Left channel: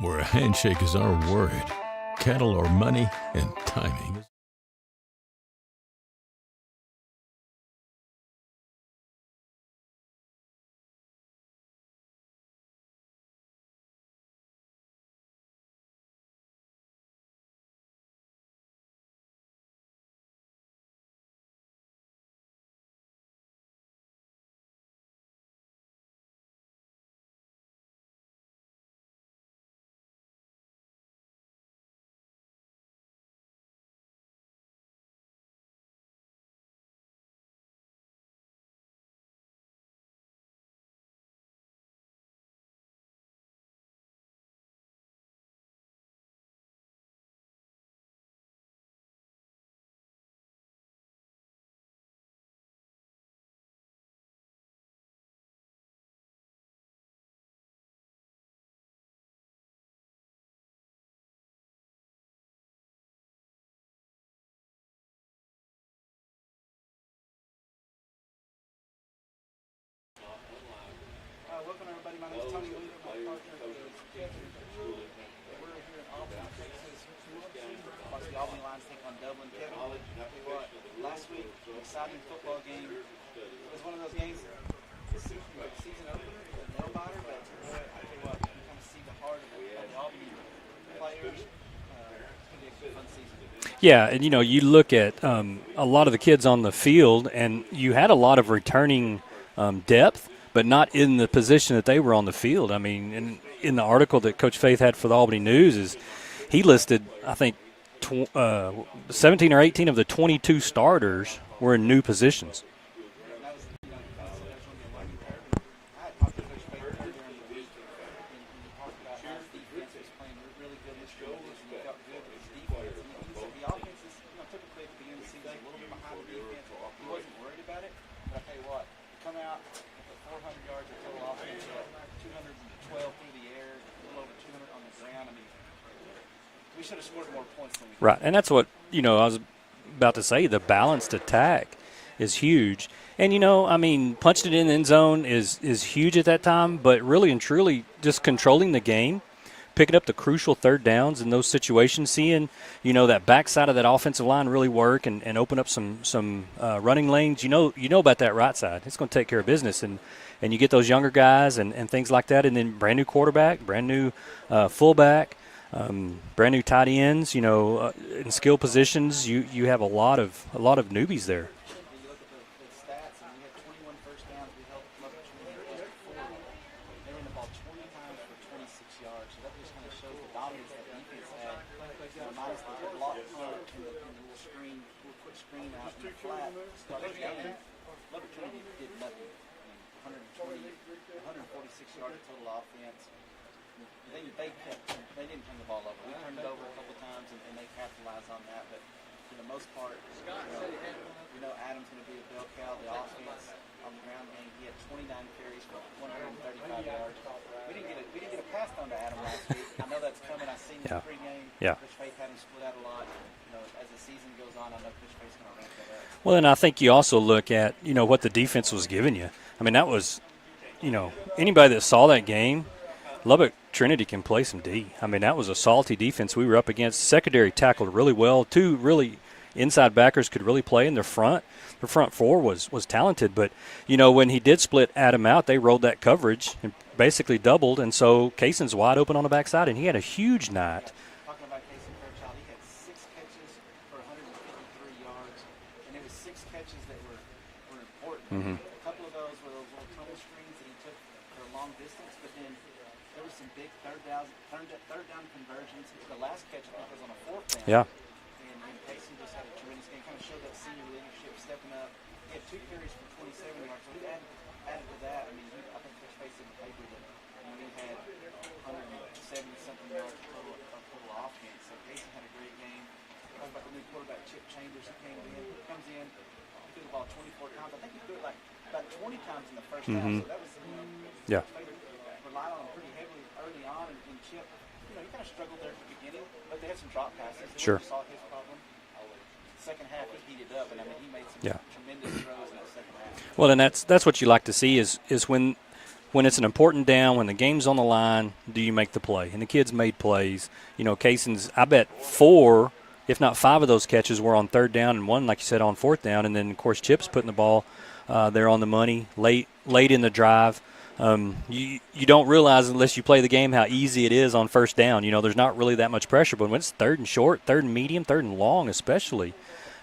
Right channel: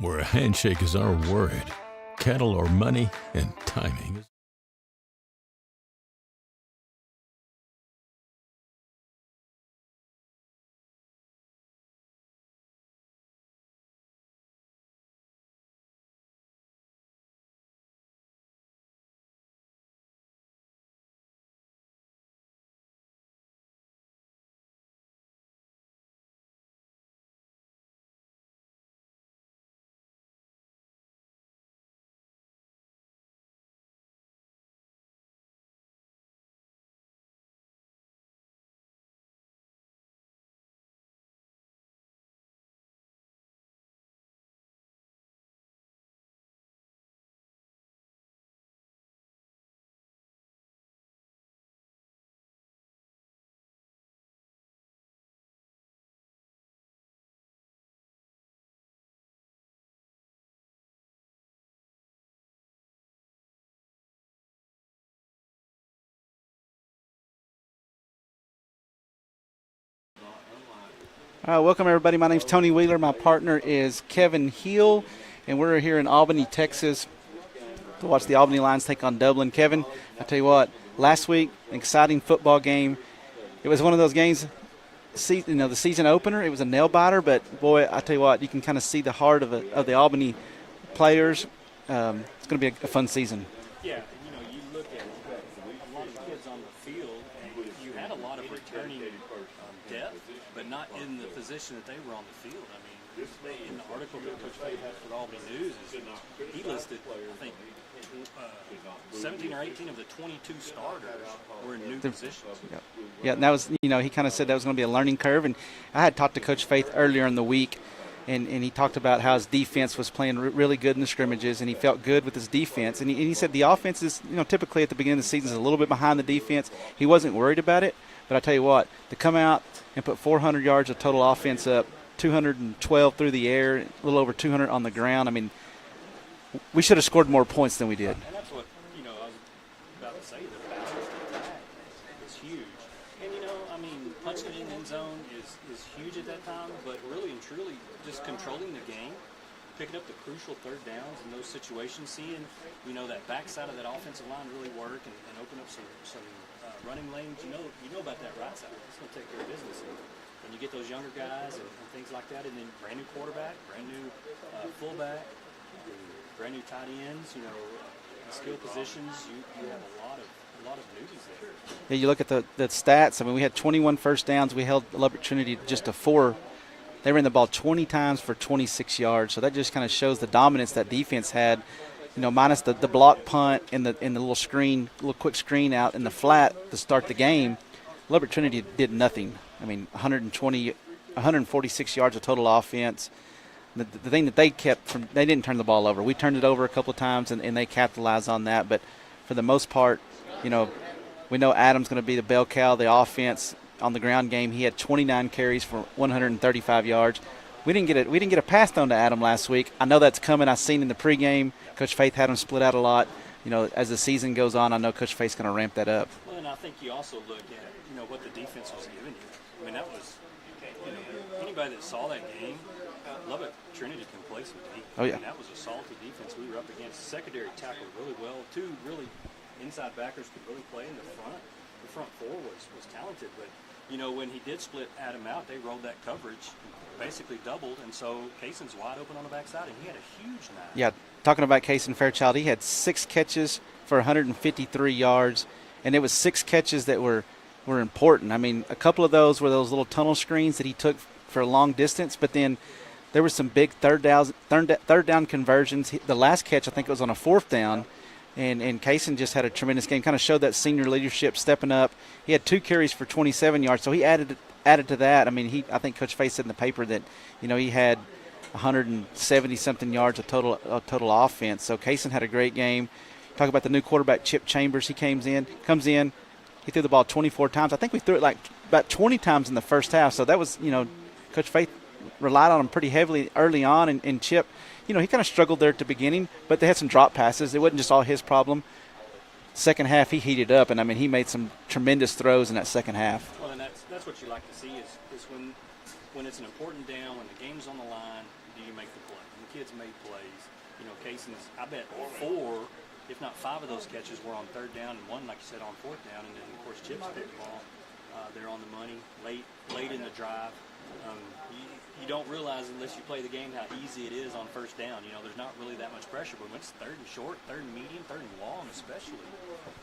where a handshake is our word, cattle are money, and timing is... Welcome, everybody. My name's Tony Wheeler. My partner is Kevin Heel, and we're here in Albany, Texas, to watch the Albany Lions take on Dublin. Kevin, I tell you what, last week, an exciting football game. It was one of those games, the season opener. It was a nail biter, but boy, I tell you what, you can kind of see the heart of the Albany players. It's going to be a fun season. Yeah, and you look at a lot of the kids on the field, and you had a lot of returning depth, but not in the position that they were on the field. I mean, in the article that Coach Faith had for the Albany News, is he listed, I think, 17 or 18 of the 22 starters were in new positions. Yeah, and that was, he kind of said that was going to be a learning curve. And I had talked to Coach Faith earlier in the week, and he talked about how his defense was playing really good in the scrimmages, and he felt good with his defense. And he said the offense is, typically at the beginning of the season is a little bit behind the defense. He wasn't worried about it. But I tell you what, to come out and put 400 yards of total offense up, 212 through the air, a little over 200 on the ground, I mean, we should have scored more points than we did. Right, and that's what, I was about to say, the balanced attack is huge. And, punching it in the end zone is huge at that time, but really and truly just controlling the game, picking up the crucial third downs in those situations, seeing, that backside of that offensive line really work and open up some running lanes. You know about that right side. It's going to take care of business. And you get those younger guys and things like that, and then brand new quarterback, brand new fullback, brand new tight ends, in skill positions. You have a lot of newbies there. Yeah, you look at the stats. I mean, we had 21 first downs. We held Lubbock Trinity just to 4. They ran the ball 20 times for 26 yards. So that just kind of shows the dominance that defense had, minus the block punt and the little quick screen out in the flat to start the game. Lubbock Trinity did nothing. I mean, 146 yards of total offense. The thing that they kept they didn't turn the ball over. We turned it over a couple of times, and they capitalized on that. But for the most part, we know Adam's going to be the bell cow of the offense. On the ground game, he had 29 carries for 135 yards. We didn't get a pass thrown to Adam last week. I know that's coming. I seen in the pregame. Yeah. Coach Faith had him split out a lot. As the season goes on, I know Coach Faith's going to ramp that up. Well, and I think you also look at what the defense was giving you. I mean, that was anybody that saw that game, Lubbock Trinity can play some D. I mean, that was a salty defense we were up against. Secondary tackled really well. 2 really inside backers could really play in their front. The front 4 was talented, but, when he did split Adam out, they rolled that coverage and basically doubled, and so Kaysen's wide open on the backside, and he had a huge night. Yeah, talking about Kaysen Fairchild, he had 6 catches for 153 yards, and it was 6 catches that were important. Mm-hmm. I mean, a couple of those were those little tunnel screens that he took for a long distance, but then there were some big third down conversions. The last catch, I think it was on a 4th down. Yeah. And Kaysen just had a tremendous game, kind of showed that senior leadership stepping up. He had 2 carries for 27 yards, so he added to that. I mean, I think Coach Faith said in the paper that, he had 170-something yards of total offense. So Kaysen had a great game. Talk about the new quarterback, Chip Chambers. He comes in. He threw the ball 24 times. I think we threw it like about 20 times in the first half. So that was, Coach Faith relied on him pretty heavily early on, and Chip – he kind of struggled there at the beginning, but they had some drop passes. It wasn't just all his problem. Second half, he heated up, and, he made some tremendous throws in that second half. Well, and that's what you like to see is when when it's an important down, when the game's on the line, do you make the play? And the kids made plays. You know, Kaysen's, I bet 4, if not 5 of those catches were on 3rd down and 1, like you said, on 4th down. And then, of course, Chip's putting the ball there on the money late in the drive. You don't realize unless you play the game how easy it is on 1st down. You know, there's not really that much pressure. But when it's 3rd and short, 3rd and medium, 3rd and long especially,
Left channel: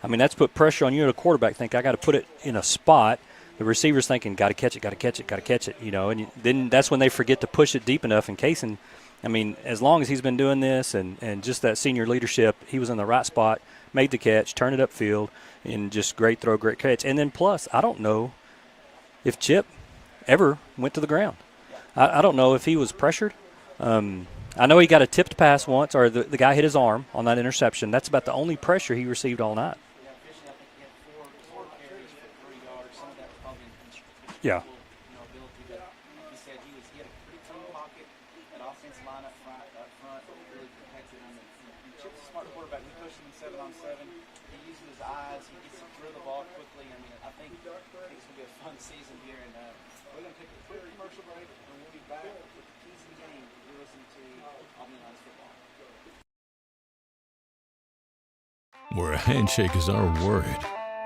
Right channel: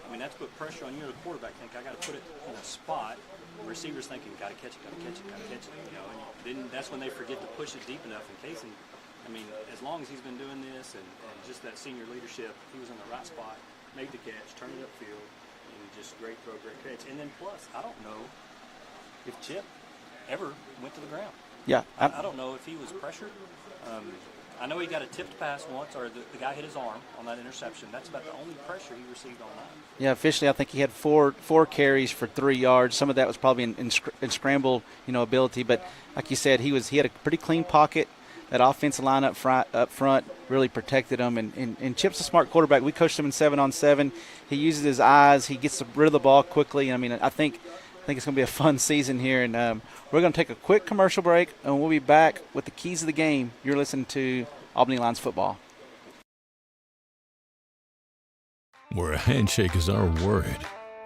I mean, that's put pressure on you and a quarterback. Think, I got to put it in a spot. The receiver's thinking, got to catch it, you know. And then that's when they forget to push it deep enough. And Kaysen, I mean, as long as he's been doing this and just that senior leadership, he was in the right spot, made the catch, turned it upfield, and just great throw, great catch. And then plus, I don't know if Chip ever went to the ground. Yeah. I don't know if he was pressured. I know he got a tipped pass once, or the guy hit his arm on that interception. That's about the only pressure he received all night. Yeah, officially I think he had four carries for 3 yards. Some of that was probably in scramble, ability. But like you said, he had a pretty clean pocket. That offensive line up front really protected him. And Chip's a smart quarterback. We coached him in 7-on-7. He uses his eyes. He gets rid of the ball quickly. I mean, I think it's going to be a fun season here. And we're going to take a quick commercial break, and we'll be back with the keys of the game. You're listening to Albany Lions football. Where a handshake is our word,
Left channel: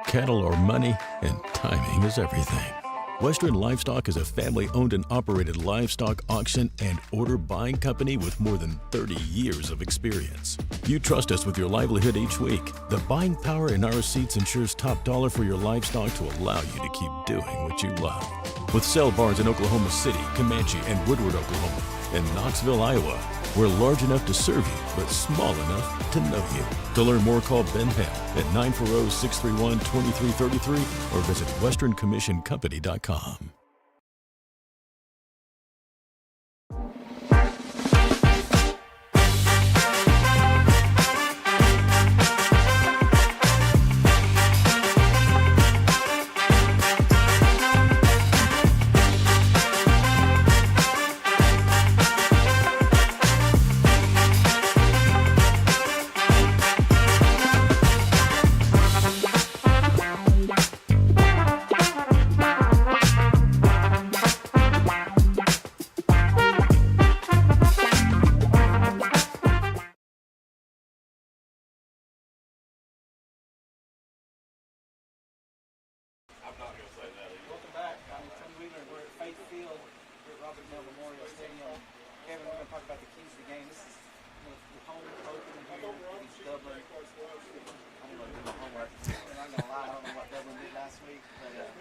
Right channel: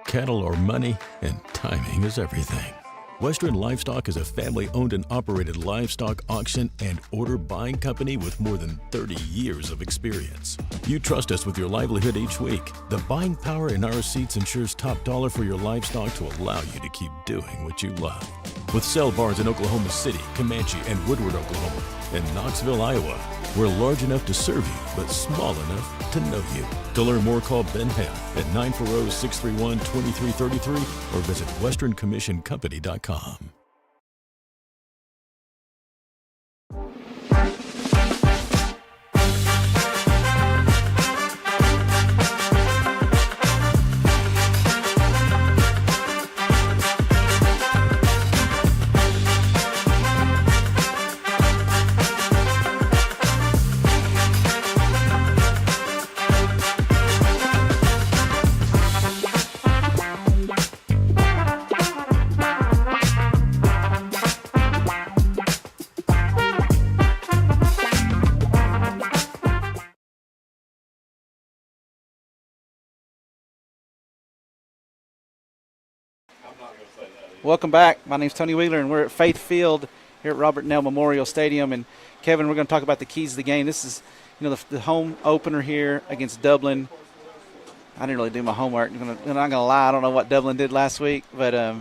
cattle are money, and timing is everything. Western Livestock is a family-owned and operated livestock auction and order buying company with more than 30 years of experience. You trust us with your livelihood each week. The buying power in our receipts ensures top dollar for your livestock to allow you to keep doing what you love. With sale barns in Oklahoma City, Comanche, and Woodward, Oklahoma, and Knoxville, Iowa, we're large enough to serve you, but small enough to know you. To learn more, call Ben Hale at 940-631-2333 or visit westerncommissioncompany.com. Welcome back. My name's Tony Wheeler, and we're at Faith Field here at Robert Nell Memorial Stadium. And Kevin, we're going to talk about the keys of the game. This is, the home opener here against Dublin. I didn't really do my homework. I'm not going to lie. I don't know what Dublin did last week, but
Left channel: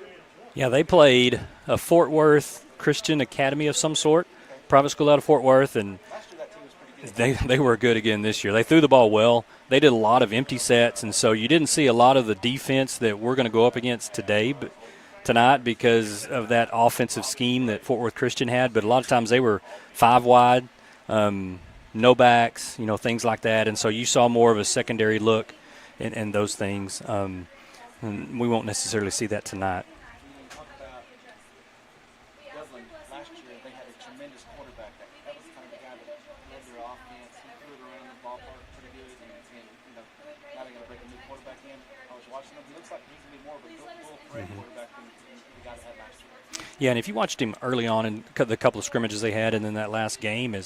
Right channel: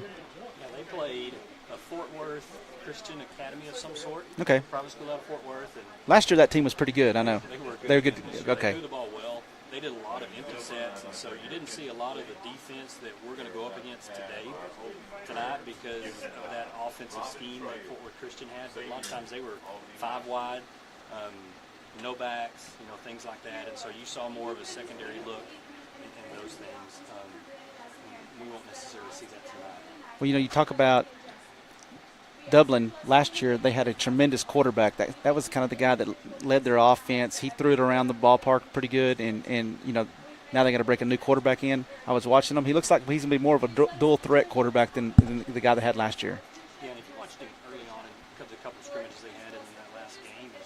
yeah, they played a Fort Worth Christian Academy of some sort. Okay. Private school out of Fort Worth, and last year that team was pretty good. They were good again this year. Okay. They threw the ball well. They did a lot of empty sets, and so you didn't see a lot of the defense that we're going to go up against tonight because of that offensive scheme that Fort Worth Christian had. But a lot of times they were 5 wide, no backs, things like that. And so you saw more of a secondary look and those things. And we won't necessarily see that tonight. Well, you talk about Dublin last year. They had a tremendous quarterback. That was kind of the guy that led their offense. He threw it around the ballpark pretty good, and now they got to break a new quarterback in. I was watching him. He looks like he's going to be more of a dual threat quarterback than the guy they had last year. Yeah, and if you watched him early on in the couple of scrimmages they had, and then that last game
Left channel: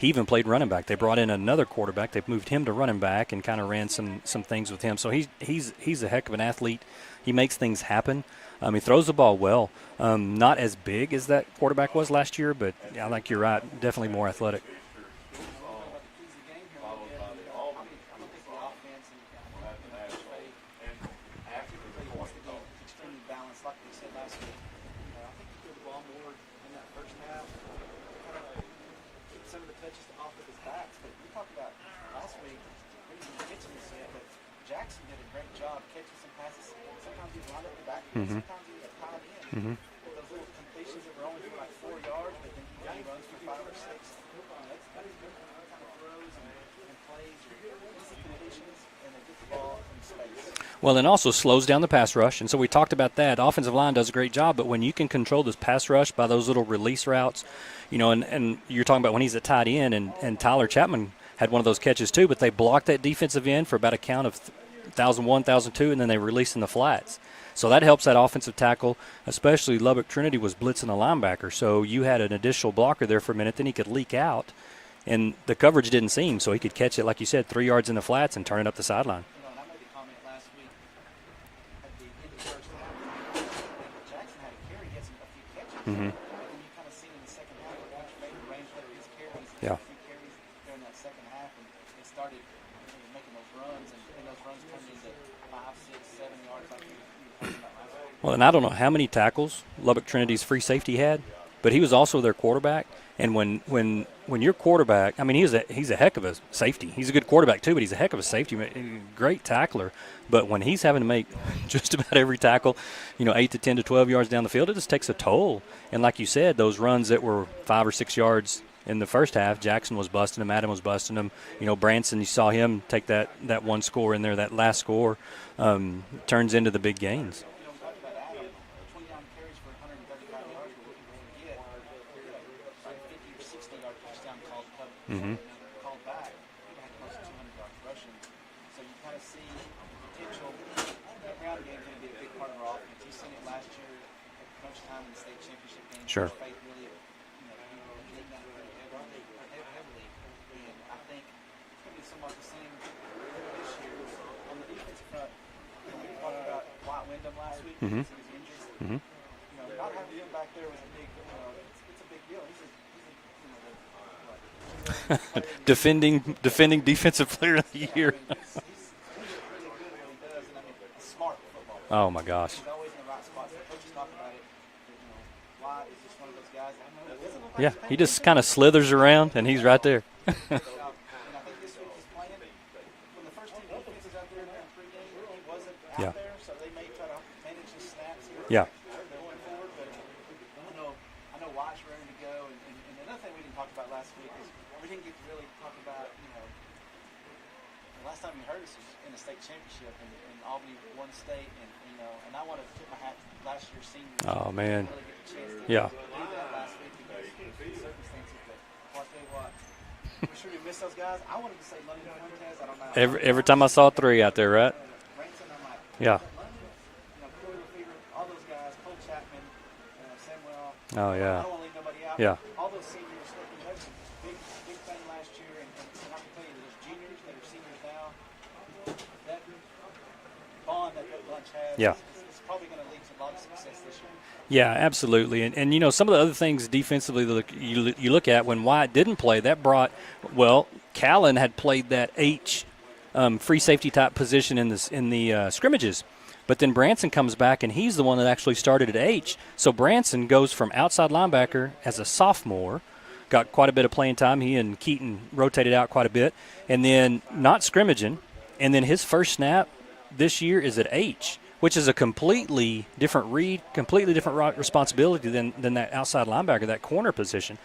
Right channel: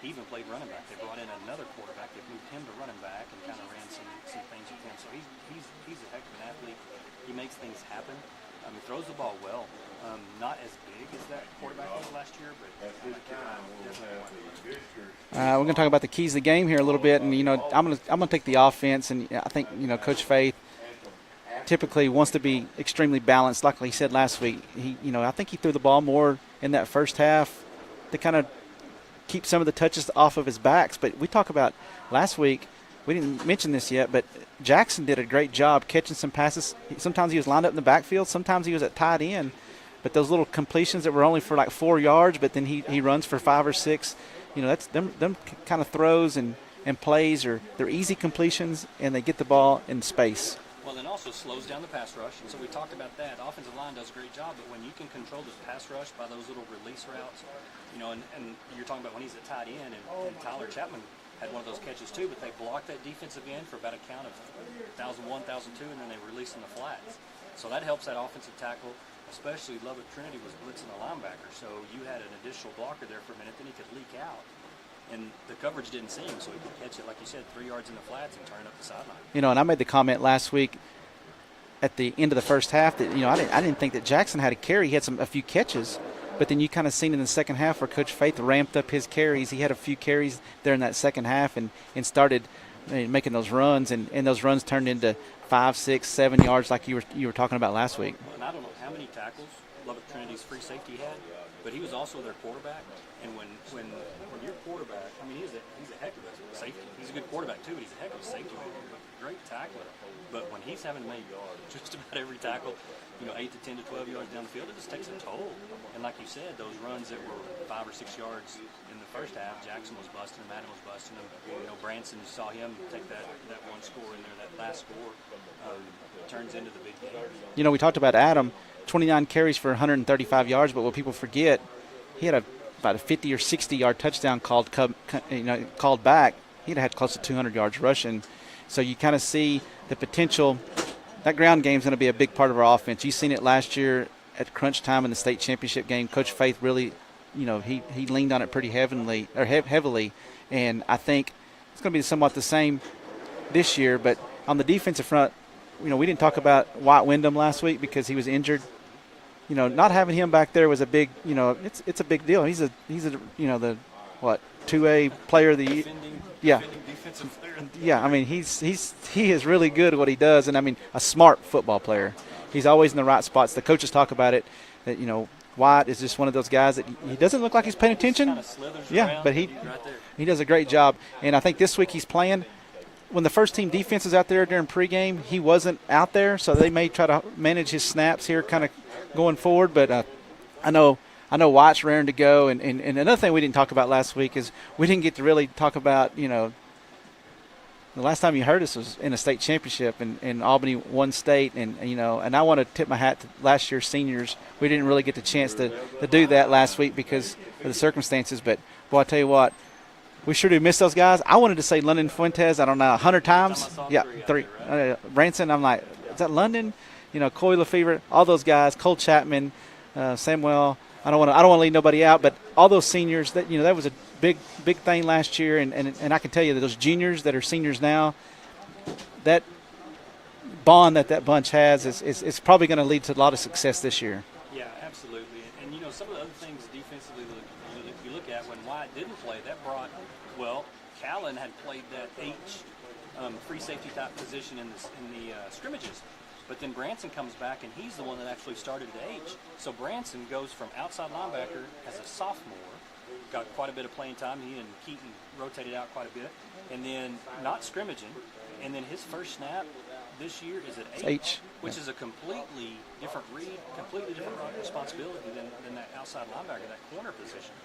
he even played running back. They brought in another quarterback. They've moved him to running back and kind of ran some things with him. So he's a heck of an athlete. He makes things happen. He throws the ball well. Not as big as that quarterback was last year, but I think you're right. Definitely more athletic. We're going to talk about the keys of the game here a little bit, and I'm going to take the offense, and I think Coach Faith typically wants to be extremely balanced. Like he said last week, I think he threw the ball more in that first half to kind of keep some of the touches off of his backs. But we talk about last week, we didn't mention this yet, but Jackson did a great job catching some passes. Sometimes he was lined up in the backfield, sometimes he was at tight end. But those little completions that were only for like 4 yards, but then he runs for 5 or 6. That's them kind of throws and plays they're easy completions, and they get the ball in space. Well, and also slows down the pass rush, and so we talked about that. Offensive line does a great job, but when you can control this pass rush by those little release routes, and you're talking about when he's at tight end, and Tyler Chapman had one of those catches too, but they blocked that defensive end for about a count of 1,001, 1,002, and then they released in the flats. So that helps that offensive tackle, especially Lubbock Trinity was blitzing a linebacker. So you had an additional blocker there for a minute, then he could leak out. And the coverage didn't seem, so he could catch it, like you said, 3 yards in the flats and turn it up the sideline. And I made the comment last week at the end of the first half that, I didn't think that Jackson had a carry. He had a few catches. But then you kind of seen in the second half where Coach Faith ramped up his carries. He had a few carries there in that second half and started making those runs, and those runs turned into 5, 6, 7 yards like you were talking about last week. Well, and I don't know how many tackles Lubbock Trinity's free safety had, but he was also their quarterback. And when your quarterback, I mean, he's a heck of a safety. He's a good quarterback too, but he's a heck of a safety, great tackler. But when he's having to make just about every tackle, 8 to 10 to 12 yards down the field, it just takes a toll. And like you said, those runs that were 5 or 6 yards in the first half, Jackson was busting them, Adam was busting them. Branson, you saw him take that one score in there, that last score turns into the big gains. We talked about Adam, 29 carries for 135 yards, but what people forget, he had about a 50 or 60-yard touchdown called back. He'd had close to 200 yards rushing. So you kind of see the potential. That ground game is going to be a big part of our offense. You've seen it last year at crunch time in the state championship game. Sure. Coach Faith really, he leaned on it pretty heavily, and I think it's going to be somewhat the same this year. But on the defensive front, we didn't talk about Wyatt Wyndham last week because he was injured. Not having him back there was a big, it's a big deal. He's a the 2A player of the defending defensive player of the year. Yeah, I mean he is really good at what he does, and I mean a smart football player. Oh my gosh, he's always in the right spots. The coaches talk about it that Wyatt is just one of those guys that he doesn't look like he's paying attention. He just kind of slithers around, and he's right there. He does a great job, and I think this week he's playing. When the first team defense is out there during pregame, he wasn't out there, so they may try to manage his snaps here, kind of going forward. But I know Wyatt's raring to go. And another thing we didn't talk about last week is we didn't get to really talk about, the last time you heard us was in a state championship, and Albany won state. And I want to tip my hat to last year's seniors. Oh, we didn't really get the chance to do that last week because of the circumstances. But, boy, I tell you what, we sure do miss those guys. I wanted to say London Fuentes, I don't know, 100 times. Every time I saw three out there, right? Branson, I'm like, is that London? Coy Lefevre, all those guys, Cole Chapman, Samuel. I don't want to leave nobody out, but all those seniors, that that was a big thing last year, and I can tell you that those juniors that are seniors now, that bond that bunch has is probably going to lead to a lot of success this year. Yeah, absolutely. And some of the other things defensively that you look at when Wyatt didn't play, that brought, Callan had played that H free safety type position in the scrimmages. But then Branson comes back, and he's the one that actually started at H. So Branson goes from outside linebacker as a sophomore, got quite a bit of playing time. He and Keaton rotated out quite a bit. And then not scrimmaging. And then his first snap this year is at H. Which is a completely different read, completely different responsibility than that outside linebacker, that corner position.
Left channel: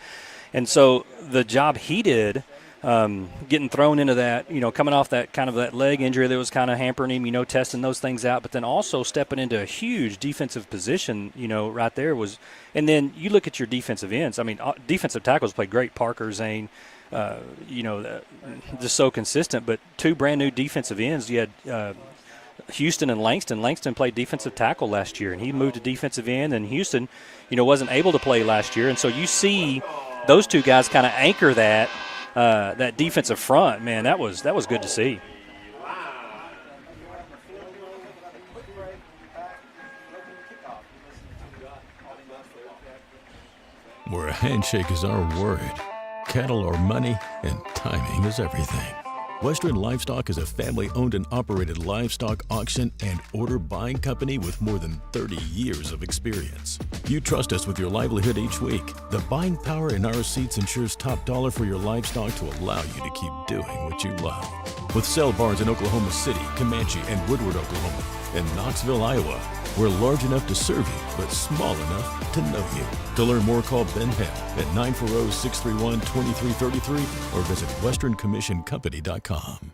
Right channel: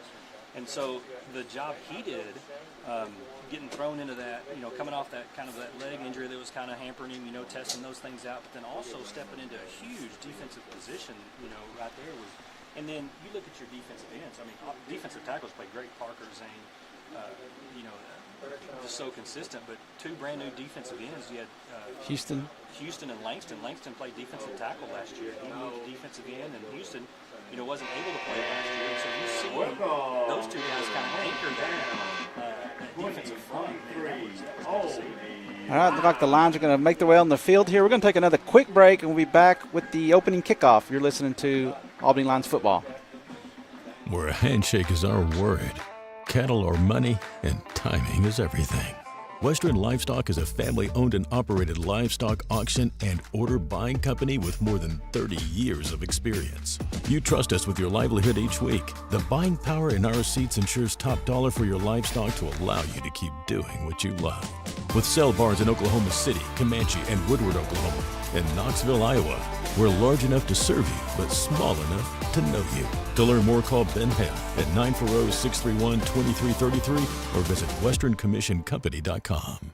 And so the job he did, getting thrown into that, coming off that kind of that leg injury that was kind of hampering him, testing those things out, but then also stepping into a huge defensive position, right there was. And then you look at your defensive ends. I mean, defensive tackles played great. Parker, Zane, just so consistent. But two brand new defensive ends. You had Houston and Langston. Langston played defensive tackle last year, and he moved to defensive end. And Houston, wasn't able to play last year. And so you see those two guys kind of anchor that defensive front. Man, that was good to see. All right, looks like the Lions are going to make their way on the field here. We're going to take another quick break, and we'll be back with the opening kickoff. You're listening to Albany Lions football. Where a handshake is our word, cattle are money, and timing is everything. Western Livestock is a family-owned and operated livestock auction and order buying company with more than 30 years of experience. You trust us with your livelihood each week. The buying power in our seats ensures top dollar for your livestock to allow you to keep doing what you love. With sale barns in Oklahoma City, Comanche, and Woodward, Oklahoma, and Knoxville, Iowa, we're large enough to serve you, but small enough to know you. To learn more, call Ben Hale at 940-631-2333 or visit westerncommissioncompany.com.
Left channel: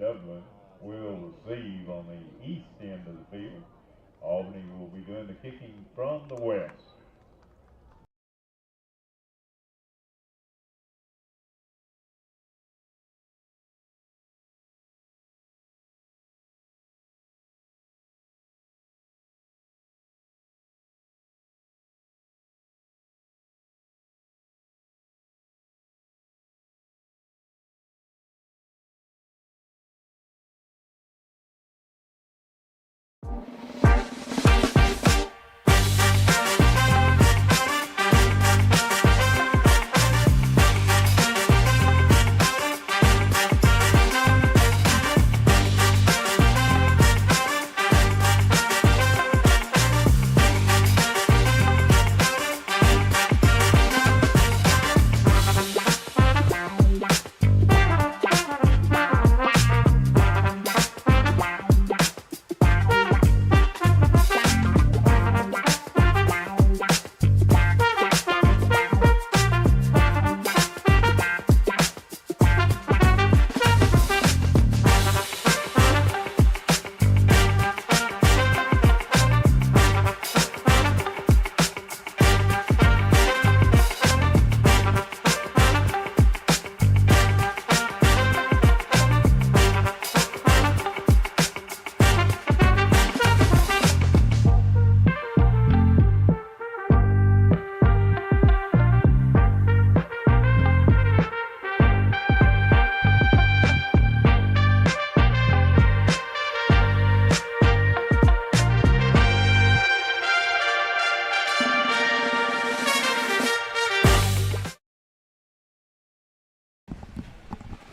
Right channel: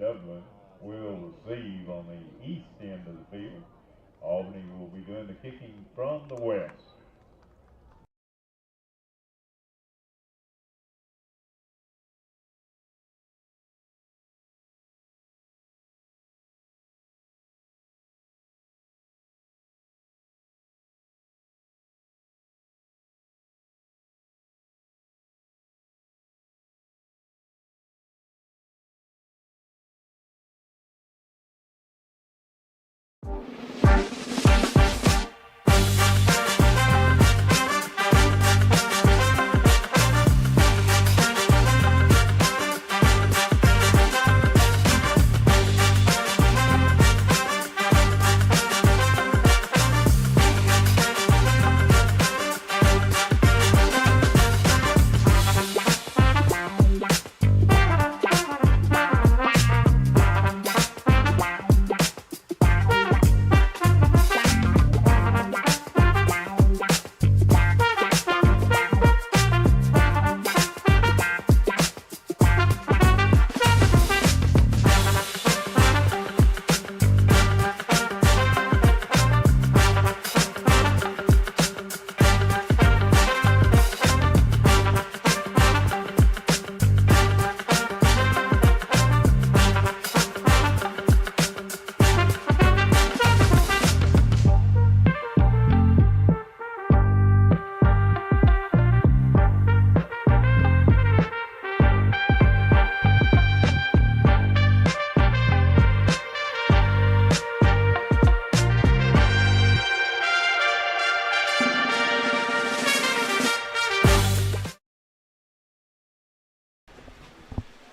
Dublin will receive on the east end of the field. Albany will be doing the kicking from the west.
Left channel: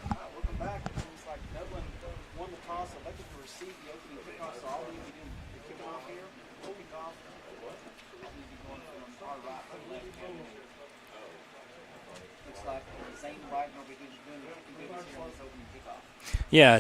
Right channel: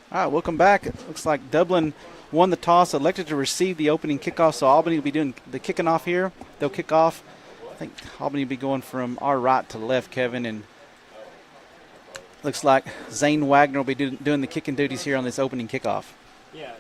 All right, welcome back. It looks like Dublin won the toss, elected to receive the opening kickoff, so Albany will be doing the kicking off here. They'll kick off. I think Albany will be going from our right to left, Kevin, and looks like Zane Wagner will be doing the kicking duties here on this opening kickoff. Yeah,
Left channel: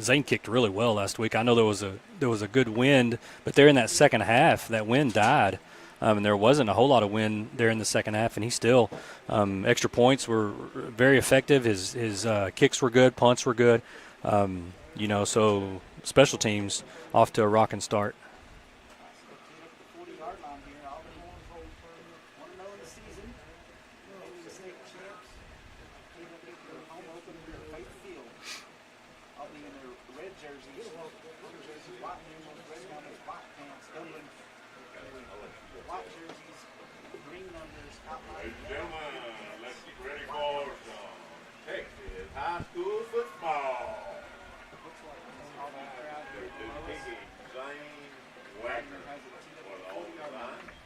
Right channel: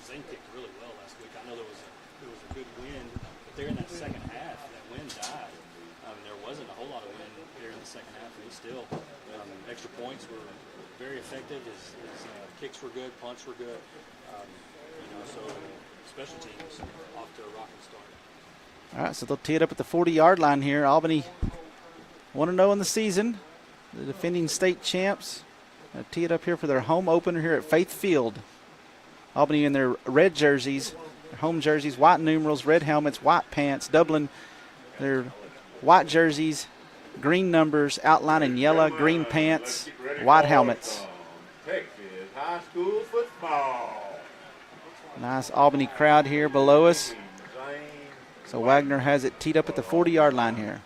Zane kicked really well last week. I know there was a good wind, but there in that second half, that wind died. And there wasn't a whole lot of wind there in the second half, and he still extra points were very effective. His kicks were good, punts were good. So special teams off to a rocking start. All right, so they'll tee it up at the 40-yard line here. Albany 1-0 in the season, the defending state champs. They'll tee it up here for their home opener here at Faith Field. Albany in their red jerseys, their home jerseys, white numerals, red helmets, white pants. Dublin, their white jerseys, green numbers, outline in yellow, green pants, white helmets. Texas high school football. Nice Albany crowd here below us. So Wagner has it teed up at the 40-yard line here.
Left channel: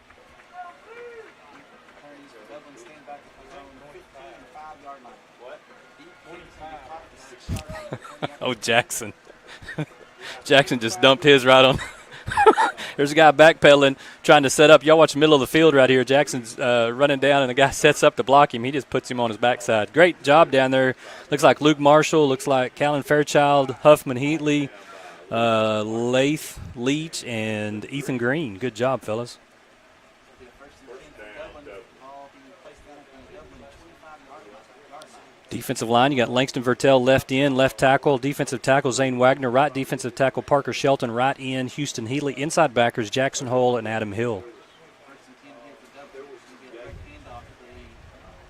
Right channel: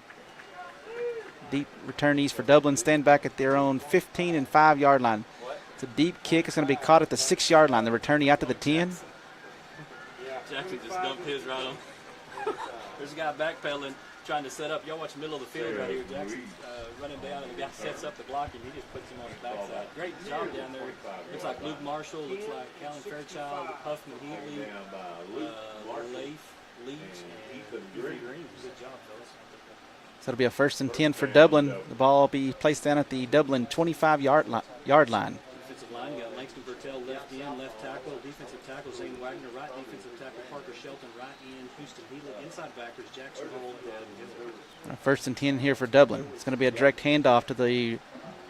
Deep returnees for Dublin stand back at their own 15 and 5-yard line. It's a deep kick. It's going to be caught at the 6-yard line. The returnee out to the 10. Jackson. Jackson just dumped his right on. There's a guy backpedaling, trying to set up. Y'all watch the middle of the field right here. Jackson's running down, and the guy sets up to block him. He just puts him on his backside. Great job down there. Looks like Luke Marshall. Looks like Callan Fairchild, Huffman Heatley, Lath Leach, and Ethan Green. Good job, fellas. So it'll be a 1st and 10 for Dublin. The ball will be placed down at the Dublin 25-yard line. Defensive line, you got Langston Vertel left in, left tackle. Defensive tackle Zane Wagner, right defensive tackle Parker Shelton, right in Houston Heatley. Inside backers Jackson Hole and Adam Hill. 1st and 10 here for Dublin. It's going to be a direct handoff to the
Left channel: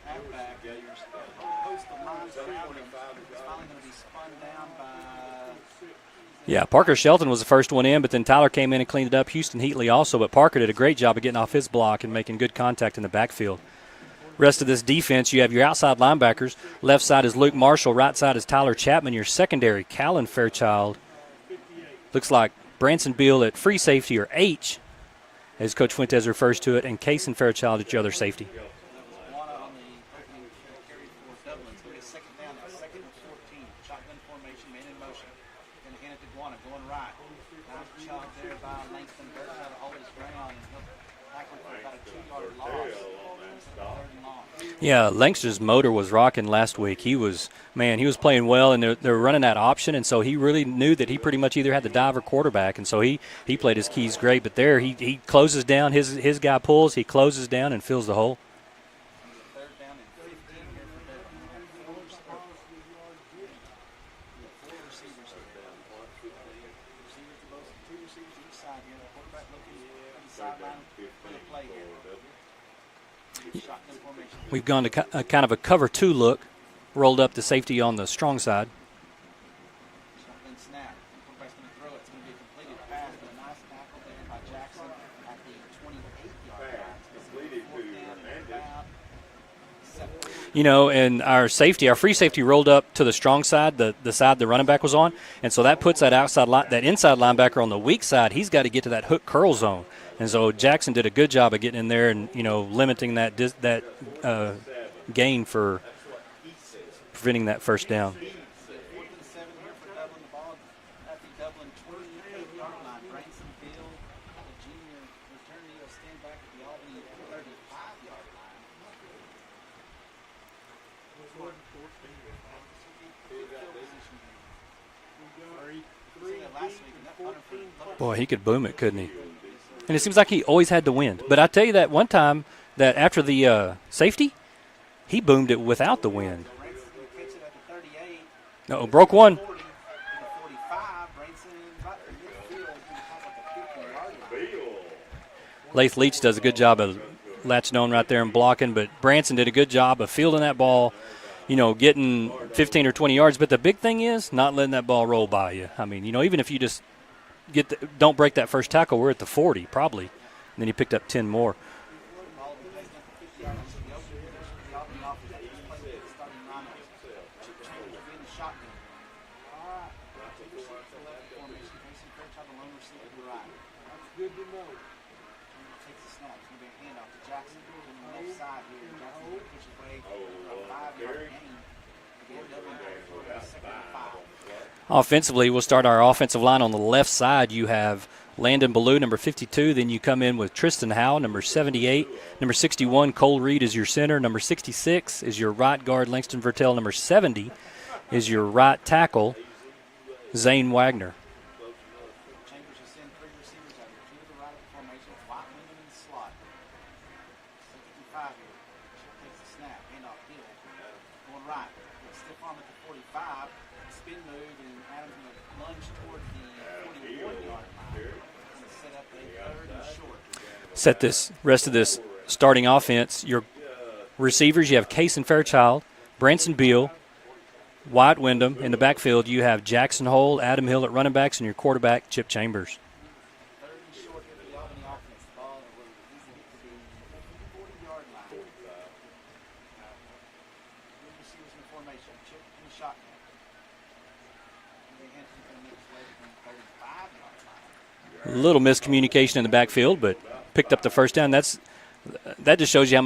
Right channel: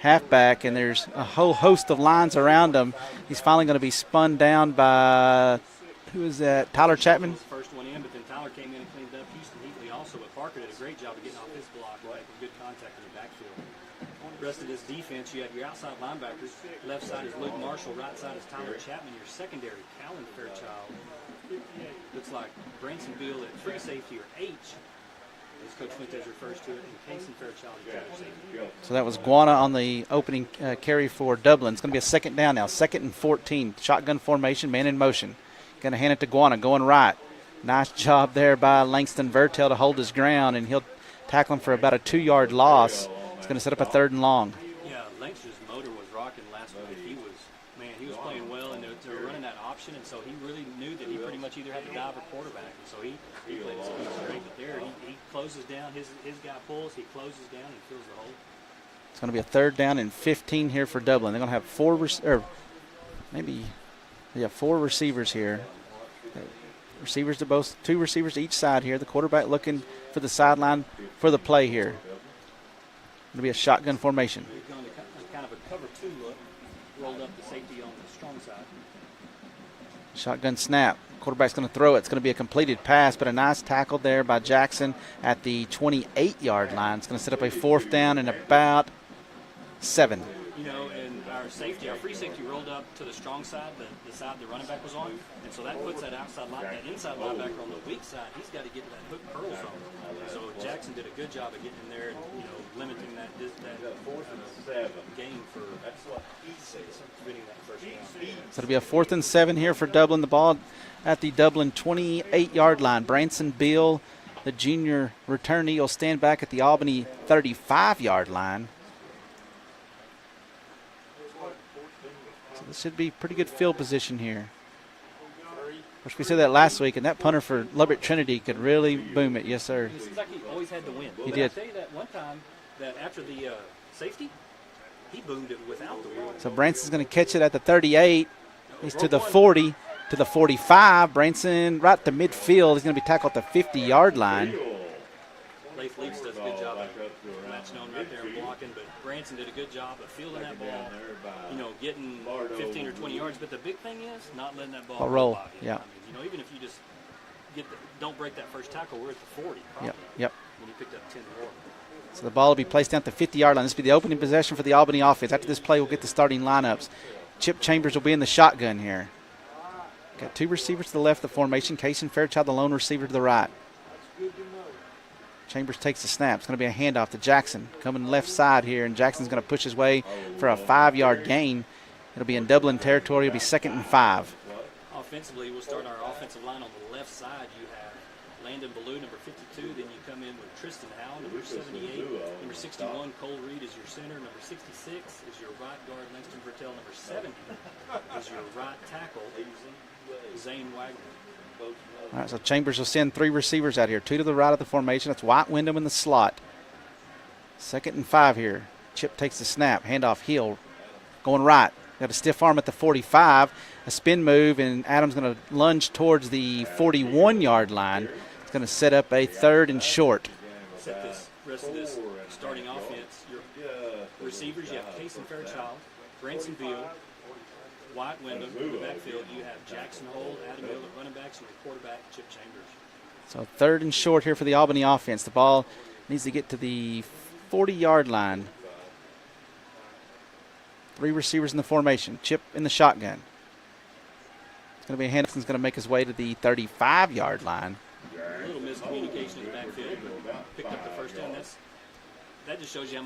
halfback, and there's a whole host of lines around him. He's finally going to be spun down by – who is that? Yeah, Parker Shelton was the first one in, but then Tyler came in and cleaned it up. Houston Heatley also, but Parker did a great job of getting off his block and making good contact in the backfield. Rest of this defense, you have your outside linebackers. Left side is Luke Marshall. Right side is Tyler Chapman. Your secondary, Callan Fairchild. Looks like Branson Beal at free safety, or H, as Coach Fuentes refers to it, and Kaysen Fairchild at your other safety. So that was Guana on the opening carry for Dublin. It's going to be a 2nd down now, 2nd and 14. Shotgun formation, man in motion. Going to hand it to Guana, going right. Nice job there by Langston Vertel to hold his ground, and he'll tackle him for about a 2-yard loss. It's going to set up a 3rd and long. Yeah, Langston's motor was rocking last week. He was playing well, and they're running that option, and so he really knew that he pretty much either had the dive or quarterback, and so he played his keys great. But there he closes down, his guy pulls, he closes down and fills the hole. It's going to be a 3rd down and 15 here for Dublin. They're going to have We have 4 receivers here. Receivers to both, 2 receivers to each side here. The quarterback looking for the sideline for the play here. It'll be a shotgun formation. We've gone to kind of a cover 2 look, rolled up the safety on the strong side. Shotgun snap. Quarterback's going to throw it. It's going to be a completed pass, but a nice tackle there by Jackson at the 28-yard line. It's going to set up a 4th down and about 7. You know, and our free safety rolled up to the strong side, the side the running back was on, and so that puts that that inside linebacker on the weak side. He's got to get to that hook curl zone, and so Jackson did a good job of getting in there and, you know, limiting that gain for preventing that first down. So it'll be a 4th and 7 here for Dublin. The ball at the Dublin 28-yard line. Branson Beal, the junior returnee, will stand back at the Albany 35-yard line. So this should be pretty good field position here. Of course, we said that last week, and that punter for Lubbock Trinity could really boom it. Yes, sir. And it seems like he always had to win. But I tell you that one time that after the safety, he boomed it without the wind. So Branson's going to catch it at the 38. Broke to the one. 40 to the 45. Branson right to midfield. He's going to be tackled at the 50-yard line. Lath Leach does a good job of latching on right there and blocking, but Branson did a good job of fielding that ball, you know, getting 15 or 20 yards. But the big thing is not letting that ball roll by you. Yeah. I mean, you know, even if you just don't break that first tackle, we're at the 40 probably. Yep. And then he picked up 10 more. So the ball will be placed down at the 50-yard line. This will be the opening possession for the Albany offense. After this play, we'll get the starting lineups. Chip Chambers will be in the shotgun here. Got 2 receivers to the left of the formation. Kason Fairchild, the lone receiver, to the right. Chambers takes the snap. It's going to be a handoff to Jackson. Coming left side here, and Jackson's going to push his way for a 5-yard gain. It'll be in Dublin territory. It'll be 2nd and 5. Offensively, we'll start our offensive line on the left side. You have Landon Ballou, number 52. Then you come in with Tristan Howe, number 78. Number 61, Cole Reed is your center. Number 66 is your right guard, Langston Vertel. Number 70 is your right tackle, Zane Wagner. All right, so Chambers will send 3 receivers out here. 2 to the right of the formation. That's White Wyndham in the slot. 2nd and 5 here. Chip takes the snap. Handoff Hill going right. Got a stiff arm at the 45. A spin move, and Adams going to lunge towards the 41-yard line. It's going to set up a 3rd and short. Set this rest of this starting offense. Your receivers, you have Kason Fairchild, Branson Beal, White Wyndham. In the backfield, you have Jackson Hole, Adam Hill at running backs, and your quarterback, Chip Chambers. So 3rd and short here for the Albany offense. The ball needs to get to the 40-yard line. 3 receivers in the formation. Chip in the shotgun. It's going to be Henderson's going to make his way to the 35-yard line. A little miscommunication in the backfield, but picked up the first down. That just shows you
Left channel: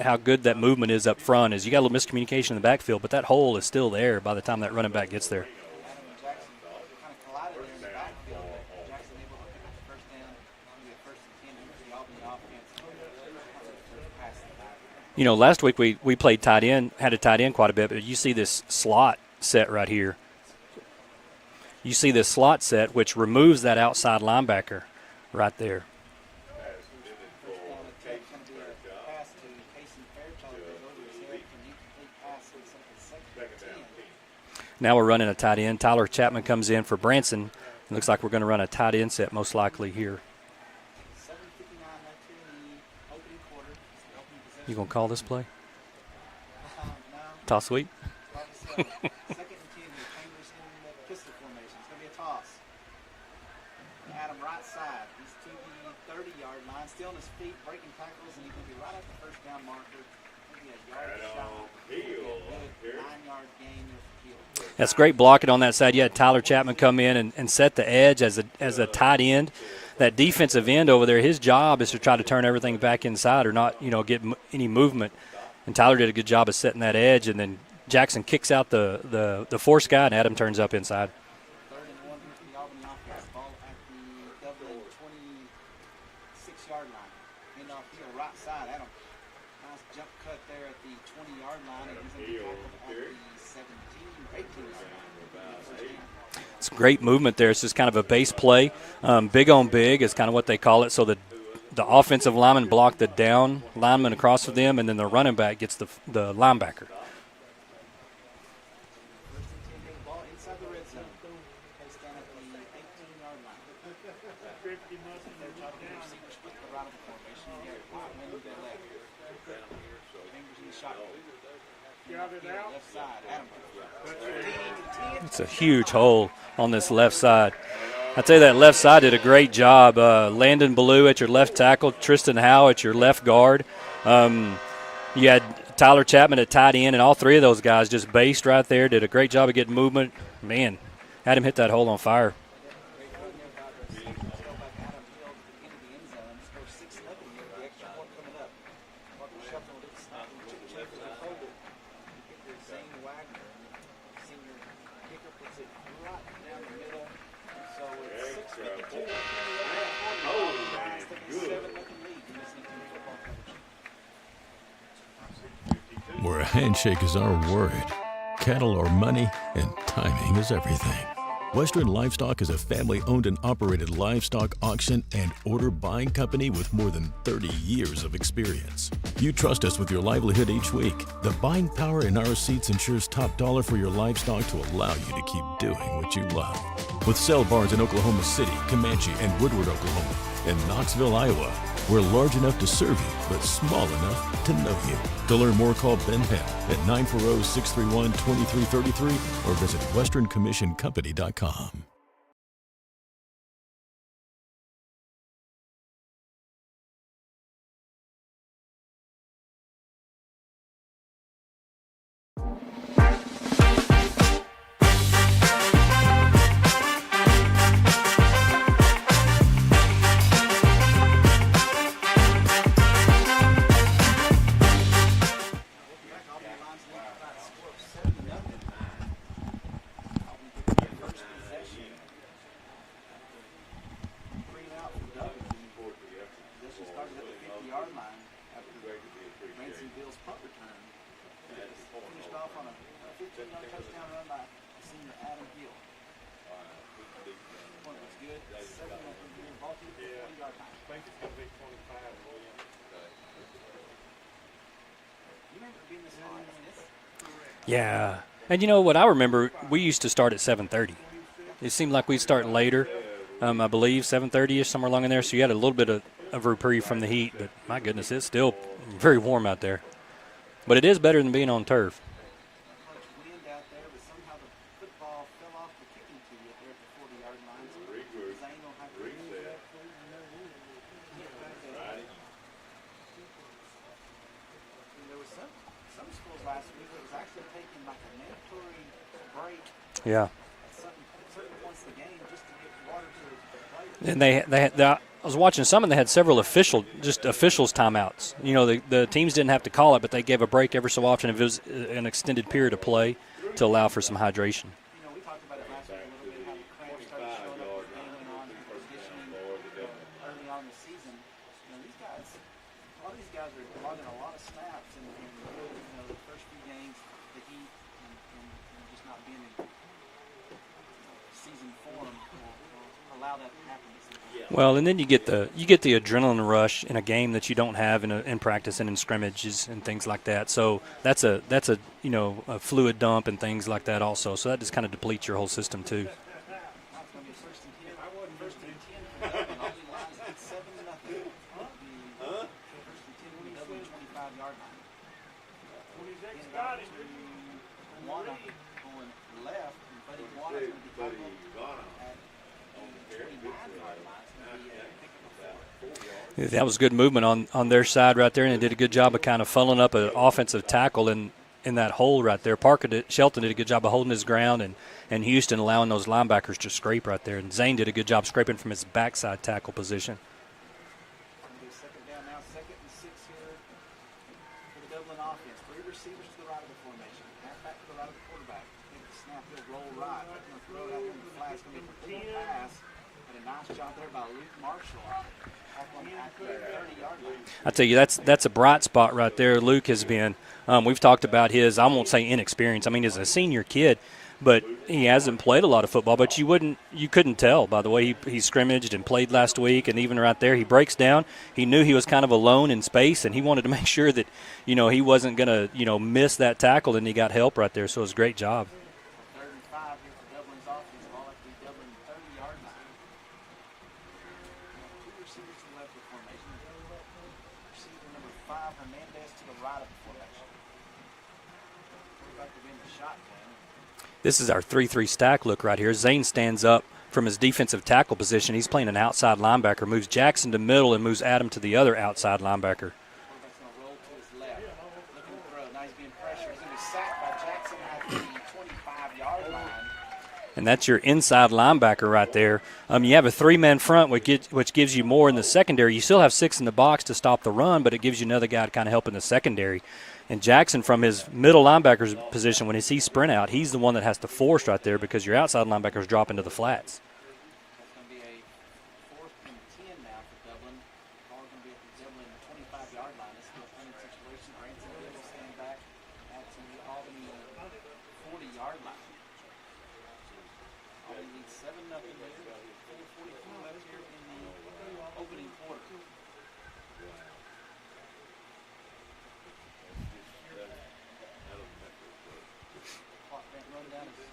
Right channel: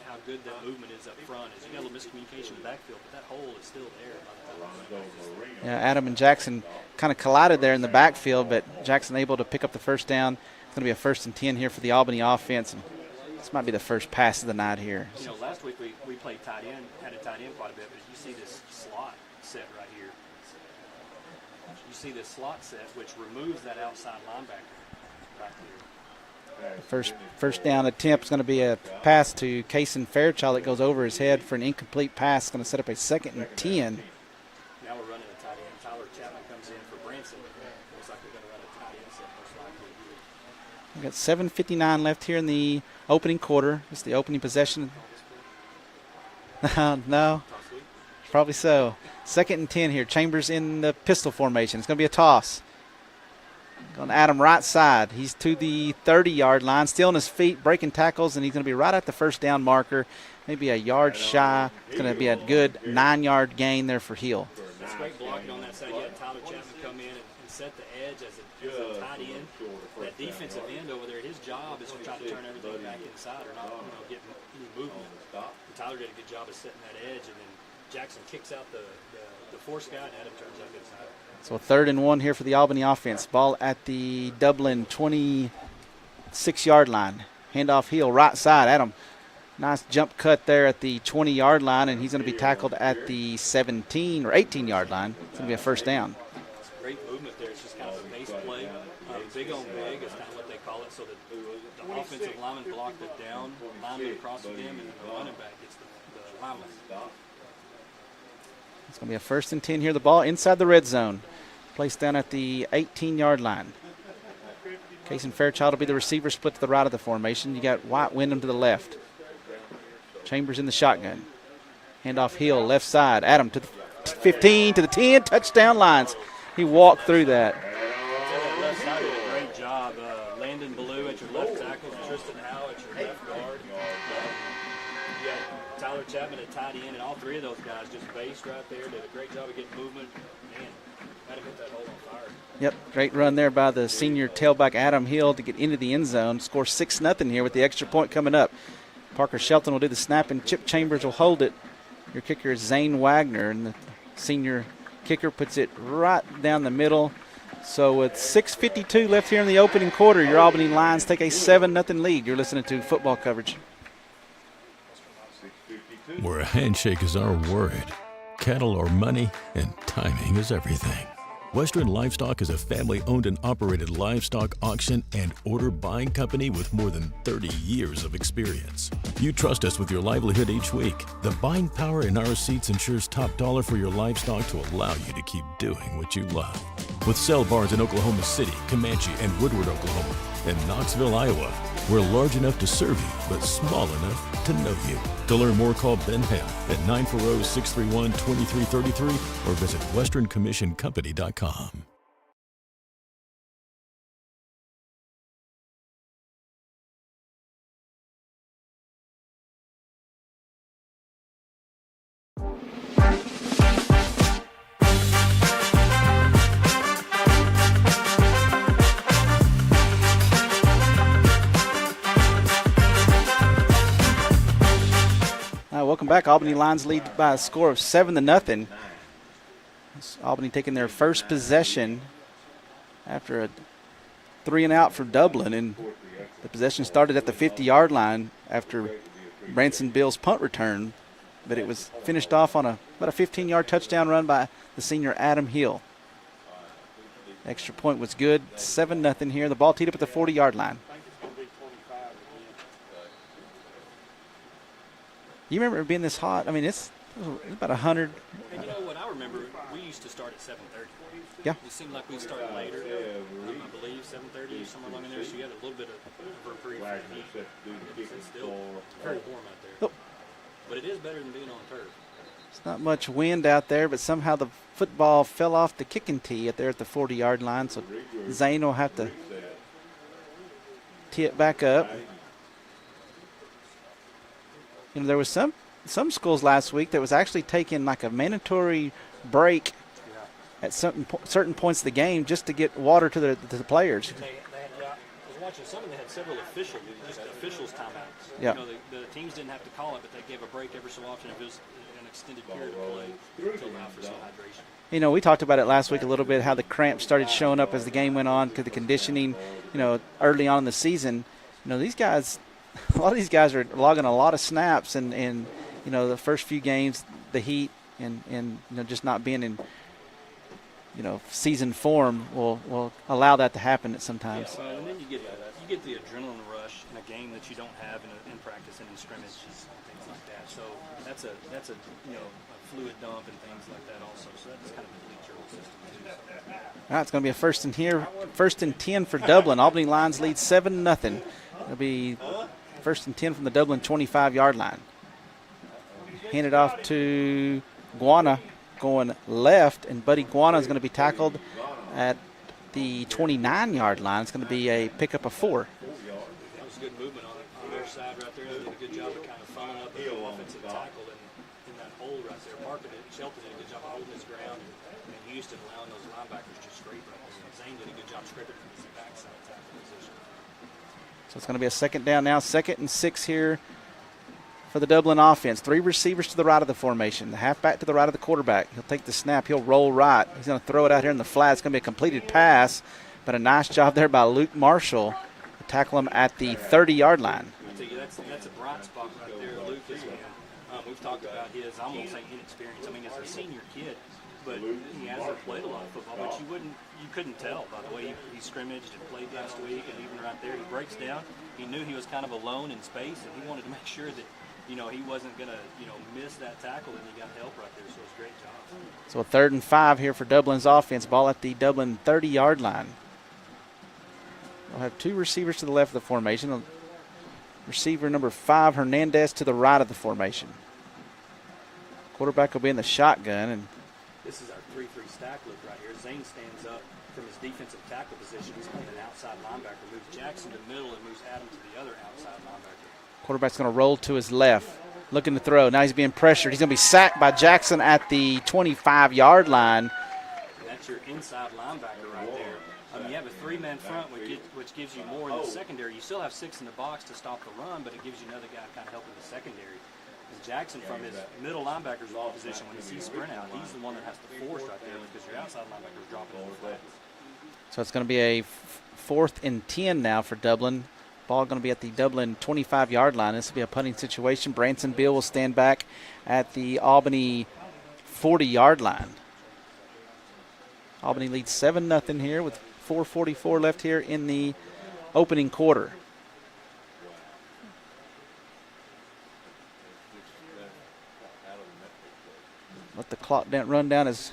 how good that movement is up front. Is you got a little miscommunication in the backfield, but that hole is still there by the time that running back gets there. Yeah, Adam and Jackson kind of collided there in the backfield, but Jackson able to pick up the first down. It's going to be a 1st and 10 here for the Albany offense. And this might be the first pass of the night here. You know, last week we played tight end, had a tight end quite a bit, but you see this slot set right here. You see this slot set, which removes that outside linebacker right there. First down attempt is going to be a pass to Kason Fairchild that goes over his head for an incomplete pass. It's going to set up a 2nd and 10. Now we're running a tight end. Tyler Chapman comes in for Branson. It looks like we're going to run a tight end set most likely here. We've got 7:59 left here in the opening quarter. It's the opening You possession. going to call this play? No. Toss sweep? Probably so. 2nd and 10 here. Chambers in the pistol formation. It's going to be a toss. Going to Adam right side. He's to the 30-yard line, still on his feet, breaking tackles, and he's going to be right at the first down marker, maybe a yard shy. It's going to be a good 9-yard gain there for Hill. That's great blocking on that side. You had Tyler Chapman come in and set the edge as a tight end. That defensive end over there, his job is to try to turn everything back inside or not, get any movement. And Tyler did a good job of setting that edge, and then Jackson kicks out the force guy, and Adam turns up inside. So 3rd and 1 here for the Albany offense. Ball at the Dublin 26-yard line. Handoff Hill, right side. Adam, nice jump cut there at the 20-yard line, and he's going to be tackled at the 17 or 18-yard line. It's going to be a first down. It's great movement there. It's just kind of a base play. Big on big is kind of what they call it. So the offensive lineman block the down lineman across for them, and then the running back gets the linebacker. It's going to be a 1st and 10 here. The ball inside the red zone. Placed down at the 18-yard line. Kason Fairchild will be the receiver, split to the right of the formation. You got White Wyndham to the left. Chambers in the shotgun. Handoff Hill, left side. Adam to the 15, to the 10, touchdown lines. Hole he on this walked left through side. that. I tell you, that left side did a great job. Landon Ballou at your left tackle, Tristan Howe at your left guard. You had Tyler Chapman at tight end, and all three of those guys just based right there, did a great job of getting movement. Man, had him hit that hole on fire. Yep, great run there by the senior tailback Adam Hill to get into the end zone. Score 6-0 here with the extra point coming up. Parker Shelton will do the snap, and Chip Chambers will hold it. Your kicker is Zane Wagner, and the senior kicker puts it right down the middle. So with 6:52 left here in the opening quarter, your Albany Lions take a 7-0 lead. You're listening to football coverage. Where a handshake is our word, cattle are money, and timing is everything. Western Livestock is a family-owned and operated livestock auction and order buying company with more than 30 years of experience. You trust us with your livelihood each week. The buying power in our seats ensures top dollar for your livestock to allow you to keep doing what you love. With sale barns in Oklahoma City, Comanche, and Woodward, Oklahoma, and Knoxville, Iowa, we're large enough to serve you, but small enough to know you. To learn more, call Ben Hale at 940-631-2333 or visit westerncommissioncompany.com. Welcome back. Albany Lions lead by a score of 7-0. Albany taking their first possession after a 3-and-out for Dublin, and the possession started at the 50-yard line after Branson Bill's punt return, but it was finished off on about a 15-yard touchdown run by the senior Adam Hill. Extra point was good. 7-0 here. The ball teed up at the 40-yard line. You remember it being this hot? I mean, it's about 100. And you know what I remember? We used to start at 7:30. Yeah. It seemed like we'd start later, I believe, 7:30-ish, somewhere along in there. So you had a little bit of reprieve from the heat. But, my goodness, it's still very warm out there. Oh. But it is better than being on turf. It's not much wind out there, but somehow the football fell off the kicking tee at the 40-yard line. So Zane will have to tee it back up. You know, there was some schools last week that was actually taking like a mandatory break at certain points of the game just to get water to the players. And I was watching some, and they had several officials timeouts. Yeah. You know, the teams didn't have to call it, but they gave a break every so often if it was an extended period of play to allow for some hydration. You know, we talked about it last week a little bit, how the cramps started showing up as the game went on because the conditioning, you know, early on in the season. You know, these guys – a lot of these guys are logging a lot of snaps, and you know, the first few games, the heat and you know, just not being in, you know, season form will allow that to happen at sometimes. Well, and then you get the adrenaline rush in a game that you don't have in practice and in scrimmages and things like that. So that's a you know, a fluid dump and things like that also. So that just kind of depletes your whole system too. All right, it's going to be a 1st and 10 for Dublin. Albany Lions lead 7-0. It'll be 1st and 10 from the Dublin 25-yard line. Handed off to Guana going left, and Buddy Guana is going to be tackled at the 29-yard line. It's going to be a pickup of 4. That was good movement on their side right there, and they did a good job of kind of funneling up an offensive tackle in that hole right there. Shelton did a good job of holding his ground, and Houston allowing those linebackers to scrape right there. And Zane did a good job scraping from his backside tackle position. So it's going to be a 2nd down now, 2nd and 6 here for the Dublin offense. 3 receivers to the right of the formation. The halfback to the right of the quarterback. He'll take the snap. He'll roll right. He's going to throw it out here in the flat. It's going to be a completed pass, but a nice job there by Luke Marshall to tackle him at the 30-yard line. I tell you, that's a bright spot right there. Luke has been. We've talked about his, I won't say inexperience. I mean, he's a senior kid, but he hasn't played a lot of football. But you couldn't tell by the way he scrimmaged and played last week, and even right there, he breaks down. He knew he was kind of alone in space, and he wanted to make sure that, you know, he wasn't going to, you know, miss that tackle, and he got help right there. So it was a great job. So a 3rd and 5 here for Dublin's offense. Ball at the Dublin 30-yard line. We'll have 2 receivers to the left of the formation. Receiver number 5, Hernandez, to the right of the formation. Quarterback will be in the shotgun. And this is our 3-3 stack look right here. Zane stands up from his defensive tackle position. He's playing an outside linebacker, moves Jackson to middle and moves Adam to the other outside linebacker. Quarterback's going to roll to his left, looking to throw. Now he's being pressured. He's going to be sacked by Jackson at the 25-yard line. And that's your inside linebacker right there. You have a 3-man front, which gives you more in the secondary. You still have 6 in the box to stop the run, but it gives you another guy to kind of help in the secondary. And Jackson, from his middle linebacker's position, when he sees sprint out, he's the one that has to force right there because your outside linebackers drop into the flats. So it's going to be a 4th and 10 now for Dublin. Ball going to be at the Dublin 25-yard line. This will be a punting situation. Branson Beal will stand back at the Albany 40-yard line. Albany leads 7-0 here with 4:44 left here in the opening quarter. Let the clock run down as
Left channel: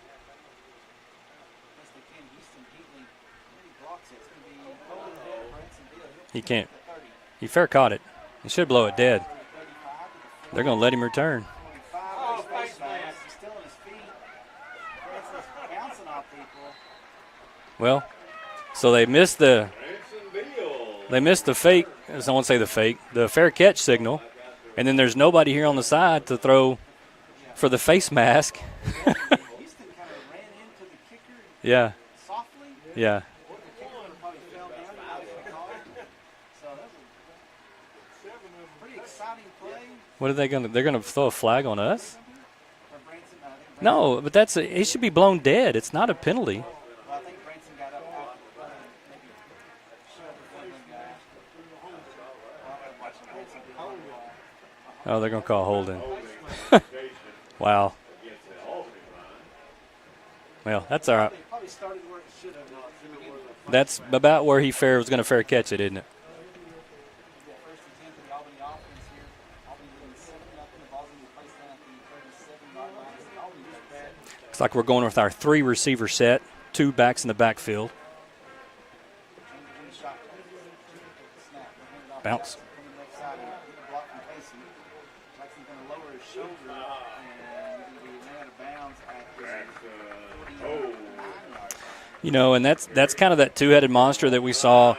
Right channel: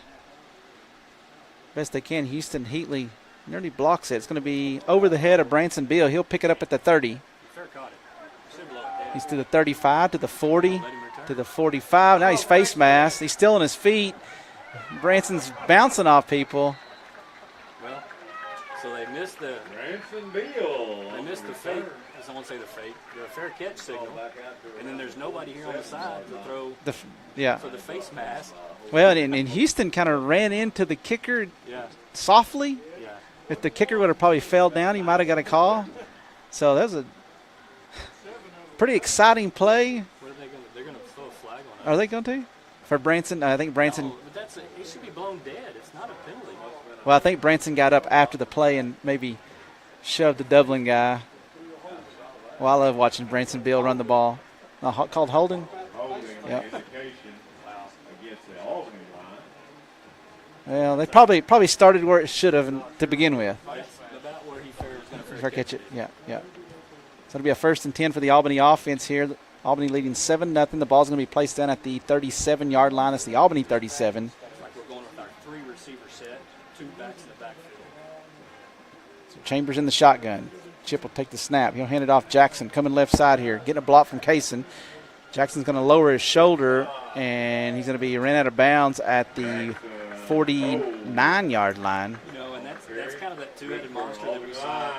best they can. Houston Heatley nearly blocks it. It's going to be over the head of Branson Beal. He'll pick it up at the 30. He fair caught it. He should blow it dead. He's to the 35, to the 40. We're going to let him return. To the 45. Now he's face masked. He's still on his feet. Branson's bouncing off people. Well, so they missed the fake. I won't say the fake. The fair catch signal, and then there's nobody here on the side to throw for the face mask. Well, and Houston kind of ran into the kicker. Softly. Yeah. If the kicker would have probably fell down, he might have got a call. So that was a pretty exciting play. What are they going to? They're going to throw a flag on us. Are they going to? For Branson, I think Branson. No, but he should be blown dead. It's not a penalty. Well, I think Branson got up after the play and maybe shoved the Dublin guy. Well, I love watching Branson Beal run the ball. They're going to call holding. Yep. Wow. Well, they probably started where it should have to begin with. That's about where he was going to fair catch it, isn't it? Yeah. So it'll be a 1st and 10 for the Albany offense here. Albany leading 7-0. The ball's going to be placed down at the 37-yard line. It's the Albany 37. Looks like we're going with our 3 receiver set, 2 backs in the backfield. So Chambers in the shotgun. Chip will take the snap. He'll hand it off. Jackson coming left side here, getting a block from Kaysen. Jackson's going to lower his shoulder, and he's going to be ran out of bounds at the 49-yard line. And that's kind of that two-headed monster that we saw,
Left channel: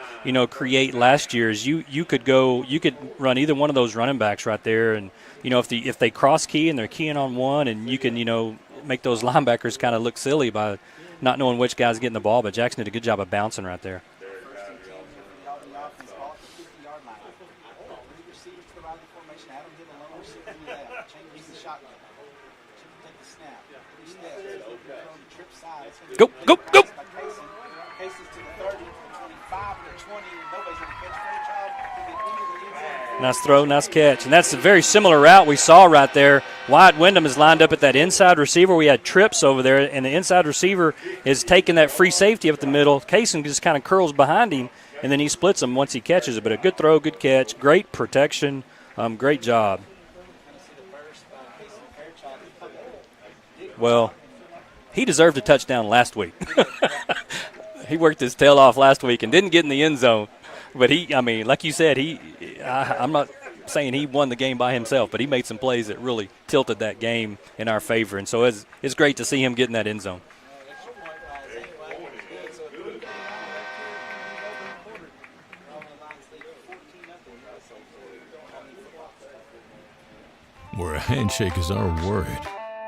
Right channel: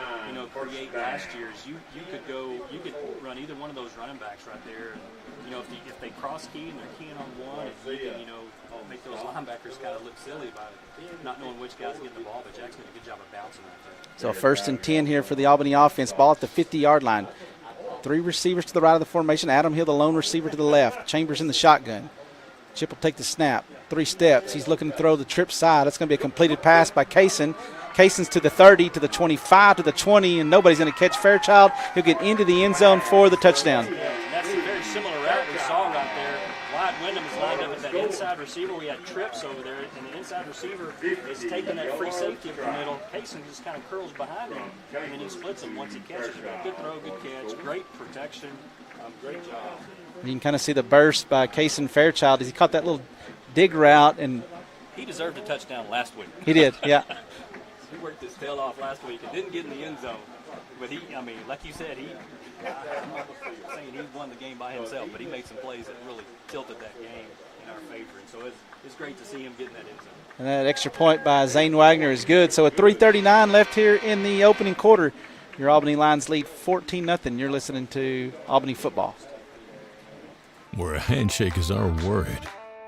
create last year. Is you could run either one of those running backs right there, and if they cross key and they're keying on one, and you can make those linebackers kind of look silly by not knowing which guy's getting the ball. But Jackson did a good job of bouncing right there. So 1st and 10 here for the Albany offense. Ball at the 50-yard line. 3 receivers to the right of the formation. Adam Hill, the lone receiver, to the left. Chambers in the shotgun. Chip will take the snap. 3 steps. He's looking to throw the trip side. That's going to be a completed pass by Kaysen. Kaysen's to the 30, to the 25, to the 20, and nobody's going to catch Fairchild. He'll get into the end zone for the touchdown. Nice catch. And that's a very similar route we saw right there. Wyatt Wyndham is lined up at that inside receiver. We had trips over there, and the inside receiver is taking that free safety up the middle. Kaysen just kind of curls behind him, and then he splits him once he catches it. But a good throw, good catch, great protection, great job. You can kind of see the burst by Kaysen Fairchild as he caught that little dig route. And he deserved a touchdown last week. He did, yeah. He worked his tail off last week and didn't get in the end zone. But like you said, I'm not saying he won the game by himself, but he made some plays that really tilted that game in our favor. And so it's great to see him get in that end zone. And that extra point by Zane Wagner is good. So at 3:39 left here in the opening quarter, your Albany Lions lead 14-0. You're listening to Albany football. Where a handshake is our word,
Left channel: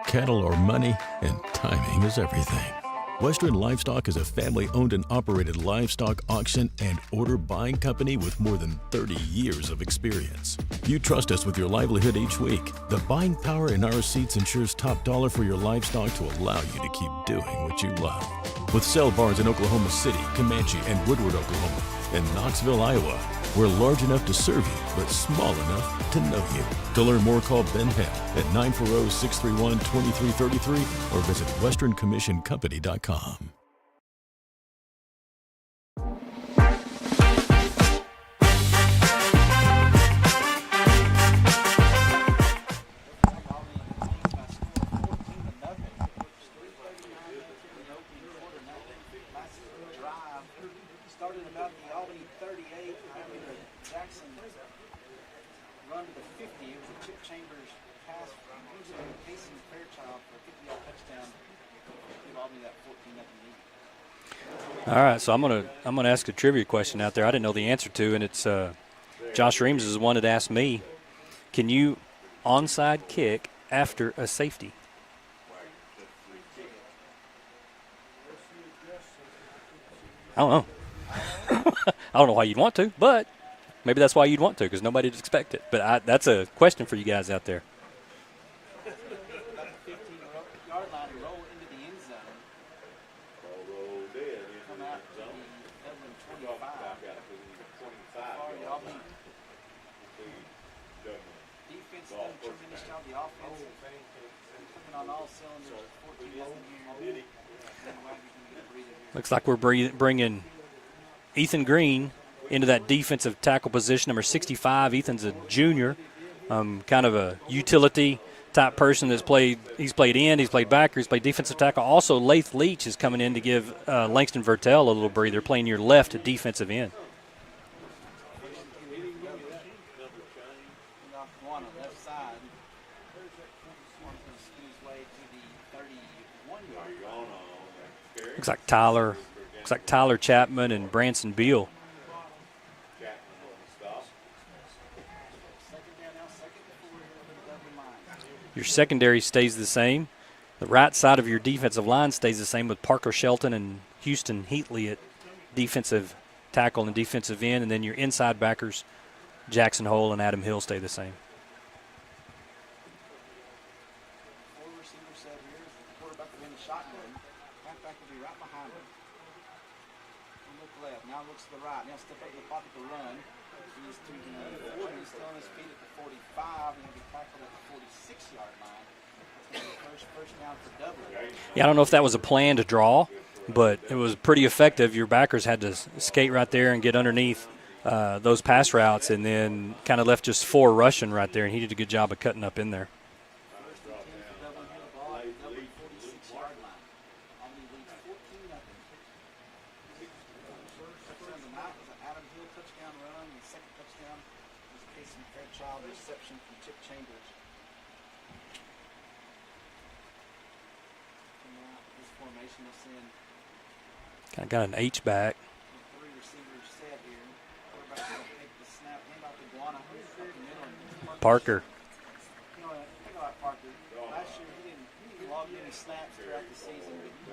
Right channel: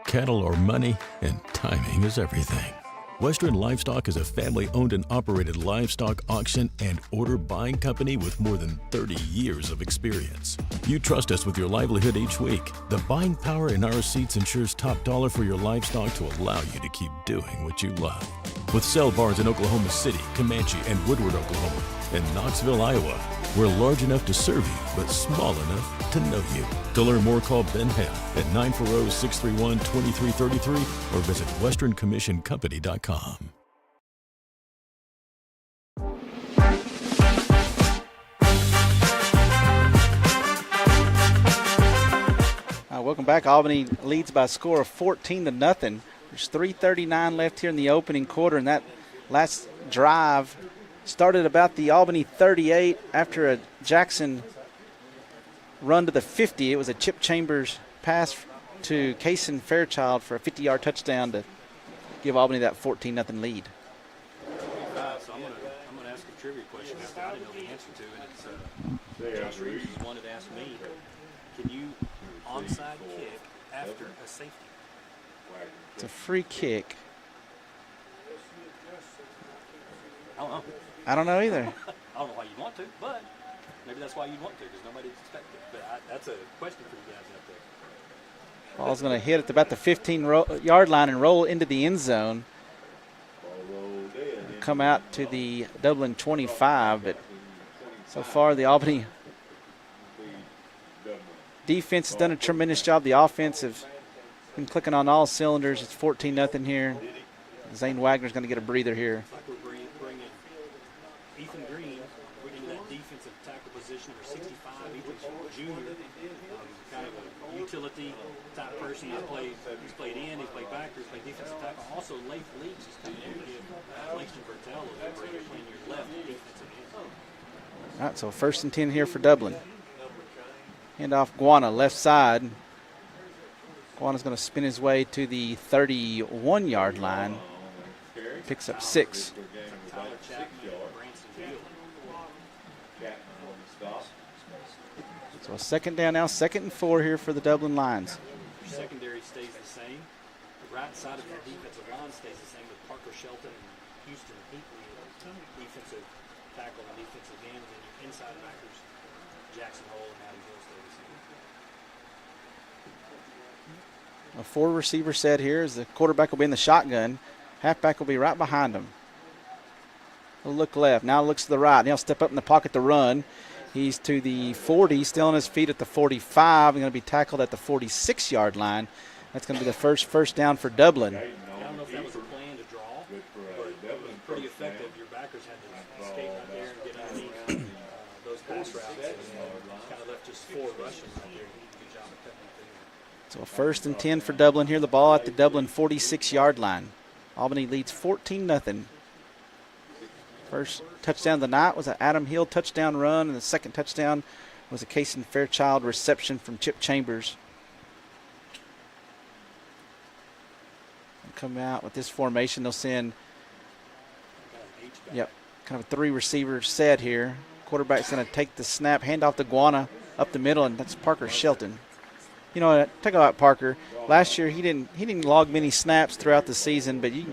cattle are money, and timing is everything. Western Livestock is a family-owned and operated livestock auction and order buying company with more than 30 years of experience. You trust us with your livelihood each week. The buying power in our seats ensures top dollar for your livestock to allow you to keep doing what you love. With sale barns in Oklahoma City, Comanche, and Woodward, Oklahoma, and Knoxville, Iowa, we're large enough to serve you, but small enough to know you. To learn more, call Ben Hale at 940-631-2333 or visit westerncommissioncompany.com. Welcome back. Albany leads by a score of 14-0. There's 3:39 left here in the opening quarter, and that last drive started about the Albany 38 after a Jackson run to the 50. It was a Chip Chambers pass to Kaysen Fairchild for a 50-yard touchdown to give Albany that 14-0 lead. All right, so I'm gonna ask a trivia question out there I didn't know the answer to, and it's Josh Reams is the one that asked me, can you onside kick after a safety? It's a free kick. I don't know. I don't know either. I don't know why you'd want to, but maybe that's why you'd want to, because nobody'd expect it. But that's a question for you guys out there. Ball's going to hit at about the 15-yard line and roll into the end zone. Come out to the Dublin 25, but so far the Albany defense has done a tremendous job. The offense have been clicking on all cylinders. It's 14-0 here. Zane Wagner's going to get a breather here. Looks like we're bringing Ethan Green into that defensive tackle position, number 65. Ethan's a junior, kind of a utility type person he's played end, he's played backer, he's played defensive tackle. Also, Lath Leach is coming in to give Langston Vertel a little breather, playing your left defensive end. All right, so 1st and 10 here for Dublin. Hand off Guana, left side. Guana's going to spin his way to the 31-yard line. Looks like Tyler Chapman and Branson Beal. So a 2nd down now, 2nd and 4 here for the Dublin Lions. Your secondary stays the same. The right side of your defensive line stays the same with Parker Shelton and Houston Heatley at defensive tackle and defensive end, and then your inside backers, Jackson Hole and Adam Hill, stay the same. A 4-receiver set here as the quarterback will be in the shotgun. Halfback will be right behind him. He'll look left. Now looks to the right. And he'll step up in the pocket to run. He's to the 40, still on his feet at the 45. He's going to be tackled at the 46-yard line. That's going to be the first down for Dublin. Yeah, I don't know if that was a plan to draw, but it was pretty effective. Your backers had to skate right there and get underneath those pass routes, and then kind of left just 4 rushing right there, and he did a good job of cutting up in there. So 1st and 10 for Dublin here. The ball at the Dublin 46-yard line. Albany leads 14-0. First touchdown of the night was an Adam Hill touchdown run, and the second touchdown was a Kaysen Fairchild reception from Chip Chambers. They'll come out with this formation. They'll send Kind of got an H-back. Yeah, kind of a 3-receiver set here. Quarterback's going to take the snap, hand off to Guana up the middle, and that's Parker Shelton. You know, talk about Parker. Last year he didn't log many snaps throughout the season, but you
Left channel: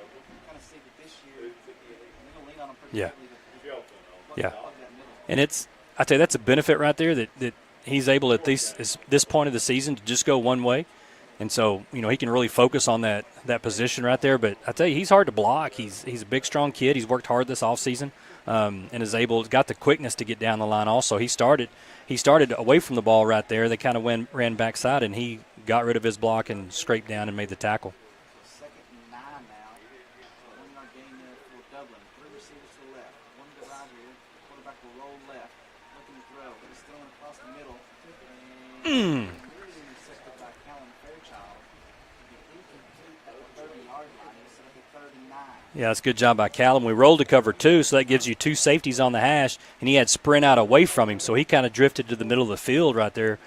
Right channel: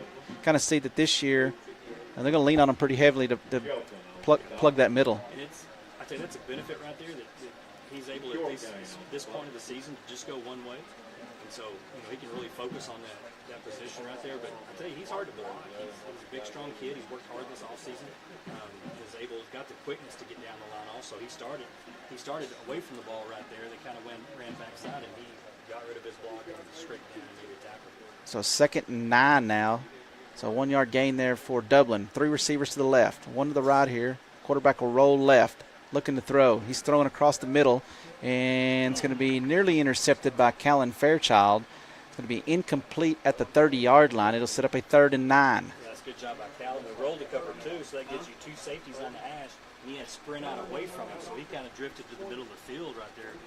kind of see that this year they're going to lean on him pretty heavily to plug that middle. And I tell you, that's a benefit right there that he's able at this point of the season to just go one way. And so, you know, he can really focus on that position right there. But I tell you, he's hard to block. He's a big, strong kid. He's worked hard this offseason and got the quickness to get down the line also. He started away from the ball right there. They kind of ran backside, and he got rid of his block and scraped down and made the tackle. So 2nd and 9 now. So 1-yard gain there for Dublin. 3 receivers to the left, 1 to the right here. Quarterback will roll left, looking to throw. He's throwing across the middle, and it's going to be nearly intercepted by Callan Fairchild. It's going to be incomplete at the 30-yard line. It'll set up a 3rd and 9. Yeah, that's a good job by Callum. We rolled to cover 2, so that gives you 2 safeties on the hash, and he had sprint out away from him, so he kind of drifted to the middle of the field right there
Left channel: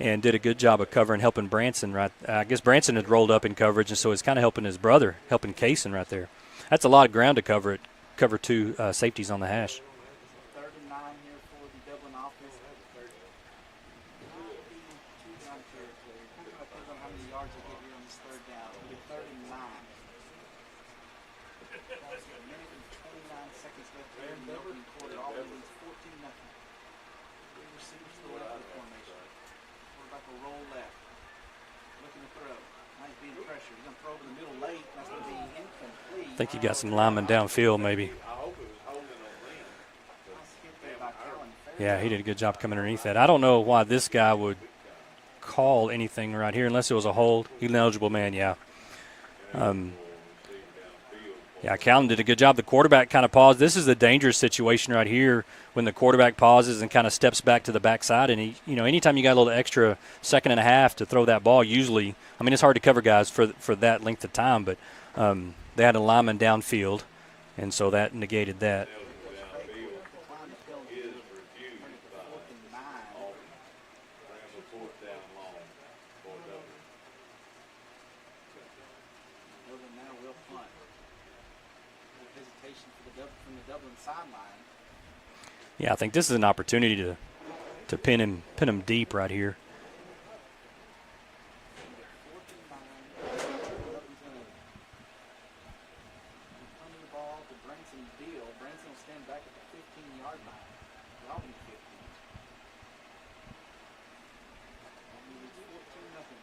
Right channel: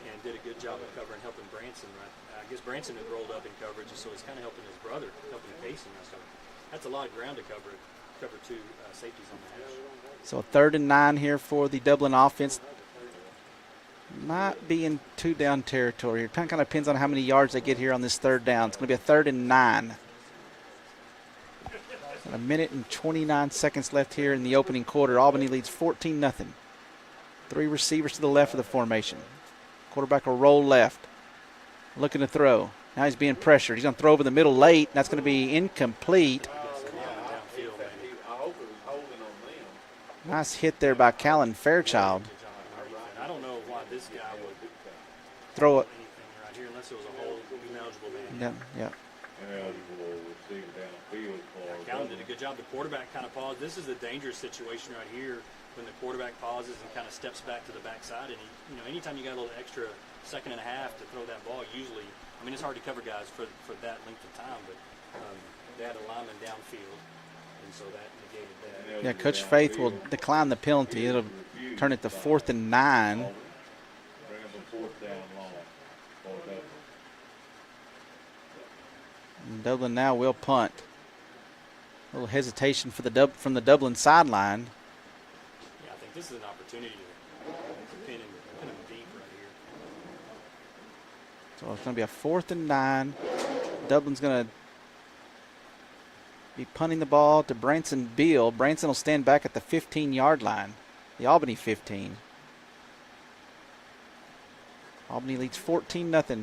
and did a good job of covering, helping Branson. I guess Branson had rolled up in coverage, and so he's kind of helping his brother, helping Kaysen right there. That's a lot of ground to cover 2 safeties on the hash. So 3rd and 9 here for the Dublin offense. Not being 2-down territory here. Kind of depends on how many yards they get here on this 3rd down. It's going to be a 3rd and 9. A minute and 29 seconds left here in the opening quarter. Albany leads 14-0. 3 receivers to the left of the formation. Quarterback will roll left. Looking to throw. Now he's being pressured. He's going to throw over the middle late. That's going to be incomplete. I think you got some linemen downfield maybe. Nice hit there by Callan Fairchild. Yeah, he did a good job coming underneath that. I don't know why this guy would call anything right here unless it was a hold. He's an eligible man, yeah. Callan did a good job. The quarterback kind of paused. This is a dangerous situation right here when the quarterback pauses and kind of steps back to the backside. And, he, you know, anytime you got a little extra second and a half to throw that ball, usually, I mean, it's hard to cover guys for that length of time, but they had a lineman downfield, and so that negated that. Yeah, Coach Faith will decline the penalty. It'll turn it to 4th and 9. And Dublin now will punt. A little hesitation for from the Dublin sideline. Yeah, I think this is an opportunity to pin him deep right here. So it's going to be a 4th and 9. Dublin's going to be punting the ball to Branson Beal. Branson will stand back at the 15-yard line, the Albany 15. Albany leads 14-0. The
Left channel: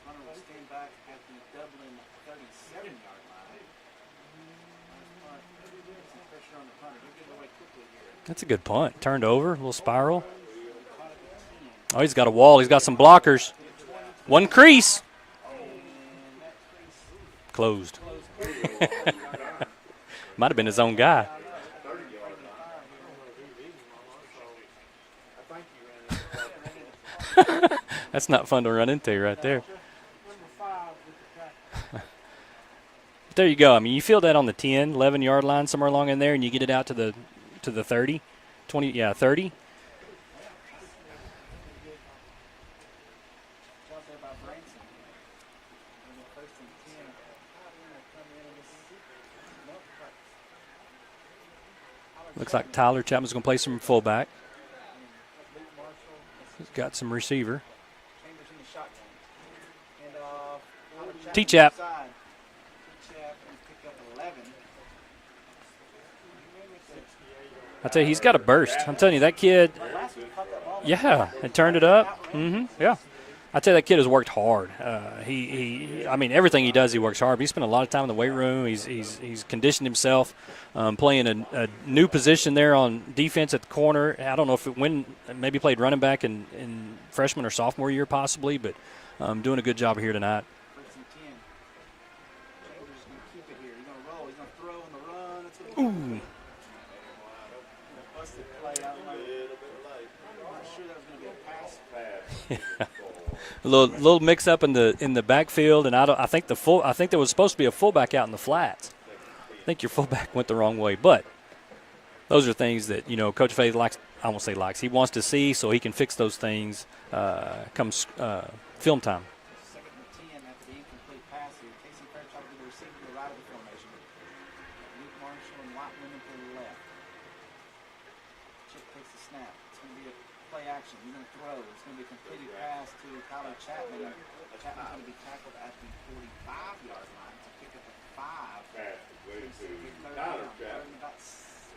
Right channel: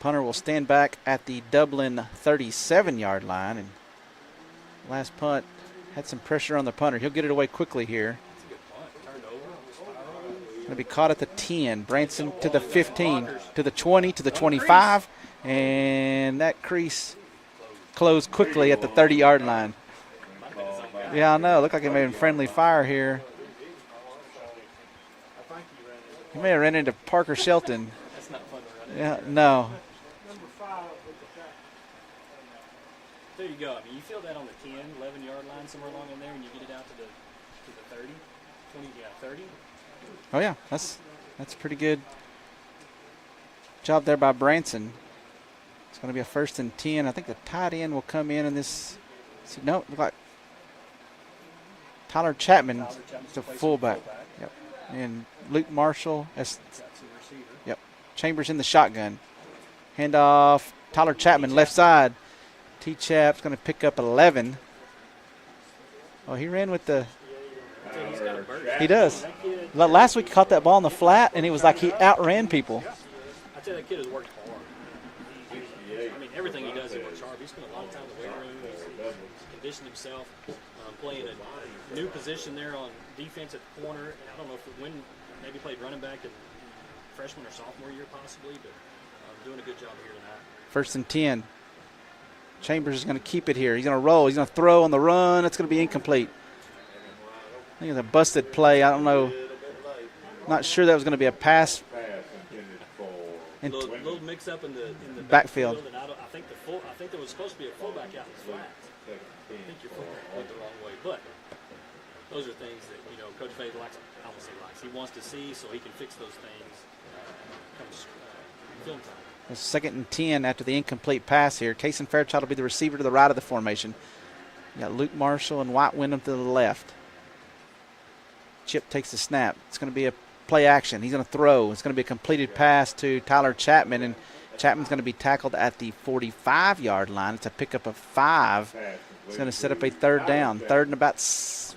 punter will stand back at the Dublin 37-yard line. And last punt had some pressure on the punter. He'll get it away quickly here. That's a good punt. Turned over, a little spiral. Going to be caught at the 10. Oh, he's got a wall. He's got some blockers. To the 20, to the One 25. crease. And that crease closed quickly at the 30-yard line. Might have been his own guy. Yeah, I know. Looked like he may have been friendly fire here. He may have ran into Parker Shelton. That's not fun to run into right there. No. There you go. I mean, you feel that on the 10, 11-yard line somewhere along in there, and you get it out to the 30, 20, 30. Oh, yeah. That's pretty good job there by Branson. It's going to be a 1st and 10. I think the tight end will come in this. No, look like Tyler Chapman. Like Tyler Chapman's going to play some fullback. Yep. And Luke Marshall. Got some receiver. Yep. Chambers in the shotgun. Handoff. Tyler Chapman, T-Chap. left side. T-Chap's going to pick up 11. Oh, he ran with the. I tell you, he's got a burst. He does. I'm telling you, that kid. Last week he caught that ball on the flat, and he was like he outran people. Yeah. I tell you, that kid has worked hard. I mean, everything he does, he works hard. But he spent a lot of time in the weight room. He's conditioned himself, playing a new position there on defense at the corner. I don't know if maybe played running back in freshman or sophomore year possibly, but doing a good job here tonight. 1st and 10. Chambers is going to keep it here. He's going to roll. He's going to throw on the run. It's going to be incomplete. I think it's a busted play. I don't know. Not sure that was going to be a pass. A little mix up in the backfield, and I think there was supposed to be a fullback out in the flats. I think your fullback went the wrong way, but those are things that Coach Faith likes. I won't say likes. He wants to see so he can fix those things come film time. 2nd and 10 after the incomplete pass here. Kason Fairchild will be the receiver to the right of the formation. You got Luke Marshall and White Wyndham to the left. Chip takes the snap. It's going to be a play action. He's going to throw. It's going to be a completed pass to Tyler Chapman, and Chapman's going to be tackled at the 45-yard line. It's a pickup of 5. It's going to set up a 3rd down. 3rd and about,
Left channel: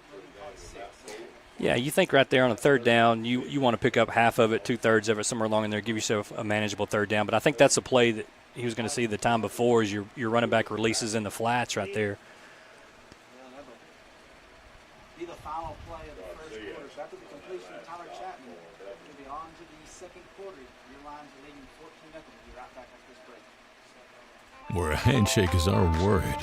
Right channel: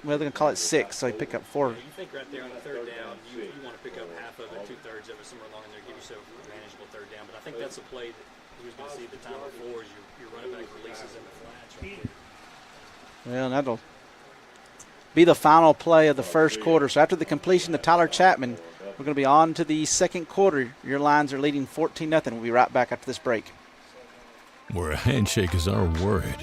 they're going to call it 6, so he picked up 4. Yeah, you think right there on a 3rd down, you want to pick up half of it, 2/3 of it, somewhere along in there, give yourself a manageable 3rd down. But I think that's a play that he was going to see the time before is your running back releases in the flats right there. Well, that'll be the final play of the first quarter. So after the completion to Tyler Chapman, we're going to be on to the second quarter. Your Lions are leading 14-0. We'll be right back after this break. Where a handshake is our word,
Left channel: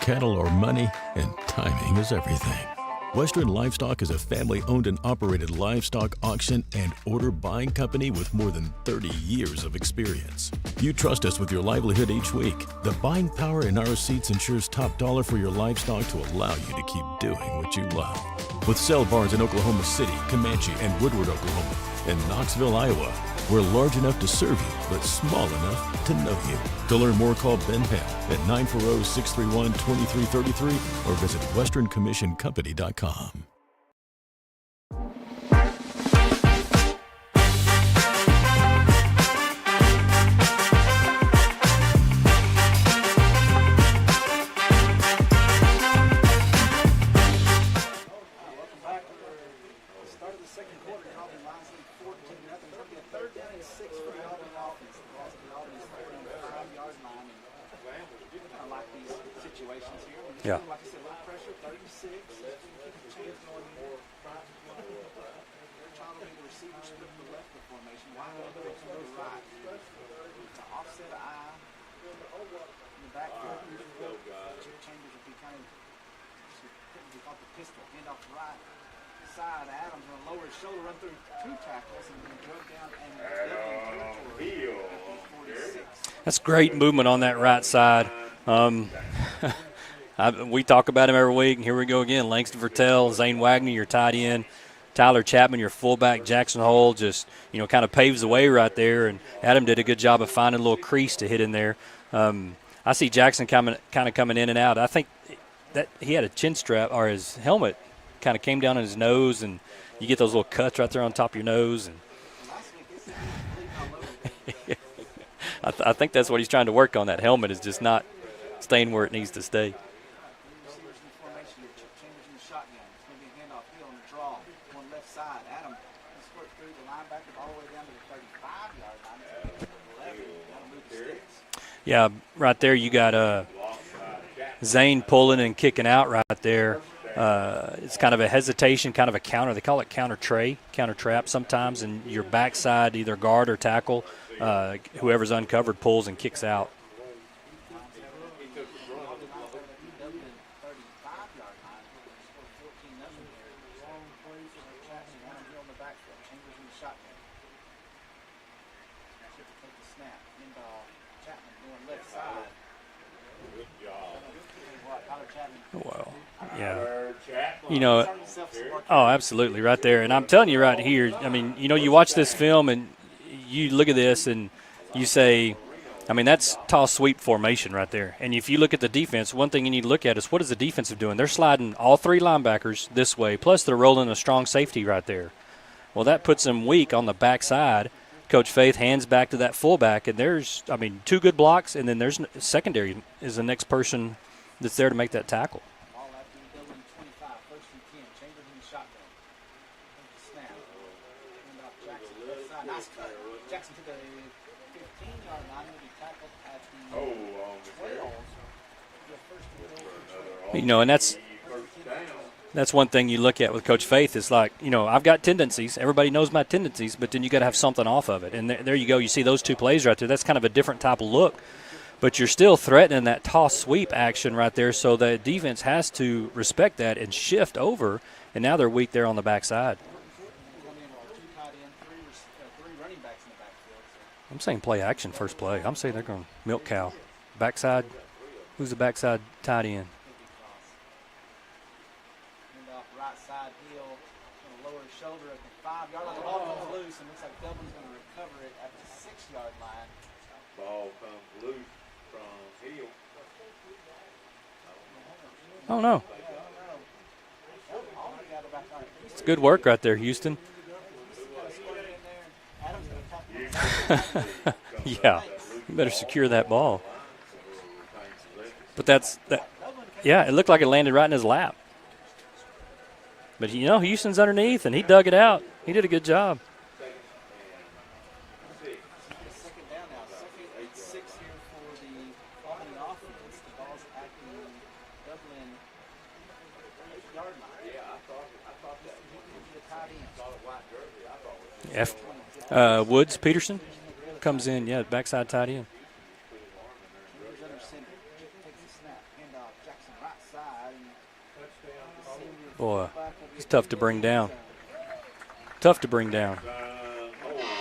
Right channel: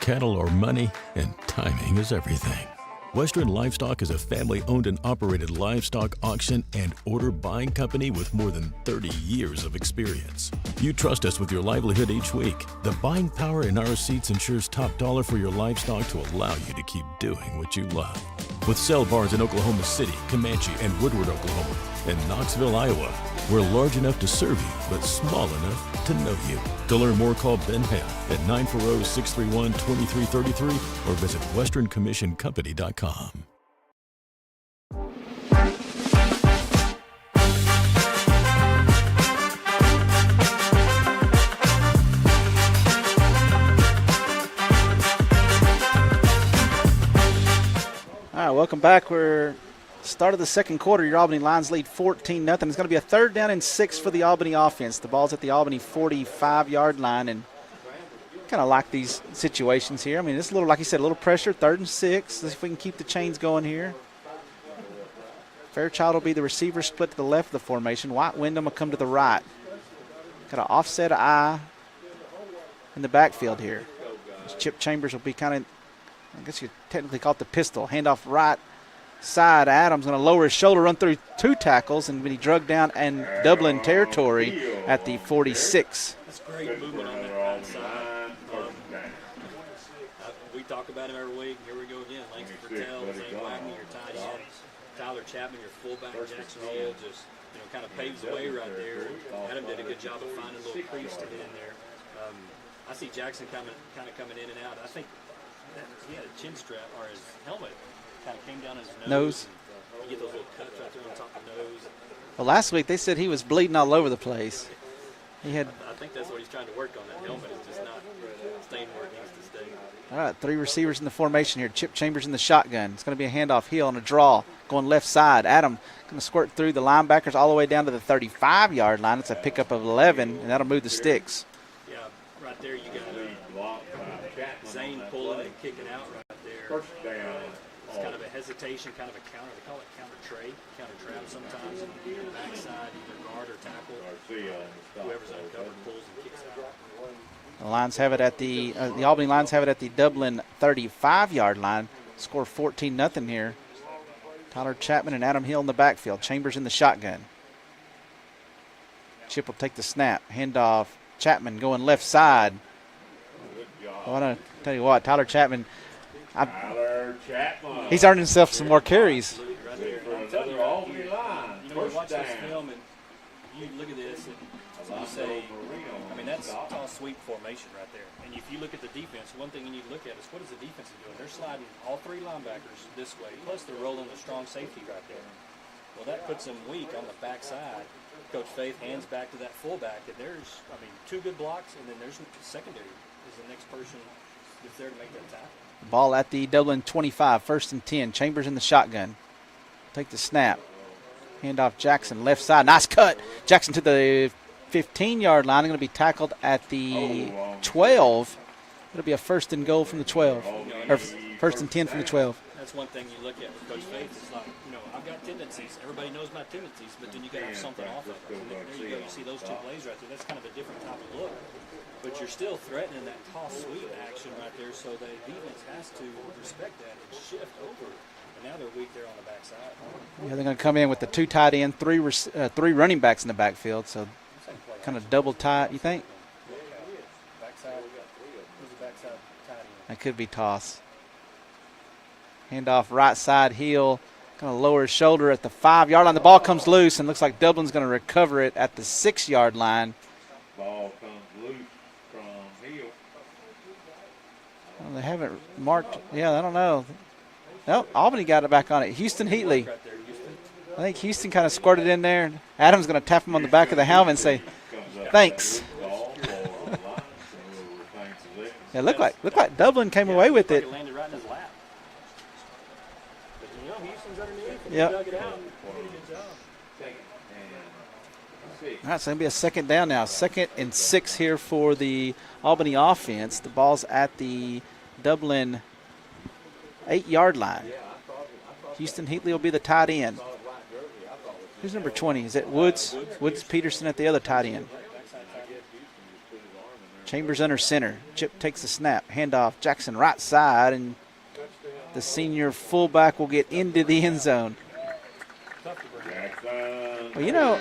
cattle are money, and timing is everything. Western Livestock is a family-owned and operated livestock auction and order buying company with more than 30 years of experience. You trust us with your livelihood each week. The buying power in our seats ensures top dollar for your livestock to allow you to keep doing what you love. With sale barns in Oklahoma City, Comanche, and Woodward, Oklahoma, and Knoxville, Iowa, we're large enough to serve you, but small enough to know you. To learn more, call Ben Hale at 940-631-2333 or visit westerncommissioncompany.com. All right, welcome back. We're start of the second quarter. Your Albany Lions lead 14-0. It's going to be a 3rd down and 6 for the Albany offense. The ball's at the Albany 45-yard line, and kind of like these situations here. I mean, it's a little, like you said, a little pressure. 3rd and 6. Let's see if we can keep the chains going here. Fairchild will be the receiver, split to the left of the formation. White Wyndham will come to the right. Got an offset eye in the backfield here. Chip Chambers will be kind of, I guess you technically call it the pistol. Handoff right side. Adams going to lower his shoulder, run through 2 tackles, and be drugged down in Dublin territory at the 46. That's great movement on that right side. We talk about him every week, and here we go again. Langston Vertel, Zane Wagner, your tight end. Tyler Chapman, your fullback. Jackson Hole just, kind of paves the way right there. And Adam did a good job of finding a little crease to hit in there. I see Jackson kind of coming in and out. I think that he had a chin strap, or his helmet kind of came down on his nose, and you get those little cuts right there on top of your nose. And well, last week they said he was bleeding all over the place. I think that's what he's trying to work on. That helmet is just not staying where it needs to stay. All right, 3 receivers in the formation here. Chip Chambers in the shotgun. It's going to be a handoff. Hill on a draw, going left side. Adam going to squirt through the linebackers all the way down to the 35-yard line. It's a pickup of 11, and that'll move the sticks. Yeah, right there you got Zane pulling and kicking out right there. It's kind of a hesitation, kind of a counter. They call it counter trap sometimes, and your backside, either guard or tackle, whoever's uncovered pulls and kicks out. The Lions have it at the Albany Lions have it at the Dublin 35-yard line. Score 14-0 here. Tyler Chapman and Adam Hill in the backfield. Chambers in the shotgun. Chip will take the snap. Handoff. Chapman going left side. I want to tell you what, Tyler Chapman. He's earned himself some more carries. Oh, absolutely, right there. And I'm telling you right here, I mean, you watch this film and you look at this and you say, that's toss sweep formation right there. And if you look at the defense, one thing you need to look at is what is the defensive doing? They're sliding all 3 linebackers this way, plus they're rolling a strong safety right there. Well, that puts them weak on the backside. Coach Faith hands back to that fullback, and there's, 2 good blocks, and then there's secondary is the next person that's there to make that tackle. Ball at the Dublin 25, 1st and 10. Chambers in the shotgun. Take the snap. Handoff Jackson, left side. Nice cut. Jackson to the 15-yard line. Going to be tackled at the 12. It'll be a 1st and goal from the 12. And that's 1st and 10 from the 12. That's one thing you look at with Coach Faith. It's like, I've got tendencies. Everybody knows my tendencies, but then you got to have something off of it. And there you go. You see those 2 plays right there. That's kind of a different type of look. But you're still threatening that toss sweep action right there, so the defense has to respect that and shift over. And now they're weak there on the backside. Yeah, they're going to come in with the 2 tight end, 3 running backs in the backfield. So I'm saying play action double first play. tight. I'm saying they're going to milk cow. Backside. Who's the backside tight end? That could be toss. Handoff right side. Hill going to lower his shoulder at the 5-yard line. The ball comes loose and looks like Dublin's going to recover it at the 6-yard line. Ball comes loose from Hill. Well, they haven't marked. I don't know. Yeah, I don't know. No, Albany got it back on it. Houston Good Heatley. work right there, Houston. I think Houston kind of squirted in there. Adam's going to tap him on the back of the helmet and say, thanks. You better secure that ball. It looked like Dublin came away with it. It looked like it landed right in his lap. But, Houston's underneath, and he dug it out. He did a good job. All right, so it'll be a 2nd down now. 2nd and 6 here for the Albany offense. The ball's at the Dublin 8-yard line. Houston Heatley will be the tight end. Who's number 20? Is it Woods? Woods Peterson. Peterson at the other Comes tight end. in, backside tight end. Chambers under center. Chip takes the snap. Handoff. Jackson right side, and the senior fullback will get into the end zone. Tough to bring down. Well,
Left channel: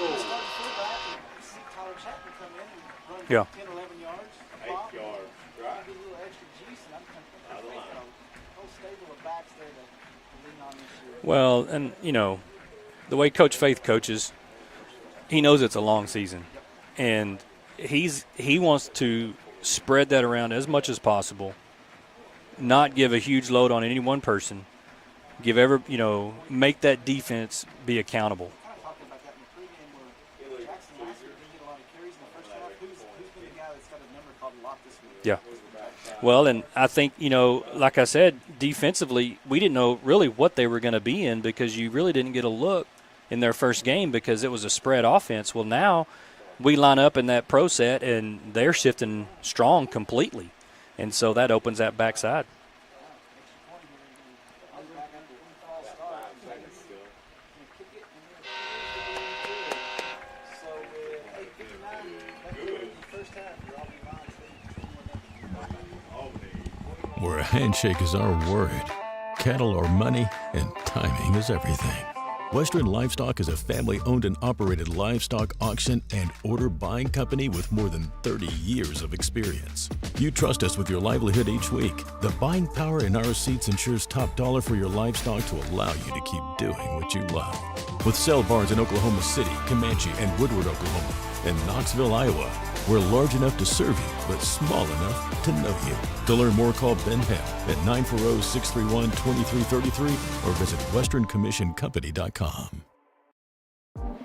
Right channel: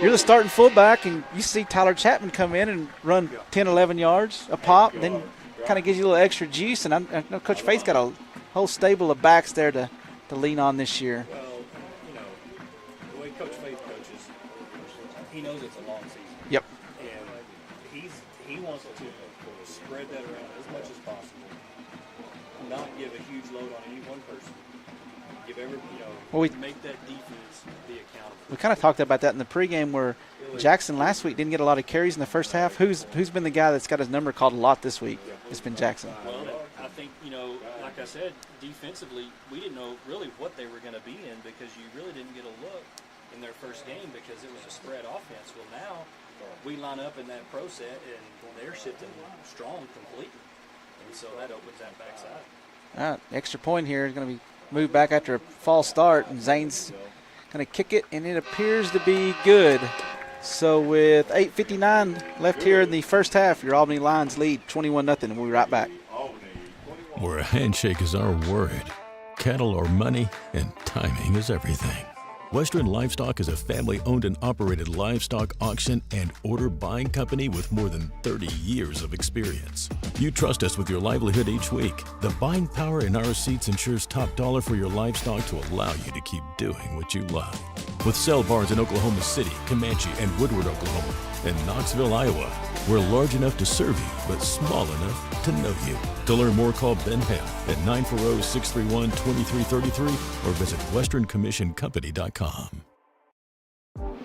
you're the starting fullback, and you see Tyler Chapman come in and run 10, 11 yards a pop, then kind of gives you a little extra juice. And I know Coach Faith's got a whole stable of backs there to lean on this year. Well, and, the way Coach Faith coaches, he knows it's a long season. Yep. And he wants to spread that around as much as possible, not give a huge load on any one person, make that defense be accountable. We kind of talked about that in the pregame where Jackson last week didn't get a lot of carries in the first half. Who's been the guy that's got his number called a lot this week? Yeah. It's been Jackson. Well, and I think, like I said, defensively, we didn't know really what they were going to be in because you really didn't get a look in their first game because it was a spread offense. Well, now we line up in that pro set, and they're shifting strong completely. And so that opens that backside. All right, extra point here is going to be moved back after a false start, and Zane's going to kick it, and it appears to be good. So with 8:59 left here in the first half, your Albany Lions lead 21-0. We'll be right back. Where a handshake is our word, Cattle are money, and timing is everything. Western Livestock is a family-owned and operated livestock auction and order buying company with more than 30 years of experience. You trust us with your livelihood each week. The buying power in our seats ensures top dollar for your livestock to allow you to keep doing what you love. With sale barns in Oklahoma City, Comanche, and Woodward, Oklahoma, and Knoxville, Iowa, we're large enough to serve you, but small enough to know you. To learn more, call Ben Hale at 940-631-2333 or visit westerncommissioncompany.com. All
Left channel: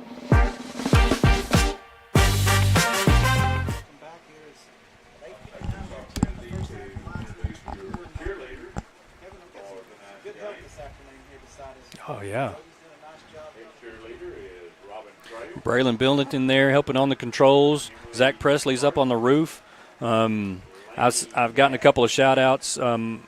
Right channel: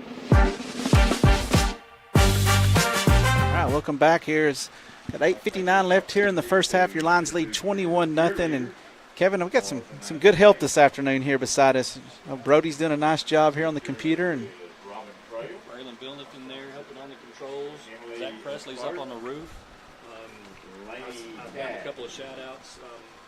right, welcome back. Here's got 8:59 left here in the first half. Your Lions lead 21-0. And Kevin, we've got some good help this afternoon here beside us. Oh, yeah. Brody's doing a nice job here on the computer, and Braylon Billington there helping on the controls. Zach Presley's up on the roof. I've gotten a couple of shout-outs on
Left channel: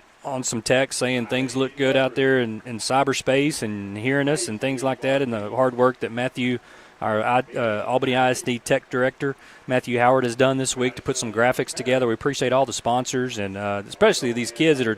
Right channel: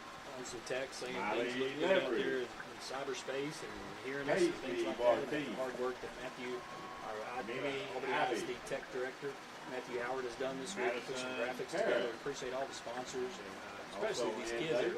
some text saying things look good out there in cyberspace and hearing us and things like that, and the hard work that Matthew, our Albany ISD Tech Director, Matthew Howard, has done this week to put some graphics together. We appreciate all the sponsors and especially these kids that are,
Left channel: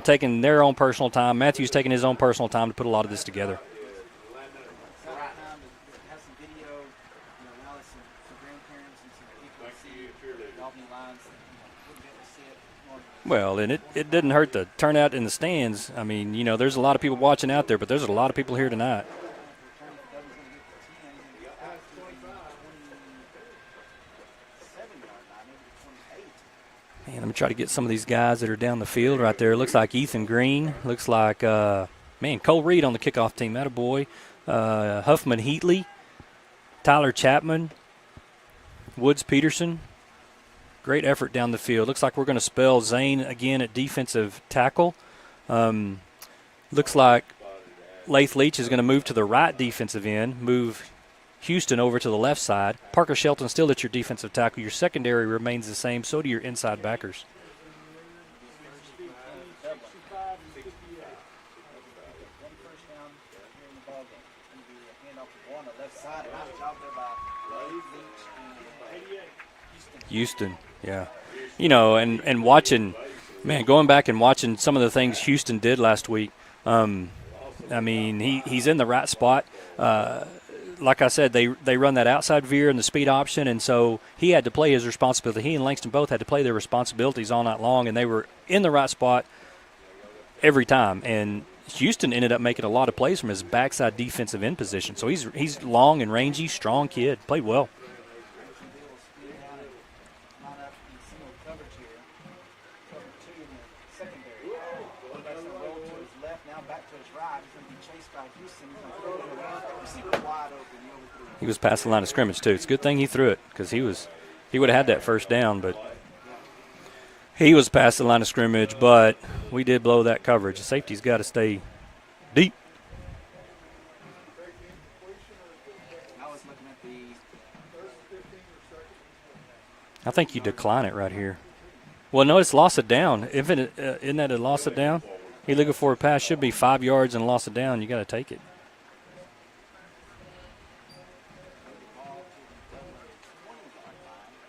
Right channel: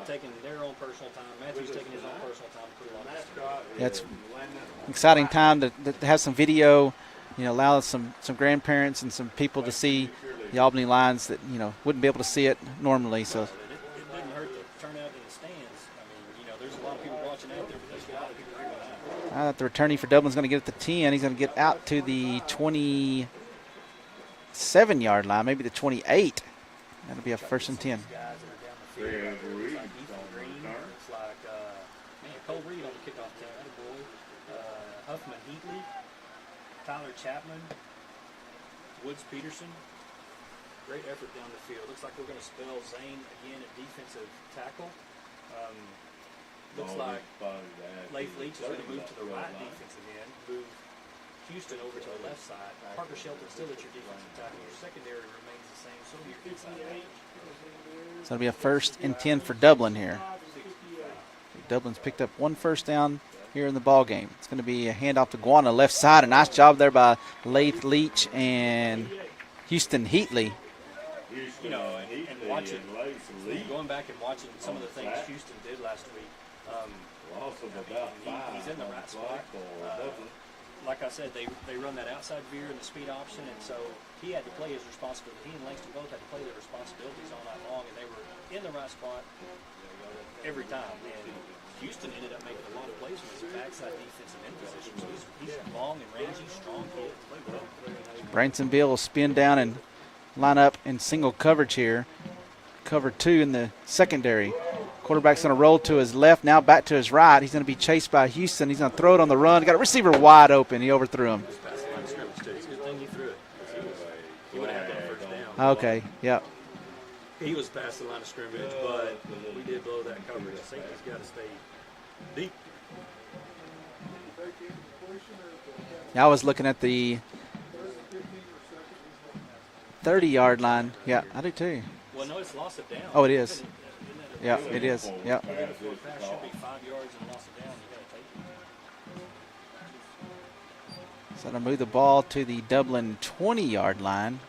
taking their own personal time. Matthew's taking his own personal time to put a lot of this together. Yeah, it's an exciting time to have some video, allow some grandparents and some people to see the Albany Lions that, wouldn't be able to see it normally. So. Well, and it didn't hurt the turnout in the stands. I mean, there's a lot of people watching out there, but there's a lot of people here tonight. The returning for Dublin's going to get at the 10. He's going to get out to the 27-yard line, maybe the 28. I'm going to try to get some of these guys that are down the field right there. Looks like Ethan Green. Looks like, Cole Reed on the kickoff team. That a boy. Huffman Heatley. Tyler Chapman. Woods Peterson. Great effort down the field. Looks like we're going to spell Zane again at defensive tackle. Looks like Lath Leach is going to move to the right defensive end, move Houston over to the left side. Parker Shelton still at your defensive tackle. Your secondary remains the same. So do your inside backers. So it'll be a 1st and 10 for Dublin here. Dublin's picked up one first down here in the ball game. It's going to be a handoff to Guana left side. A nice job there by Lath Leach and Houston Heatley. Yeah. And watching, going back and watching some of the things Houston did last week, he's in the right spot. Like I said, they run that outside veer and the speed option, and so he had to play his responsibility. He and Langston both had to play their responsibilities all night long, and they were in the right spot every time. And Houston ended up making a lot of plays from his backside defensive end position. So he's long and rangy, strong kid. Played well. Branson Beal will spin down and line up in single coverage here. Cover 2 in the secondary. Quarterback's going to roll to his left, now back to his right. He's going to be chased by Houston. He's going to throw it on the run. Got a receiver wide open. He overthrew him. He was past the line of scrimmage, too. It's a good thing he threw it because he would have had that first down. Okay, yeah. He was past the line of scrimmage, but we did blow that coverage. The safety's got to stay deep. Yeah, I was looking at the 30-yard line. It right here. I do too. Well, no, it's loss of down. Oh, it is. Isn't that a loss of down? Yeah. He looking for a pass. Should be 5 yards and loss of down. You got to take it. So to move the ball to the Dublin 20-yard line.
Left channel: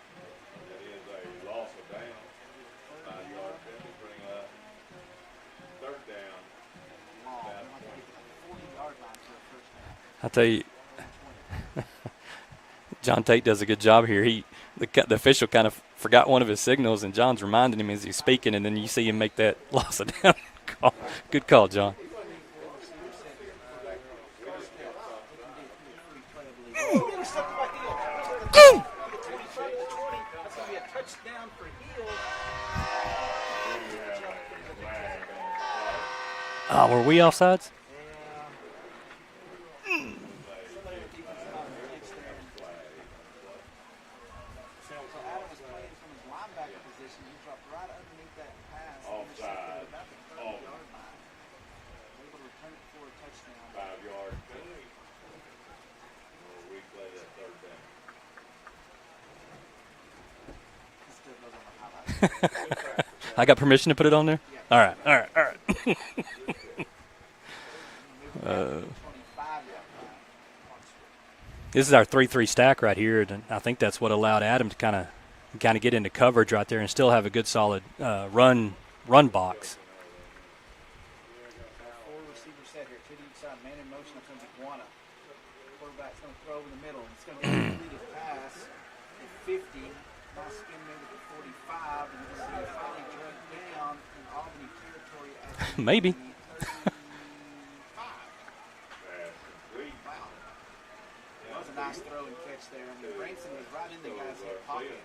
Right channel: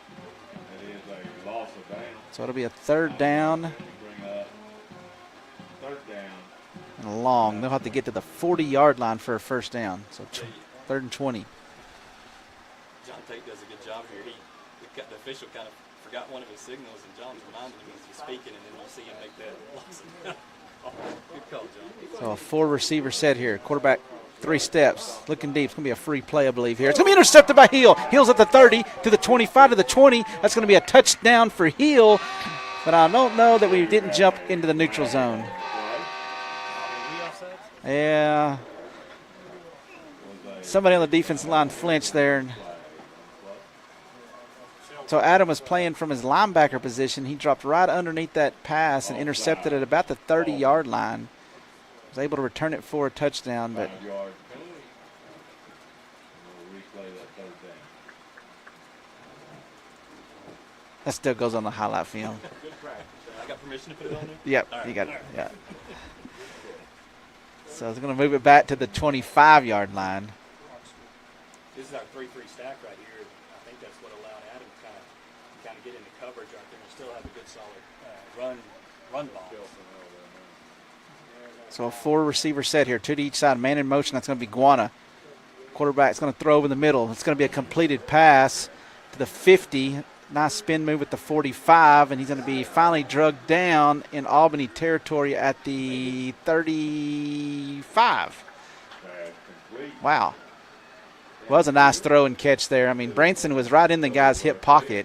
So it'll be a 3rd down. And a long. They'll have to get to the 40-yard line for a first down. So I'll tell you. 3rd and 20. John Tate does a good job here. The official kind of forgot one of his signals, and John's reminding him as he's speaking, and then you see him make that loss of down call. Good call, John. So a 4-receiver set here. Quarterback 3 steps, looking deep. It's going to be a free play, I believe, here. It's going to be intercepted by Hill. Hill's at the 30 to the 25 to the 20. That's going to be a touchdown for Hill, but I don't know that we didn't jump into the neutral zone. Oh, were we offsides? Yeah. Somebody on the defensive line flinched there. So Adam was playing from his linebacker position. He dropped right underneath that pass and intercepted it about the 30-yard line. Was able to return it for a touchdown, but that still goes on the highlight film. I got permission to put it on there? Yep. All right. All right. So it's going to move it back to the 25-yard line. This is our 3-3 stack right here, and I think that's what allowed Adam to kind of get into coverage right there and still have a good solid run box. So a 4-receiver set here, 2 to each side, man in motion. That's going to be Guana. Quarterback's going to throw over the middle. It's going to be a completed pass to the 50. Nice spin move at the 45, and he's going to be finally drugged down in Albany territory at the Maybe 35. Wow. Was a nice throw and catch there. I mean, Branson was right in the guy's hip pocket,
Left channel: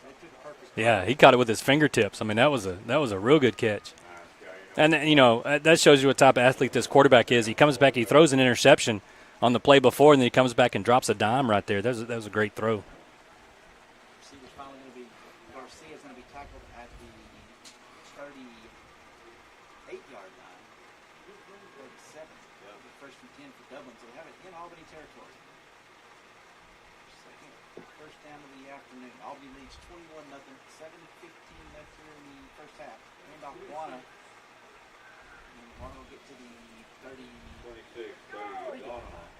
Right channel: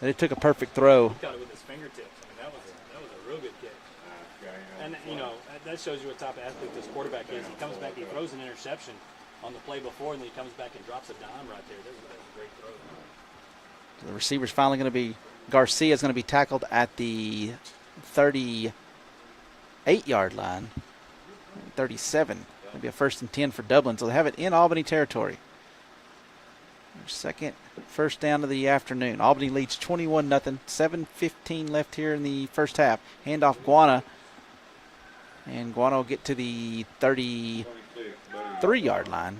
and it took a perfect throw. Yeah, he caught it with his fingertips. I mean, that was a real good catch. And, you know, that shows you what type of athlete this quarterback is. He comes back, he throws an interception on the play before, and then he comes back and drops a dime right there. That was a great throw. The receiver's finally going to be – Garcia's going to be tackled at the 38-yard line, 37. It'll be a 1st and 10 for Dublin. So they have it in Albany territory. Second first down of the afternoon. Albany leads 21-0. 7:15 left here in the first half. Handoff Guana. And Guana will get to the 33-yard line.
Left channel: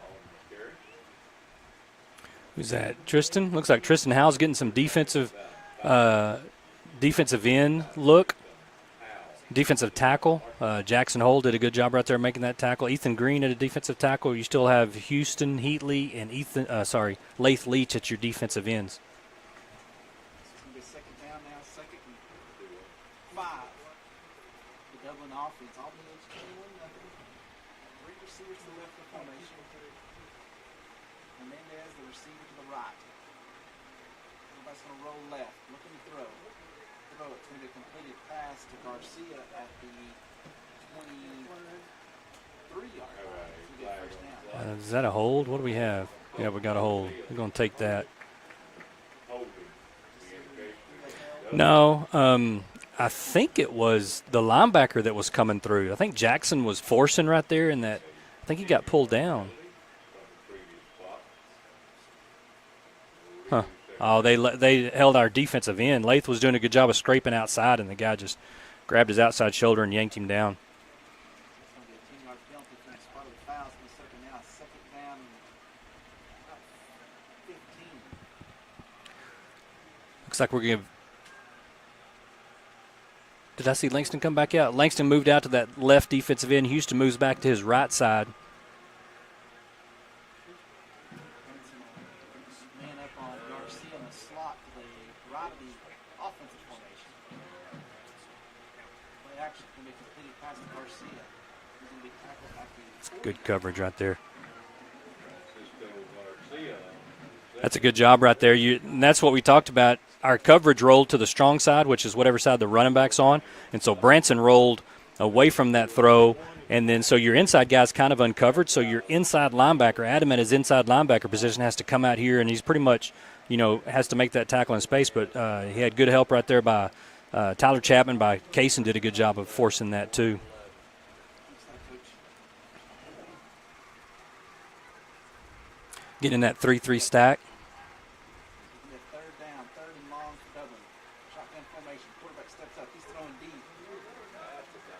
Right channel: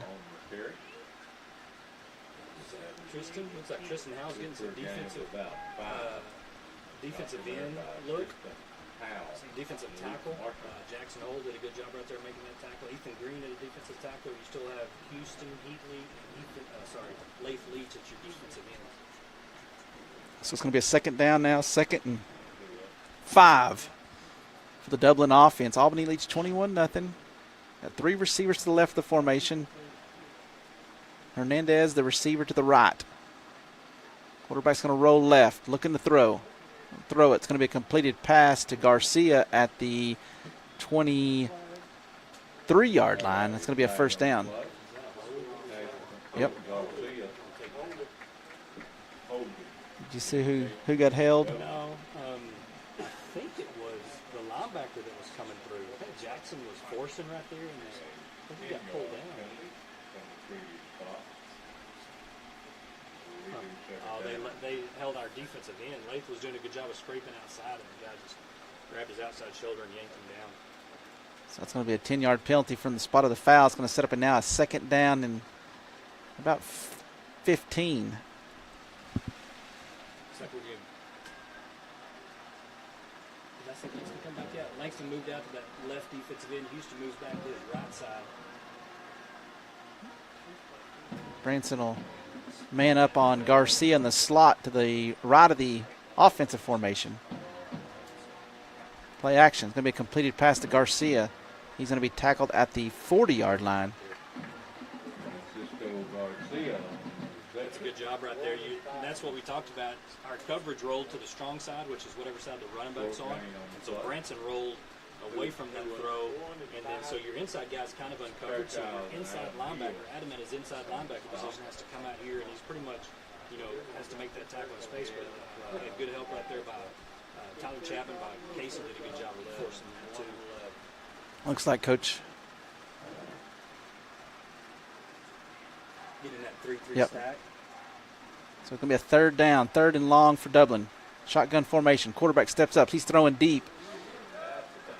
Who's that? Tristan? Looks like Tristan Howell's getting some defensive end look. Defensive tackle. Jackson Hole did a good job right there making that tackle. Ethan Green at a defensive tackle. You still have Houston Heatley and Lath Leach at your defensive ends. So it's going to be a second down now, 2nd and 5 for the Dublin offense. Albany leads 21-0. Got 3 receivers to the left of the formation. Hernandez, the receiver, to the right. Quarterback's going to roll left, looking to throw. Throw it. It's going to be a completed pass to Garcia at the 23-yard line. It's going to be a first down. Is that a hold? What do we have? Yep. Yeah, we got a hold. We're going to take that. Did you see who got held? No. I think it was the linebacker that was coming through. I think Jackson was forcing right there, and I think he got pulled down. Huh. Oh, they held our defensive end. Lath was doing a good job of scraping outside, and the guy just grabbed his outside shoulder and yanked him down. So it's going to be a 10-yard penalty from the spot of the foul. It's going to set up now a second down and about 15. Looks like we're going to – did I see Langston come back out? Langston moved out to that left defensive end. Houston moves back to his right side. Branson will man up on Garcia in the slot to the right of the offensive formation. Play action. It's going to be a completed pass to Garcia. He's going to be tackled at the 40-yard line. Right there. That's a good job right there. And that's what we talked about. Our coverage rolled to the strong side, which is whatever side the running back's on. And so Branson rolled away from that throw. And then so your inside guy's kind of uncovered. So your inside linebacker, Adam at his inside linebacker position, has to come out here, and he's pretty much, has to make that tackle in space. But he had good help right there by Tyler Chapman, by Kaysen did a good job of forcing that too. Looks like Coach getting in that 3-3 stack. So it's going to be a third down, 3rd and long for Dublin. Shotgun formation. Quarterback steps up. He's throwing deep.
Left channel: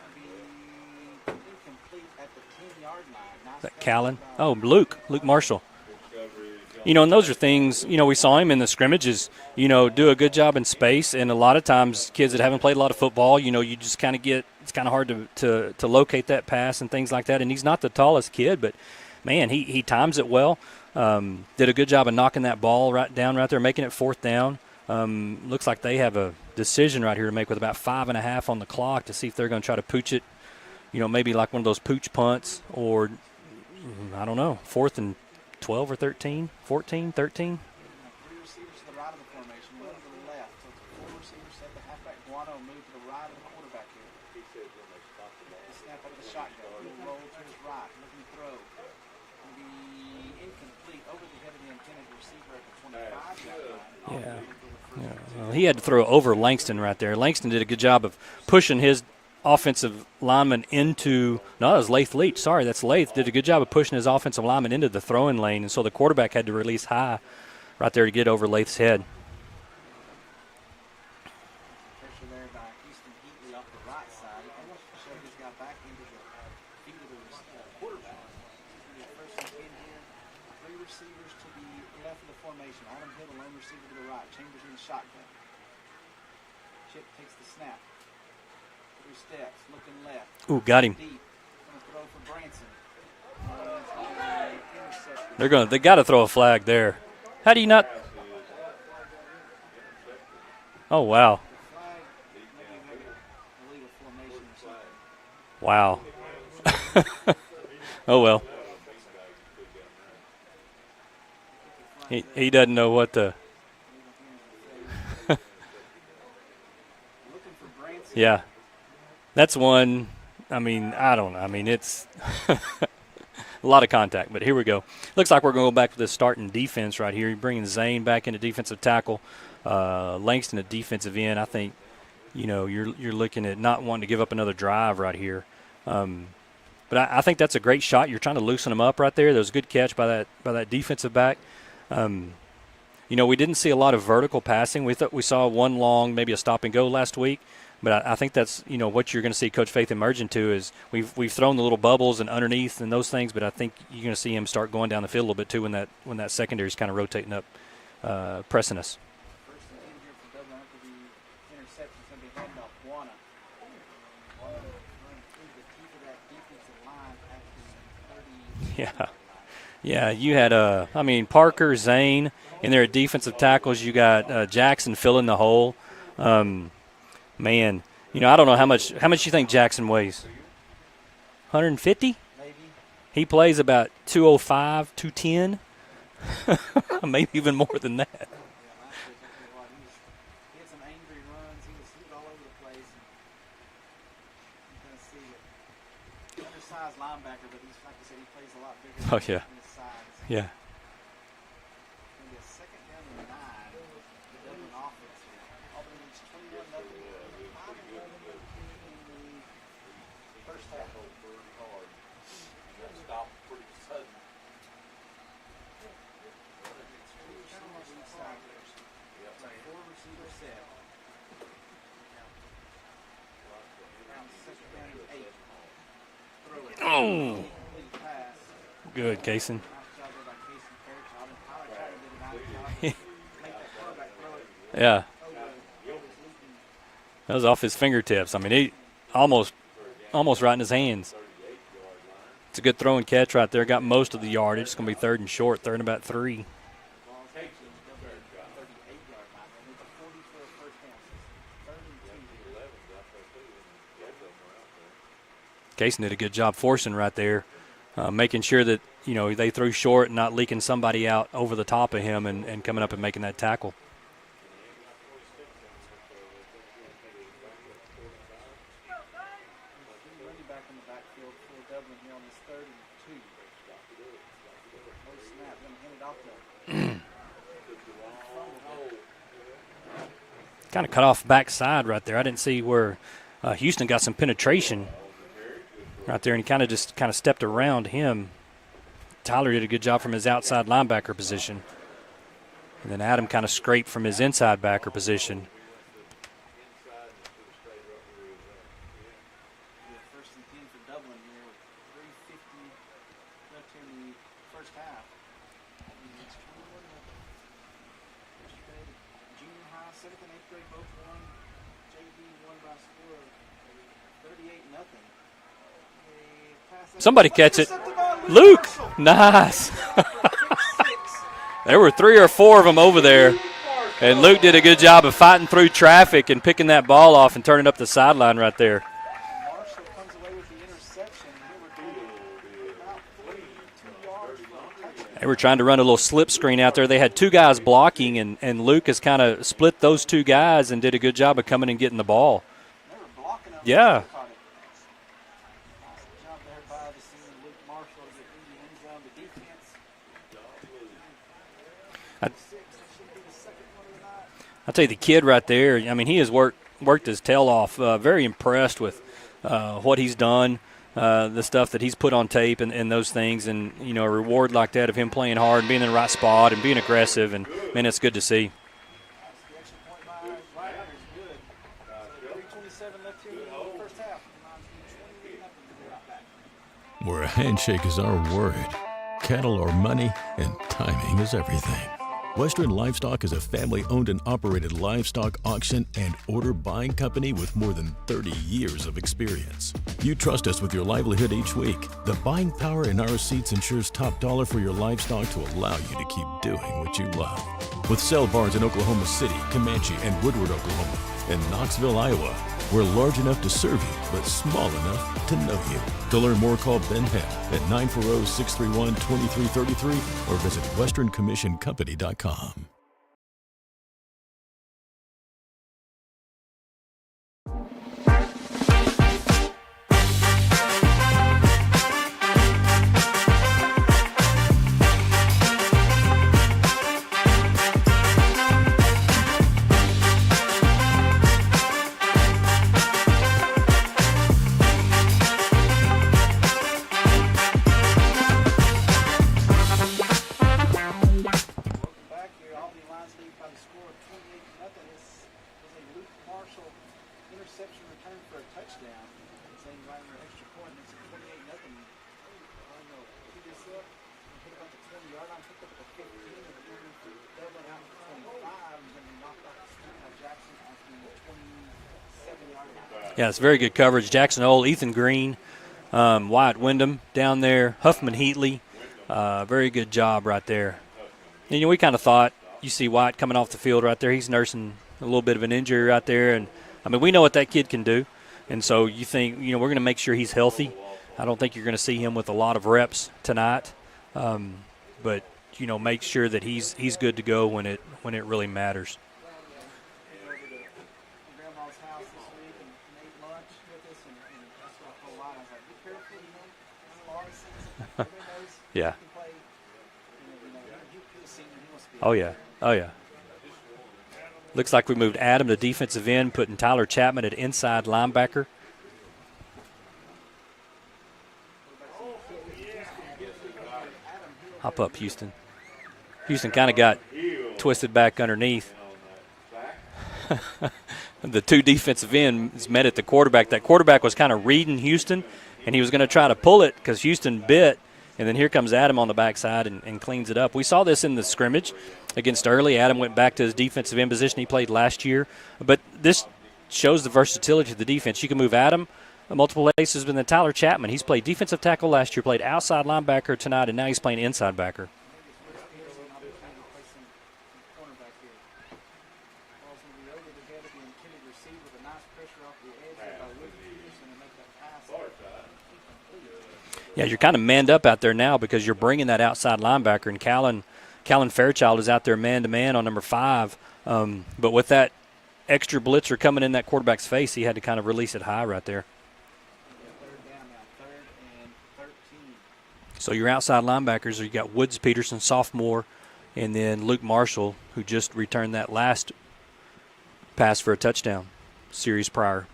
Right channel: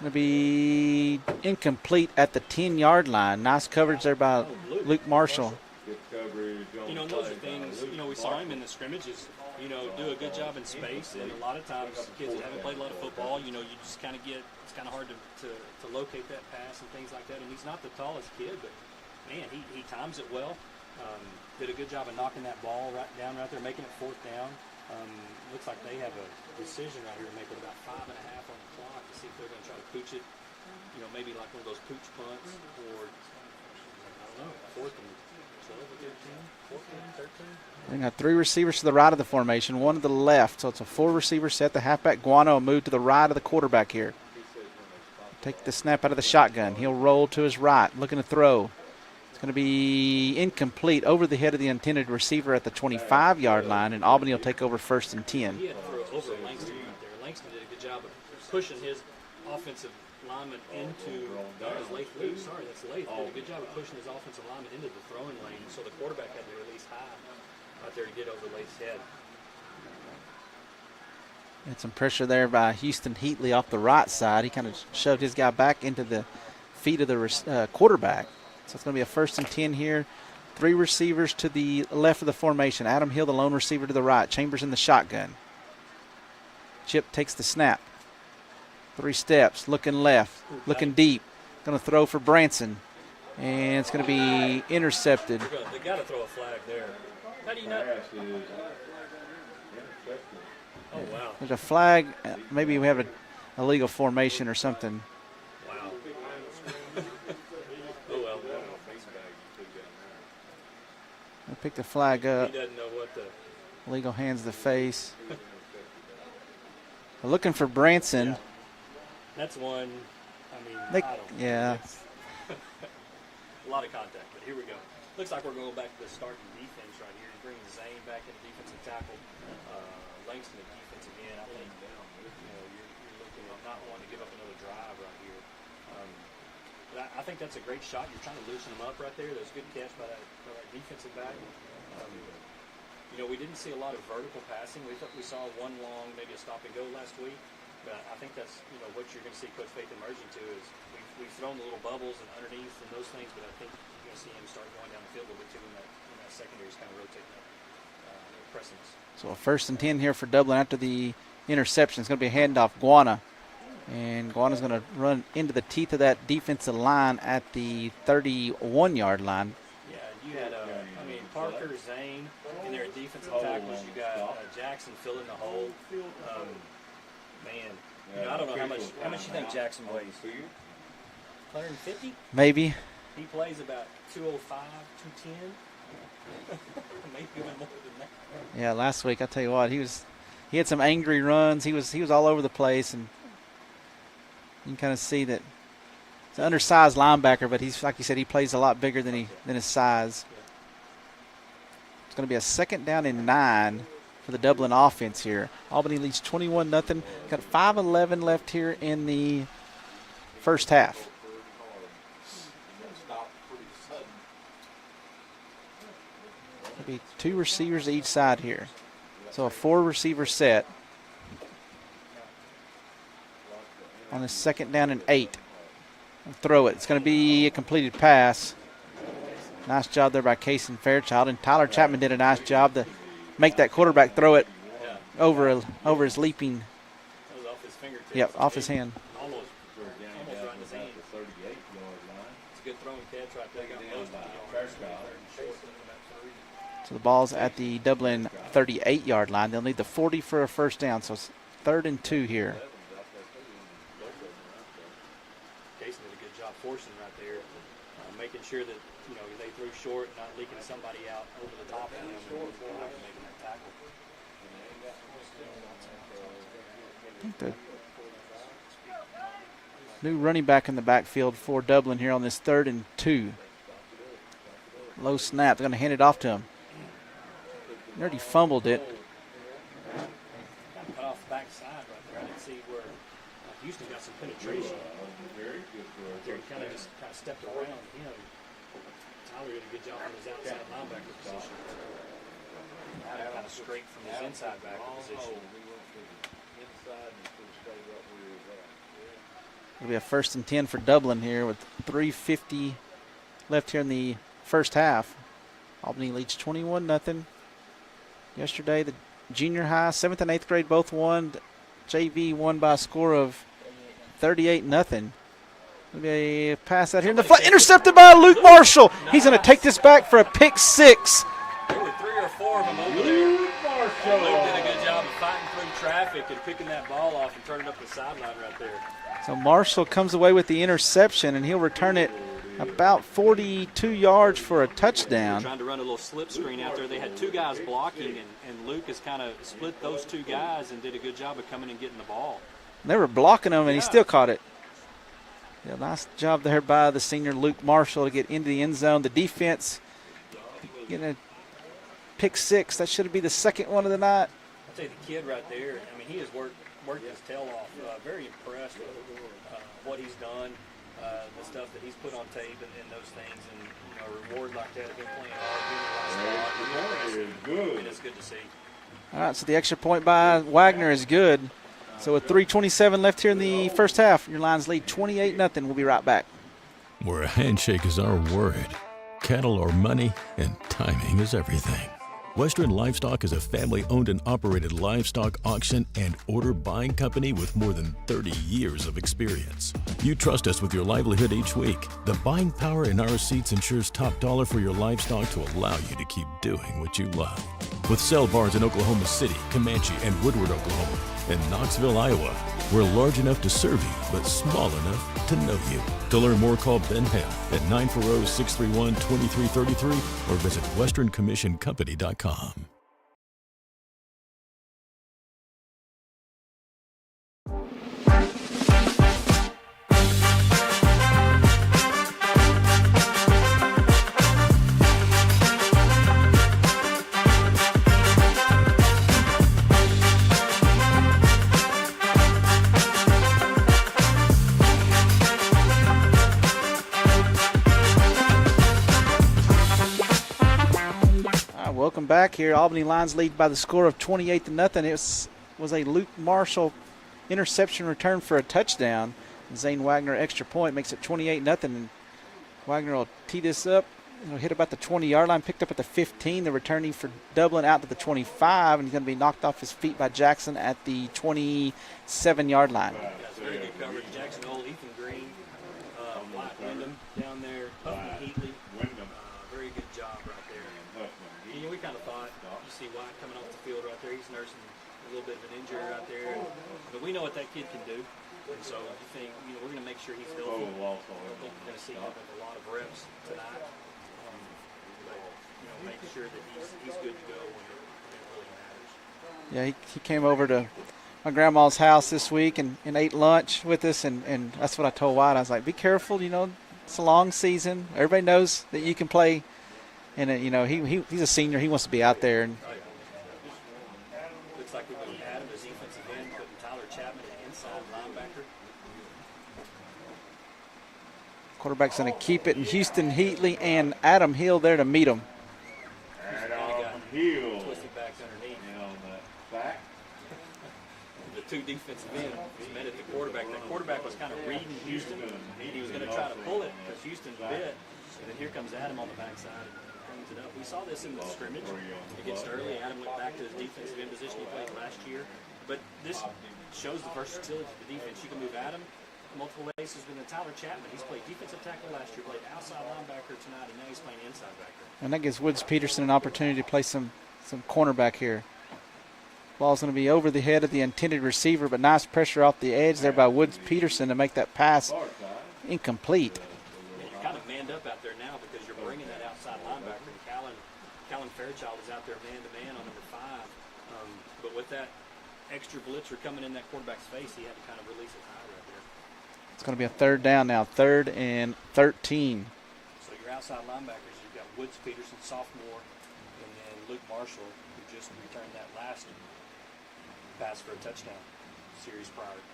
Going to be incomplete at the 10-yard line. Nice coverage there by Luke Marshall. And those are things, we saw him in the scrimmages, do a good job in space. And a lot of times kids that haven't played a lot of football, you just kind of it's kind of hard to locate that pass and things like that. And he's not the tallest kid, but, man, he times it well. Did a good job of knocking that ball right there, making it 4th down. Looks like they have a decision right here to make with about 5.5 on the clock to see if they're going to try to pooch it, maybe like one of those pooch punts, or I don't know, 4th and 12 or 13, 14, 13. They got 3 receivers to the right of the formation, 1 to the left. So it's a 4-receiver set. The halfback Guano will move to the right of the quarterback here. Take the snap out of the shotgun. He'll roll to his right, looking to throw. Going to be incomplete over the head of the intended receiver at the 25-yard line, and Albany will take over 1st and 10. He had to throw over Langston right there. Langston did a good job of pushing his offensive lineman into – no, that was Lath Leach. Sorry, that's Lath. Did a good job of pushing his offensive lineman into the throwing lane, and so the quarterback had to release high right there to get over Lath's head. Had some pressure there by Houston Heatley off the right side. He kind of shoved his guy back into the feet of the quarterback. So it's going to be a 1st and 10 here. 3 receivers to the left of the formation. Adam Hill, the lone receiver, to the right. Chambers in the shotgun. Chip takes the snap. 3 steps, looking left. Ooh, got him deep. going to throw for Branson, and it's going to be intercepted. They got to throw a flag there. How do you not? Oh wow! There's a flag. Maybe we have an illegal formation or something. Wow. Oh well. We'll pick the flag up. He doesn't know what the. Legal hands the face. We're looking for Branson. Yeah. That's one. I mean, I don't know. Yeah. I mean, it's a lot of contact. But here we go. Looks like we're going to go back to the starting defense right here. You're bringing Zane back into defensive tackle. Langston at defensive end. I think, you're looking at not wanting to give up another drive right here. But I think that's a great shot. You're trying to loosen them up right there. That was a good catch by that defensive back. We didn't see a lot of vertical passing. We thought we saw one long, maybe a stop and go last week. But I think that's what you're going to see Coach Faith emerge into is we've thrown the little bubbles and underneath and those things. But I think you're going to see him start going down the field a little bit too when that secondary is kind of rotating up, pressing us. So a 1st and 10 here for Dublin after the interception. It's going to be a handoff, Guana. And Guana's going to run into the teeth of that defensive line at the 31-yard line. Yeah, you had Parker, Zane in there at defensive tackles. You got Jackson filling the hole. Man, I don't know how much you think Jackson weighs. 150? Maybe. He plays about 205, 210. Maybe even more than that. Yeah, last week I tell you what, he had some angry runs. He was all over the place, and you can kind of see that he's an undersized linebacker, but he's like you said, he plays a lot bigger than his size. Yeah. It's going to be a 2nd down and 9 for the Dublin offense here. Albany leads 21-0. Got 5:11 left here in the first half. It'll be 2 receivers each side here. So a 4-receiver set. On a 2nd down and 8. Throw it. It's going to be a completed pass. Good, Kaysen. Nice job there by Kaysen Fairchild. And Tyler Chapman did a nice job to make that quarterback throw it over his leaping. That was off his fingertips. Yep, off his hand. Almost right in his hands. It's a good throw and catch right there. Got most of the yardage. It's going to be 3rd and short, 3rd and about 3. So the ball's at the Dublin 38-yard line. They'll need the 40 for a 1st down. So it's 3rd and 2 here. Kaysen did a good job forcing right there, making sure that, they threw short and not leaking somebody out over the top of him and coming up and making that tackle. The new running back in the backfield for Dublin here on this 3rd and 2. Low snap. They're going to hand it off to him. Already fumbled it. Kind of cut off backside right there. I didn't see where Houston got some penetration right there, and he kind of stepped around him. Tyler did a good job from his outside linebacker position. And then Adam kind of scraped from his inside backer position. It'll be a 1st and 10 for Dublin here with 3:50 left here in the first half. Albany leads 21-0. Yesterday, the junior high, 7th and 8th grade both won. JV won by a score of 38-0. A pass at somebody catch intercepted by Luke Marshall. Nice. He's going to take this back for a pick 6. There were 3 or 4 of them over there, and Luke did a good job of fighting through traffic and picking that ball off and turning up the sideline right there. So Marshall comes away with the interception, and he'll return it about 42 yards for a touchdown. They were trying to run a little slip screen out there. They had 2 guys blocking, and Luke has kind of split those 2 guys and did a good job of coming and getting the ball. They were blocking him, and he still caught it. Yeah, nice job there by the senior Luke Marshall to get into the end zone. The defense getting a pick 6. That should be the 2nd one of the night. I'll tell you, the kid right there, I mean, he has worked his tail off. Very impressed with what he's done, the stuff that he's put on tape and those things. And, a reward like that of him playing hard, being in the right spot and being aggressive. And, man, it's good to see. All right, so the extra point by Wagner is good. So with 3:27 left here in the first half, your Lions lead 28-0. We'll be right back. Where a handshake is our word, cattle are money, and timing is everything. Western Livestock is a family-owned and operated livestock auction and order buying company with more than 30 years of experience. You trust us with your livelihood each week. The buying power in our seats ensures top dollar for your livestock to allow you to keep doing what you love. With sale barns in Oklahoma City, Comanche, and Woodward, Oklahoma, and Knoxville, Iowa, we're large enough to serve you, but small enough to know you. To learn more, call Ben Hale at 940-631-2333 or visit westerncommissioncompany.com. Back here, Albany Lions lead by the score of 28-0. It was a Luke Marshall interception return for a touchdown. Zane Wagner extra point makes it 28-0. And Wagner will tee this up. He'll hit about the 20-yard line, picked up at the 15. The returning for Dublin out to the 25, and he's going to be knocked off his feet by Jackson at the 27-yard line. Yeah, it's very good coverage. Jackson Ole, Ethan Green, Wyatt Wyndham down there, Huffman Heatley. Very good job right there. And, you know, we kind of thought, you see White coming off the field right there. He's nursing a little bit of an injury right there. And, I mean, we know what that kid can do. And so you think, you know, we're going to make sure he's healthy. I don't think you're going to see him with a lot of reps tonight. But, you know, make sure that he's good to go when it really matters. Yeah, he came over to my grandma's house this week and ate lunch with us. And that's what I told White. I was like, be careful, you know, it's a long season. Everybody knows that you can play. And, you know, he's a senior. He wants to be out there. Oh, yeah. Looks like we moved Adam to defensive end, putting Tyler Chapman at inside linebacker. Quarterback's going to keep it, and Houston Heatley and Adam Hill there to meet him. Houston kind of got twisted back underneath. The two defensive ends met at the quarterback. That quarterback was kind of reading Houston, and he was going to try to pull it because Houston bit. And then here comes Adam on the backside and cleans it up. We saw this in the scrimmage against Early. Adam went back to his defensive end position he played last year. But this shows the versatility of the defense. You can move Adam multiple places, but then Tyler Chapman. He's played defensive tackle last year, played outside linebacker tonight, and now he's playing inside backer. And that gives Woods Peterson an opportunity to play some cornerback here. Ball's going to be over the head of the intended receiver, but nice pressure off the edge there by Woods Peterson to make that pass incomplete. Yeah, you're kind of manned up out there now because you're bringing that outside linebacker, and Callan Fairchild is out there man-to-man on number 5. But with that extra blitzer coming in that quarterback's face, he had to kind of release it high right there. It's going to be a third down now, 3rd and 13. So your outside linebackers, you got Woods Peterson, sophomore, and then Luke Marshall, who just returned that last pass for a touchdown series prior.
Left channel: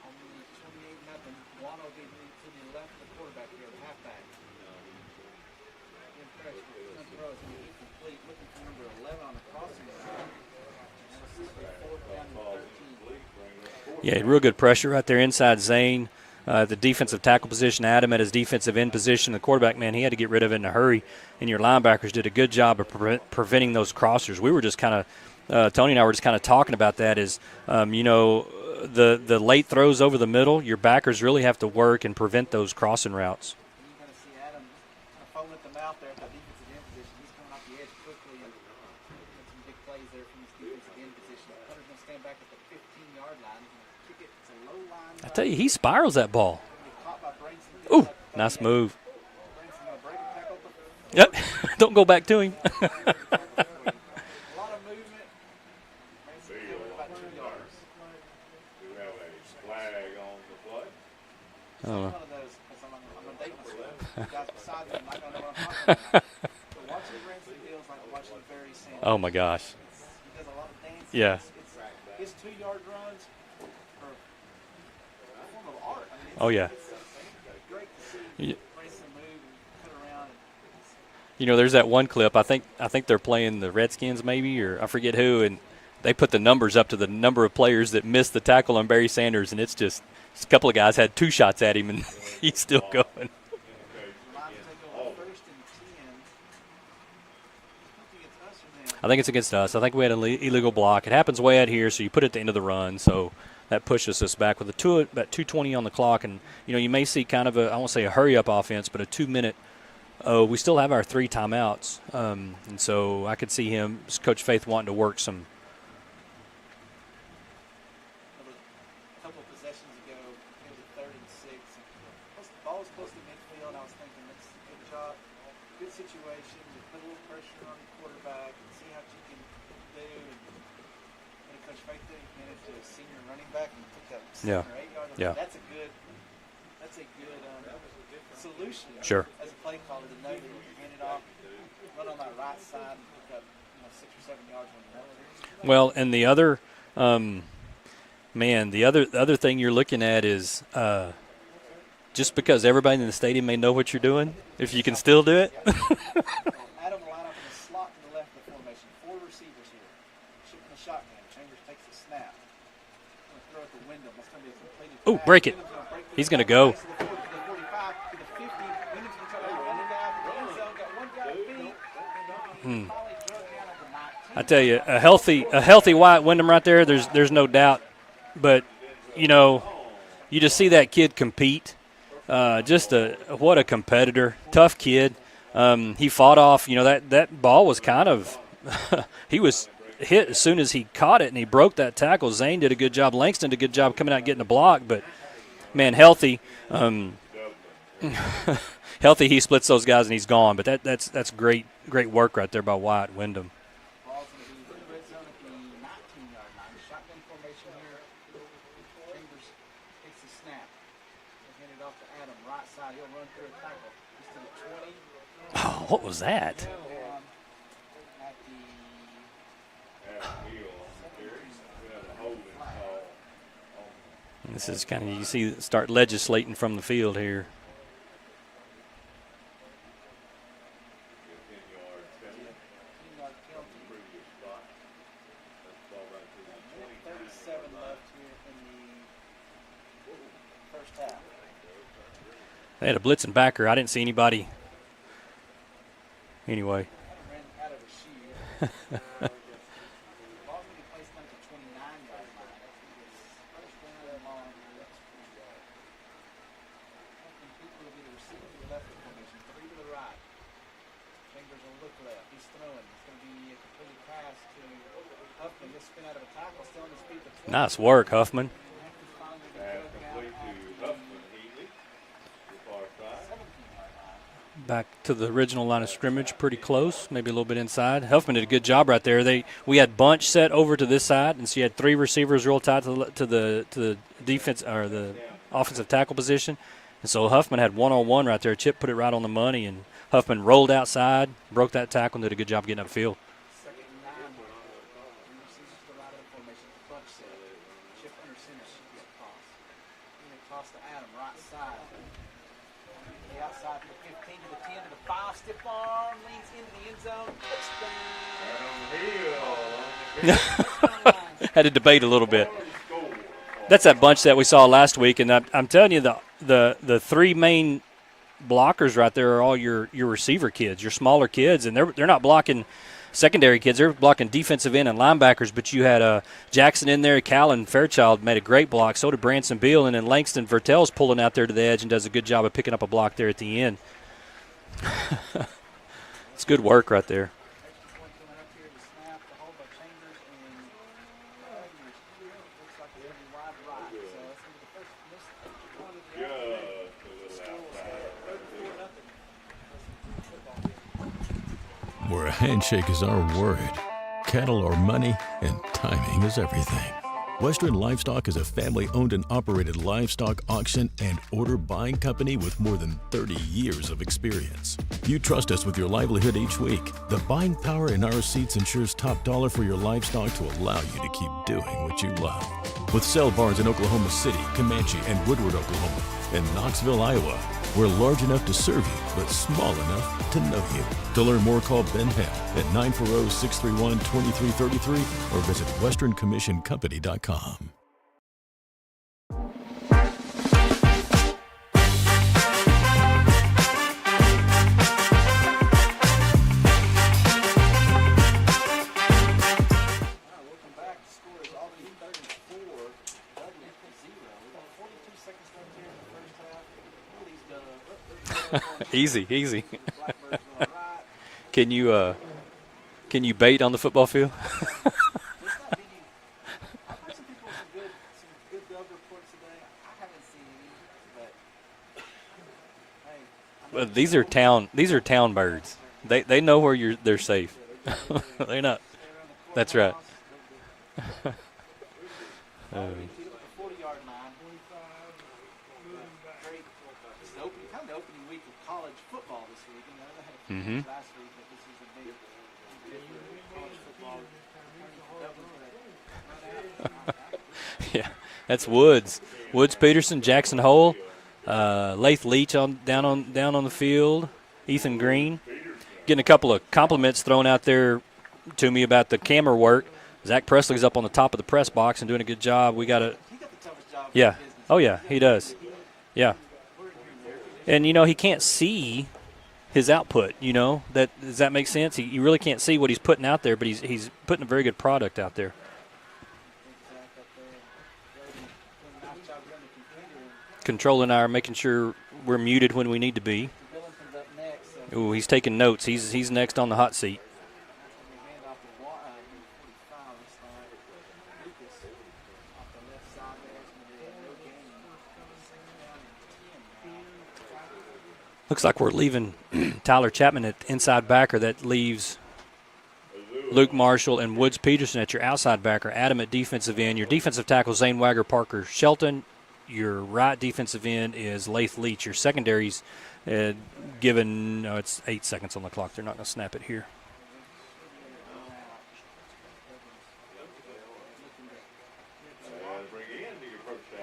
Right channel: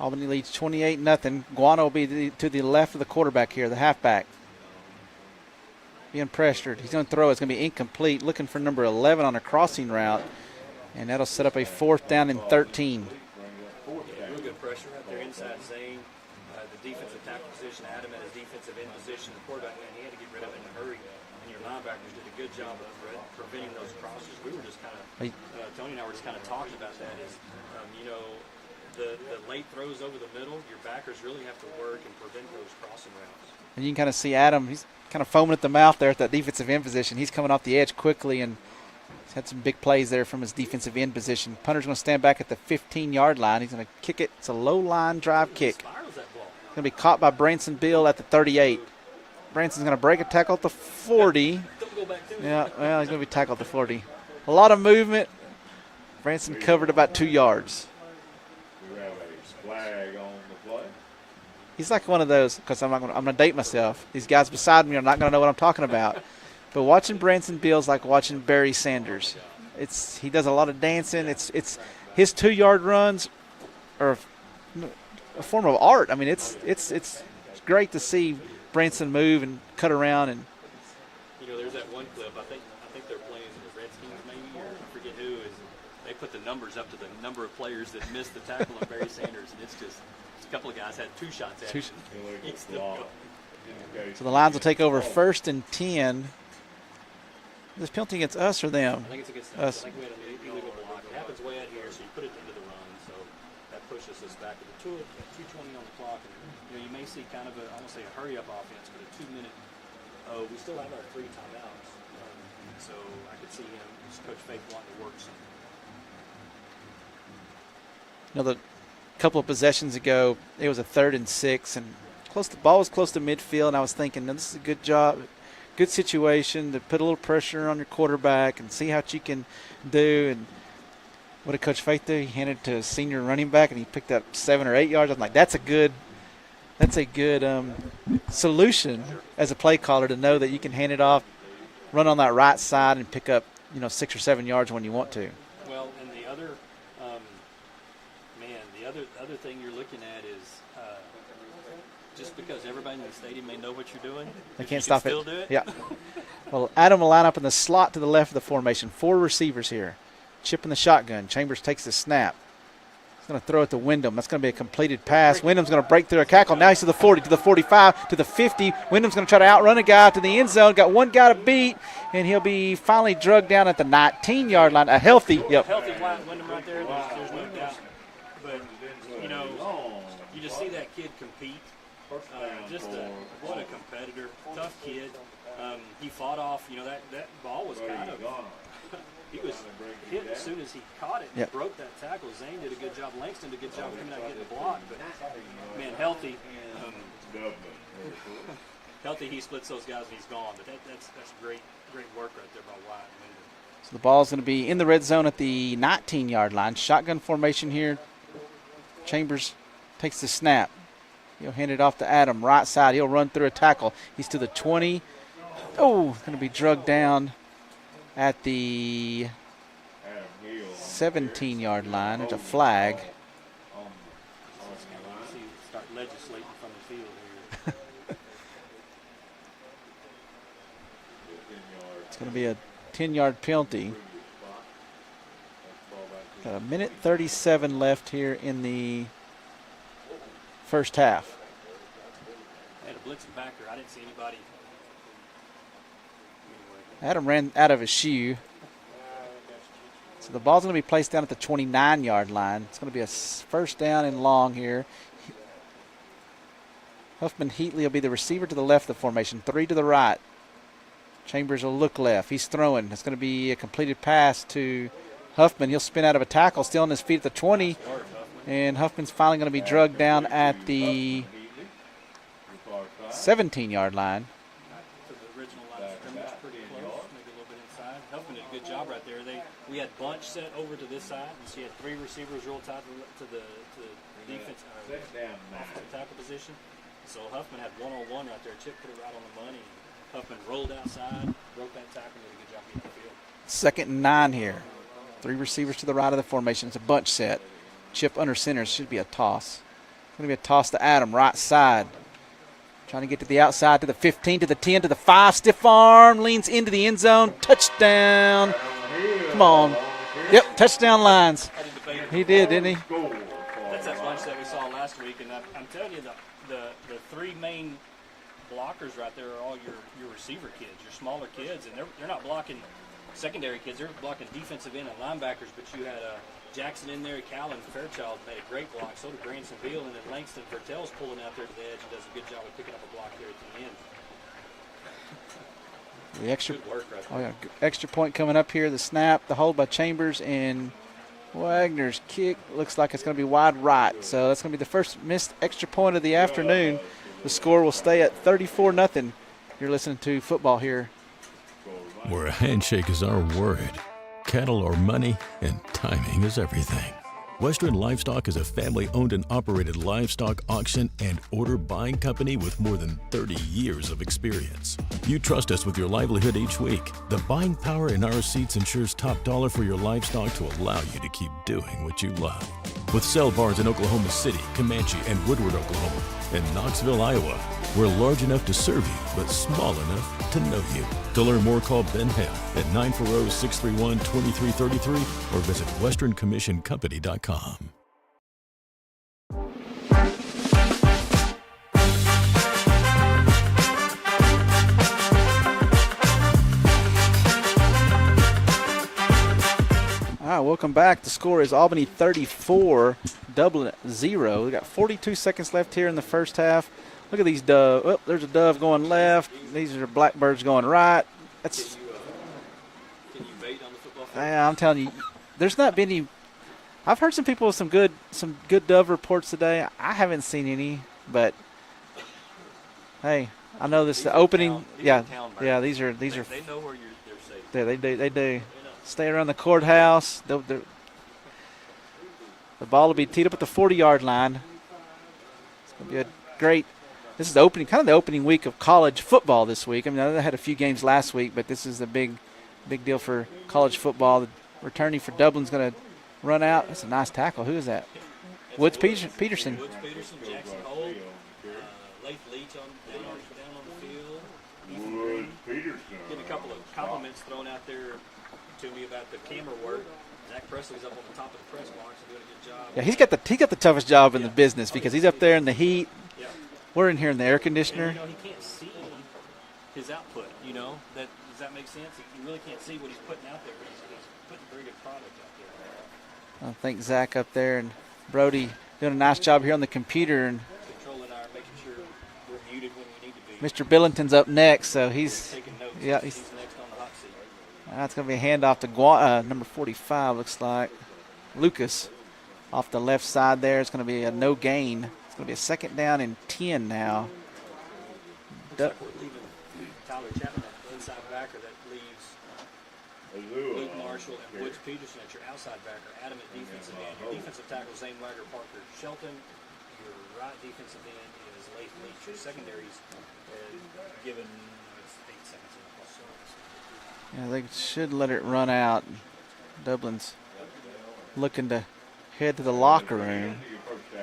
Albany leads 28-0. Guano will be to the left of the quarterback here, the halfback. Being pressured. He's going to throw. It's going to be incomplete. Looking for number 11 on a crossing route. And that'll set up a 4th down and 13. Yeah, real good pressure right there inside Zane. The defensive tackle position, Adam at his defensive end position. The quarterback, man, he had to get rid of it in a hurry. And your linebackers did a good job of preventing those crossers. We were just kind of, Tony and I were just kind of talking about that is, you know, the late throws over the middle, your backers really have to work and prevent those crossing routes. And you can kind of see Adam, he's kind of foaming at the mouth there at that defensive end position. He's coming off the edge quickly, and he's had some big plays there from his defensive end position. Punter's going to stand back at the 15-yard line. He's going to kick it. It's a low-line drive kick. He spirals that ball. Going to be caught by Branson Bill at the 38. Nice move. Branson's going to break a tackle at the 40. Yep. Don't go back to him. Yeah, well, he's going to be tackled at the 40. A lot of movement. Branson covered about 2 yards. He's like one of those, because I'm going to date myself. These guys beside me are not going to know what I'm talking about. But watching Branson Bill's like watching Barry Sanders. Oh my gosh! He does a lot of dancing. Yeah. It's his 2-yard runs are a form of art. I mean, it's great to see Branson move and cut around. And you know, there's that one clip. I think they're playing the Redskins maybe, or I forget who, and they put the numbers up to the number of players that missed the tackle on Barry Sanders, and it's just a couple of guys had 2 shots at him, and he's still going. So the Lions will take over 1st and 10 This penalty against us or them? I think it's against us. I think we had an illegal block. It happens way out here, so you put it at the end of the run. So that pushes us back with about 2:20 on the clock. And, you may see kind of I won't say a hurry-up offense, but a 2-minute. We still have our 3 timeouts. And so I could see Coach Faith, wanting to work some. The couple of possessions ago, it was a 3rd and 6, and the ball was close to midfield, and I was thinking, this is a good job, good situation to put a little pressure on your quarterback and see what you can do. And what did Coach Faith do? He handed it to a senior running back, and he picked up 7 or 8 yards. I was like, that's a good solution as a play caller, to know that you can hand it off, run on that right side, and pick up 6 or 7 yards when you want to. Well, and the other the other thing you're looking at is just because everybody in the stadium may know what you're doing, if you can still do it. Yeah. Well, Adam will line up in the slot to the left of the formation. 4 receivers here. Chip in the shotgun. Chambers takes the snap. He's going to throw it to Wyndham. That's going to be a completed pass. Wyndham's going to break through a tackle. Now he's to the 40, to the 45, to the 50. Wyndham's going to try to outrun a guy to the end zone. Got one guy to beat, and he'll be finally drugged down at the 19-yard line. A healthy Wyatt Wyndham right there. There's no doubt. But, you just see that kid compete. What a competitor. Tough kid. He fought off. That ball was kind of he was hit as soon as he caught it, and he broke that tackle. Zane did a good job. Langston did a good job coming out and getting the block. But, man, healthy. Healthy, he splits those guys and he's gone. But that's great work right there by Wyatt Wyndham. So the ball's going to be in the red zone at the 19-yard line. Shotgun formation here. Chambers takes the snap. He'll hand it off to Adam, right side. He'll run through a tackle. He's to the 20. What was that? He'll be drugged down at the 17-yard line. There's a flag. This is kind of, start legislating from the field here. It's going to be a 10-yard penalty. A minute 37 left here in the first half. They had a blitzing backer. I didn't see anybody. Anyway. Adam ran out of his shoe. So the ball's going to be placed down at the 29-yard line. It's going to be a first down and long here. Huffman Heatley will be the receiver to the left of the formation. 3 to the right. Chambers will look left. He's throwing. It's going to be a completed pass to Huffman. He'll spin out of a tackle, still on his feet at the 20. Nice work, Huffman. And Huffman's finally going to be drugged down at the 17-yard line. Back to the original line of scrimmage, pretty close, maybe a little bit inside. Huffman did a good job right there. We had bunch set over to this side, and so you had 3 receivers real tight to the defense or the offensive tackle position. And so Huffman had one-on-one right there. Chip put it right on the money, and Huffman rolled outside, broke that tackle, and did a good job getting upfield. 2nd and 9 here. 3 receivers to the right of the formation. It's a bunch set. Chip under center. Should be a toss. Going to be a toss to Adam, right side. Trying to get to the outside, to the 15, to the 10, to the 5. Stiff arm, leans into the end zone. Touchdown. Come on. Yep, touchdown lines. Had to debate a little bit. Didn't he? That's that bunch that we saw last week, and I'm telling you, the 3 main blockers right there are all your receiver kids, your smaller kids, and they're not blocking secondary kids. They're blocking defensive end and linebackers, but you had Jackson in there. Callan Fairchild made a great block. So did Branson Beal, and then Langston Vertel's pulling out there to the edge and does a good job of picking up a block there at the end. Good work right there. Extra point coming up here. The snap, the hold by Chambers, and Wagner's kick looks like it's going to be wide right. So that's going to be the first missed extra point of the afternoon. The score will stay at 34-0. You're listening to football here. Where a handshake is our word, cattle are money, and timing is everything. Western Livestock is a family-owned and operated livestock auction and order buying company with more than 30 years of experience. You trust us with your livelihood each week. The buying power in our seats ensures top dollar for your livestock to allow you to keep doing what you love. With sale barns in Oklahoma City, Comanche, and Woodward, Oklahoma, and Knoxville, Iowa, we're large enough to serve you, but small enough to know you. To learn more, call Ben Ham at 940-631-2333 or visit westerncommissioncompany.com. Welcome back. The score is Albany 34, Dublin 0. We got 42 seconds left here in the first half. Look at these doves. Oh, there's a dove going left. Easy. These are blackbirds going right. That's, Can you bait on the football field? yeah, I'm telling you, there's not been any. I've heard some people with some good dove reports today. I haven't seen any, but hey, I know this these is are opening. town. These are town birds. Yeah, these are. They know where they're safe. Yeah, they do. They do. They're not. Stay around the courthouse. The ball will be teed up at the 40-yard line. It's gonna be a great. This is the opening week of college football this week. I mean, I know they had a few games last week, but this is a big deal for college football. The returning for Dublin's going to run out. That's a nice tackle. Who is that? Yeah, that's Woods. Woods Peterson, Jackson Hole, Lath Leach down on the field. Ethan Green getting a couple of compliments thrown out there to me about the camera work. Zach Presley's up on the top of the press box and doing a good job. Yeah, he got the toughest job in the business because he's up there in the heat. Yeah. We're in here in the air conditioner. And, he can't see his output, Does that make sense? He really can't see what he's putting out there, but he's putting a very good product out there. I think Zach up there and Brody doing a nice job here on the computer. And controlling making sure we're muted when we need to be. Mr. Billington's up next, so he's taking notes. Yeah, he's next on the hot seat. That's going to be a handoff to number 45, looks like. Lucas off the left side there. It's going to be a no gain. It's going to be a second down and 10 now. Looks like we're leaving Tyler Chapman at inside backer. That leaves Luke Marshall and Woods Peterson at your outside backer. Adam at defensive end. Your defensive tackle, Zane Wagger, Parker Shelton. Your right defensive end is Lath Leach. Your secondaries given, it's 8 seconds on the clock. They're not going to snap it here. Yeah, they should let it run out. Dublin's looking to head to the locker room.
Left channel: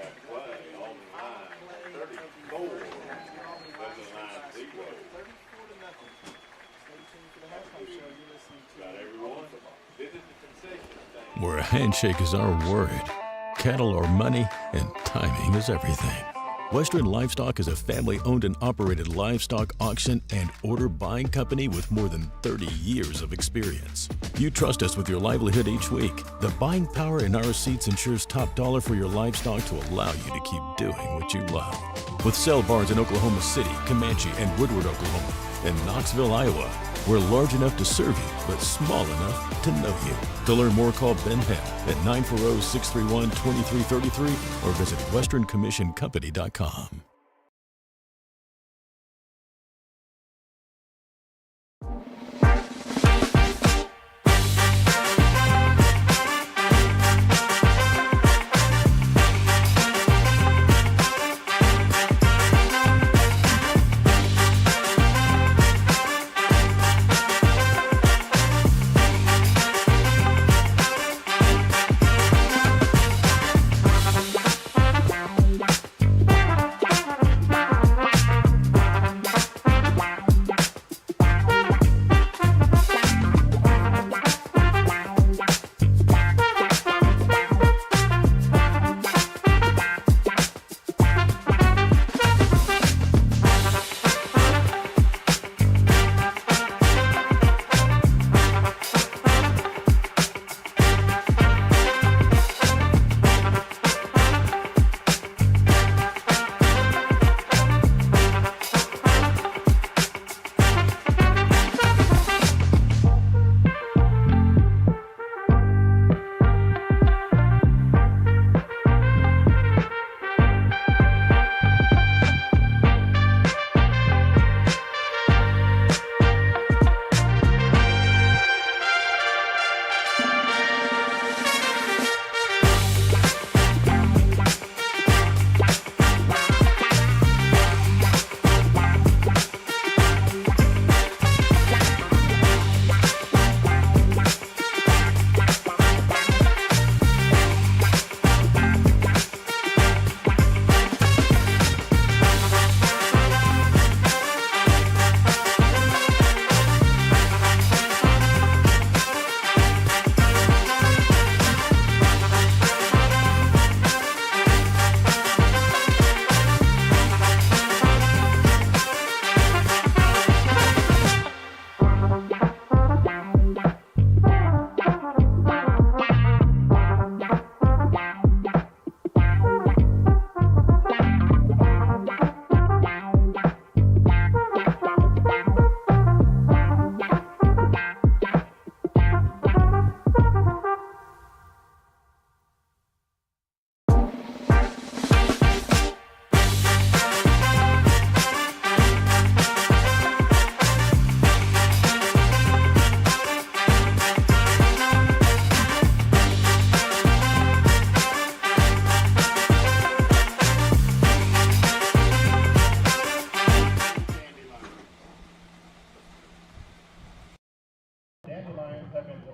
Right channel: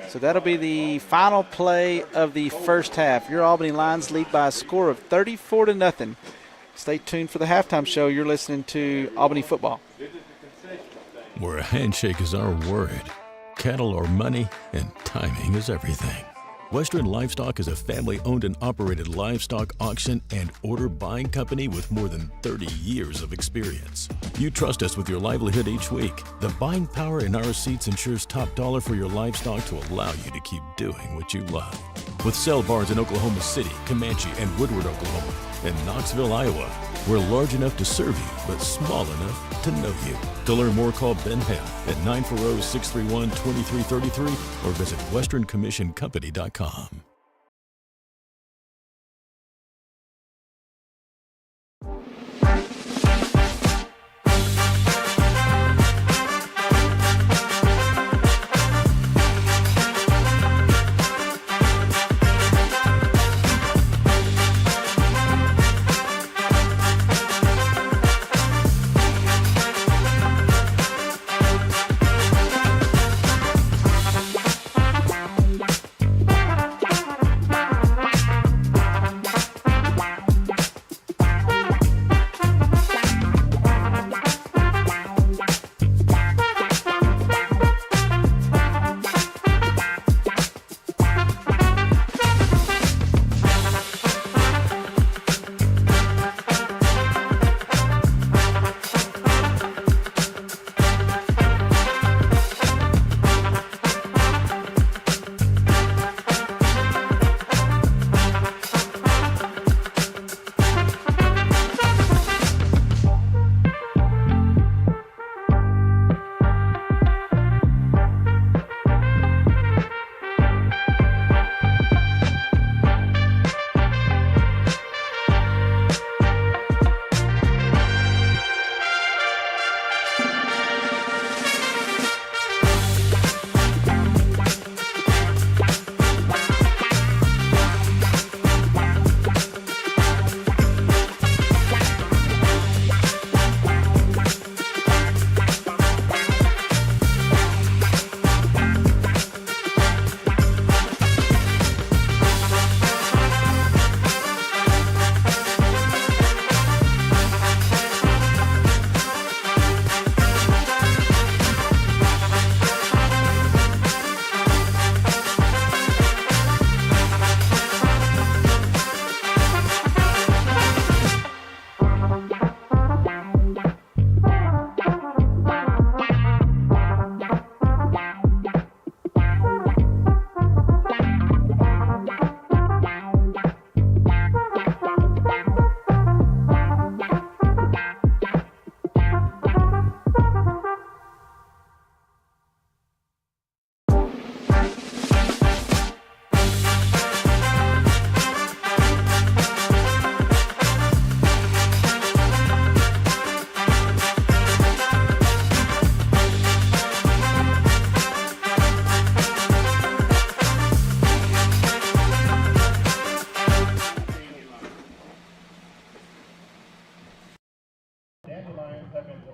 So that'll be the final play of the first half. Your Albany Lions lead by a score of 34-0. Stay tuned for the halftime show. You're listening to Albany football. Where a handshake is our word, cattle are money, and timing is everything. Western Livestock is a family-owned and operated livestock auction and order buying company with more than 30 years of experience. You trust us with your livelihood each week. The buying power in our receipts ensures top dollar for your livestock to allow you to keep doing what you love. With sale barns in Oklahoma City, Comanche, and Woodward, Oklahoma, and Knoxville, Iowa, we're large enough to serve you, but small enough to know you. To learn more, call Ben Ham at 940-631-2333 or visit westerncommissioncompany.com.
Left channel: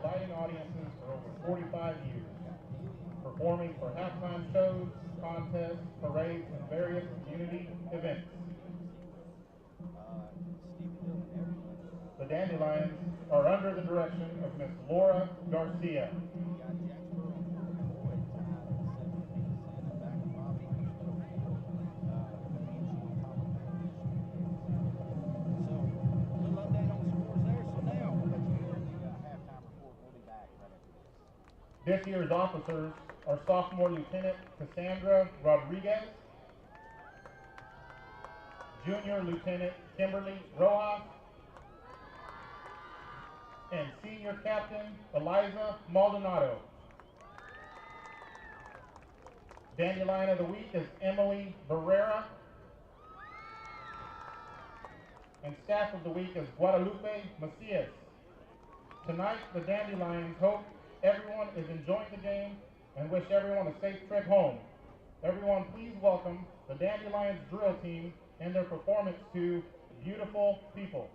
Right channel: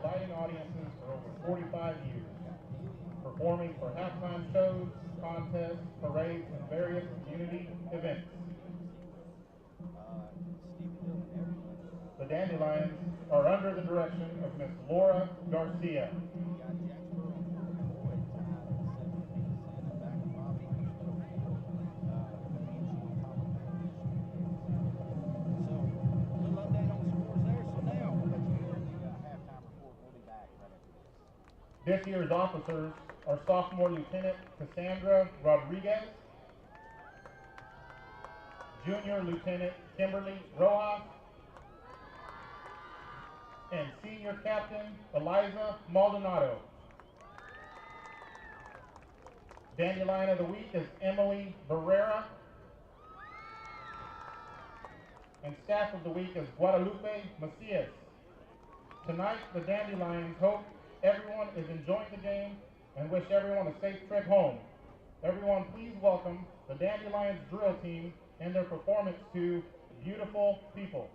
delighting audiences for over 45 years, performing for halftime shows, contests, parades, and various community events. The Dandelions are under the direction of Miss Laura Garcia. This year's officers are Sophomore Lieutenant Cassandra Rodriguez, Junior Lieutenant Kimberly Rojas, and Senior Captain Eliza Maldonado. Dandelion of the Week is Emily Barrera, and Staff of the Week is Guadalupe Macias. Tonight, the Dandelions hope everyone is enjoying the game and wish everyone a safe trip home. Everyone, please welcome the Dandelions drill team and their performance to Beautiful People.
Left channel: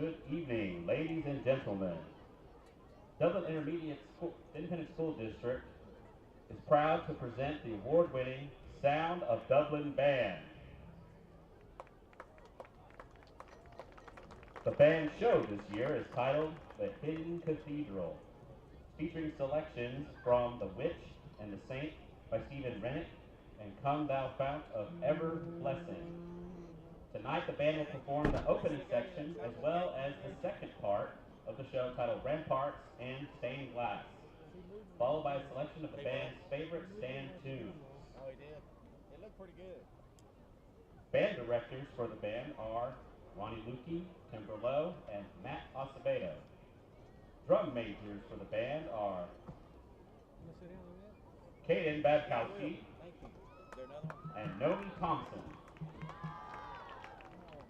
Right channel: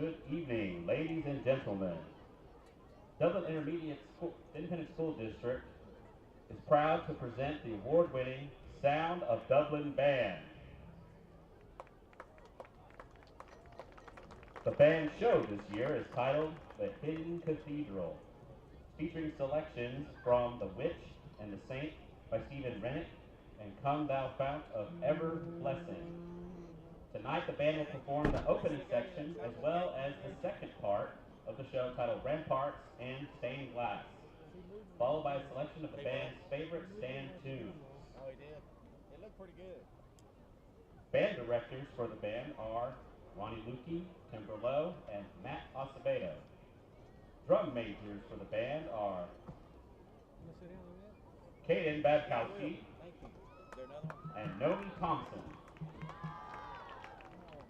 Good evening, ladies and gentlemen. Dublin Independent School District is proud to present the award-winning Sound of Dublin Band. The band show this year is titled The Hidden Cathedral, featuring selections from The Witch and the Saint by Stephen Rennick and Come Thou Fount of Ever Blessing. Tonight, the band will perform the opening section as well as the second part of the show titled Ramparts and Stained Glass, followed by a selection of the band's favorite stand tunes. Oh, he did. It looked pretty good. Band directors for the band are Ronnie Lukey, Tim Berlow, and Matt Acevedo. Drum majors for the band are Kaden Babkowski and Nomi Thompson.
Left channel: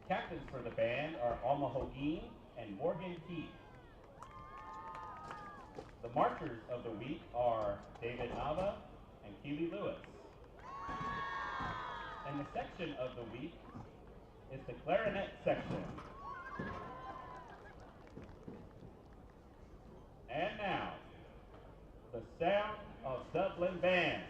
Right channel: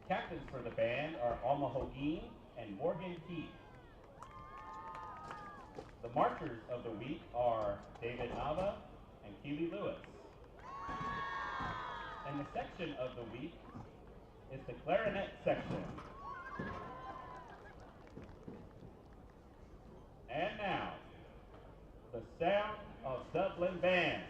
Captains for the band are Alma Hoguin and Morgan Keith. The marchers of the week are David Nava and Keely Lewis. And the section of the week is the clarinet section. And now, the Sound of Dublin Band.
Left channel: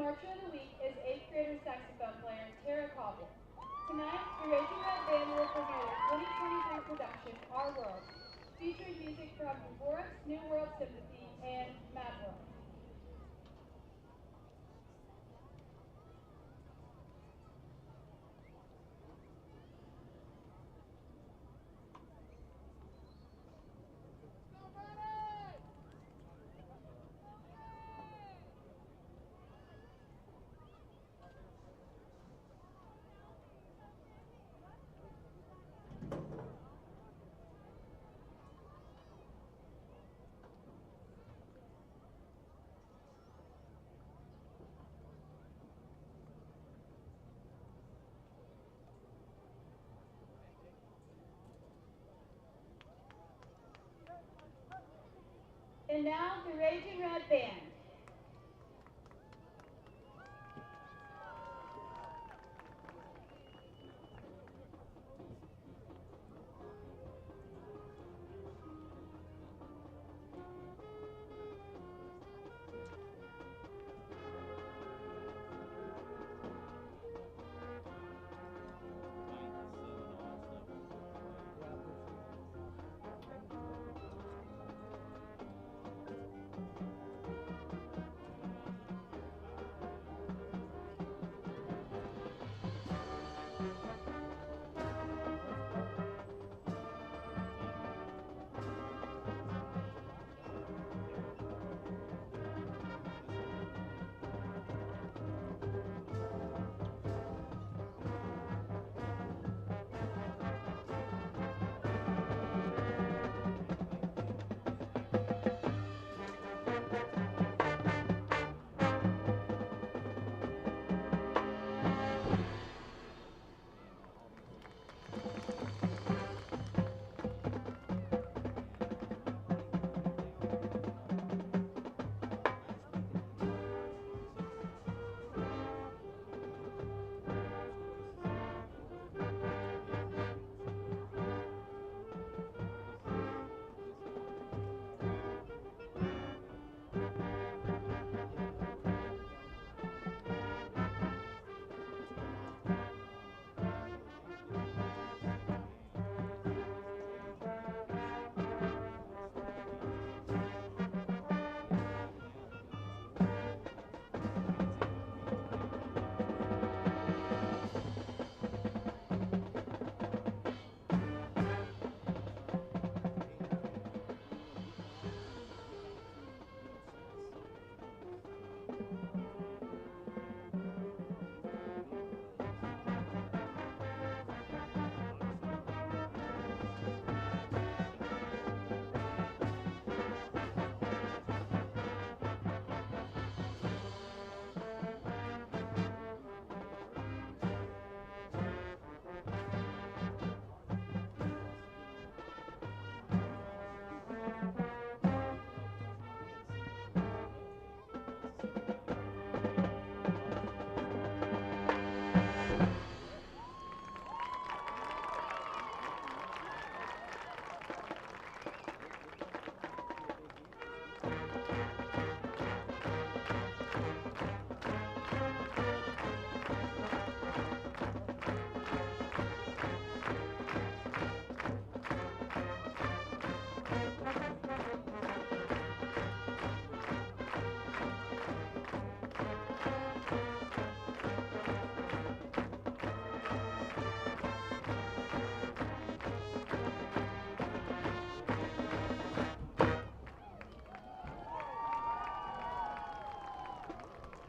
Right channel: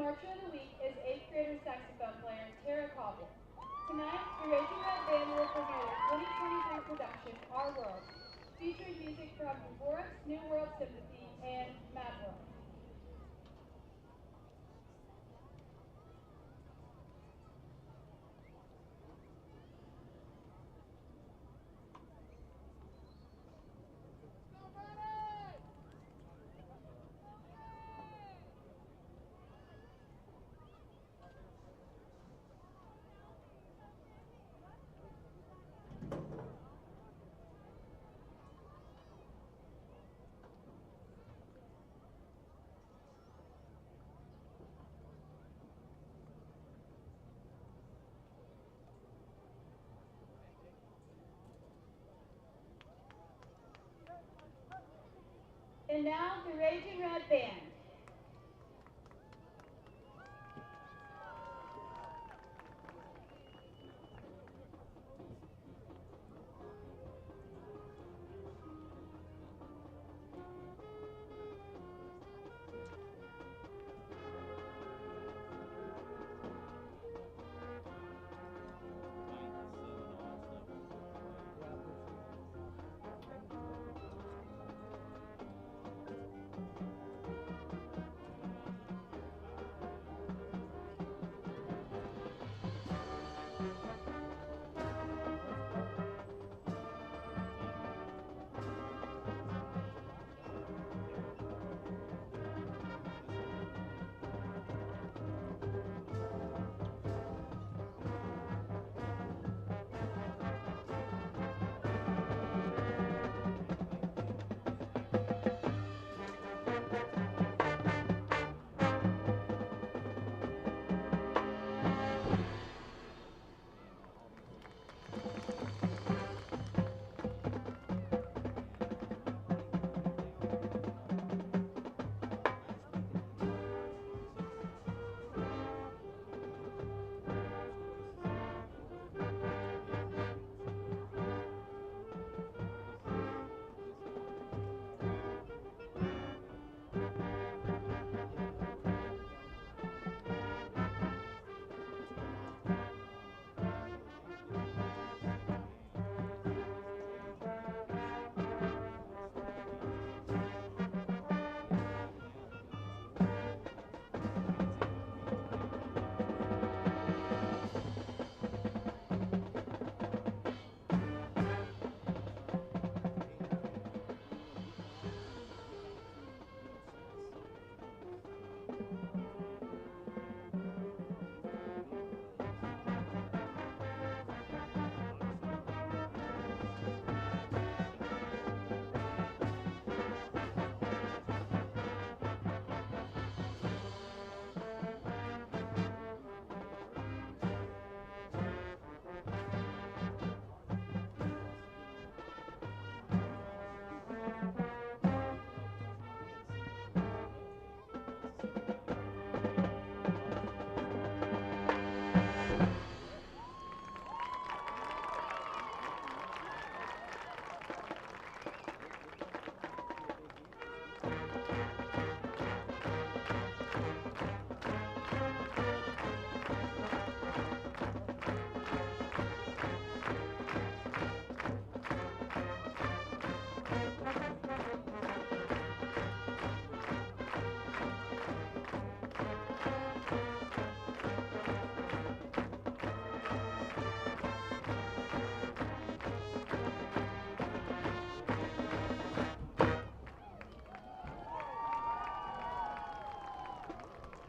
marcher of the week is 8th grader saxophone player Tara Cobbler. Tonight, the Raging Red Band will premiere their 2023 production, Our World, featuring music from Dvorak's New World Symphony and Mad World. And now, the Raging Red Band.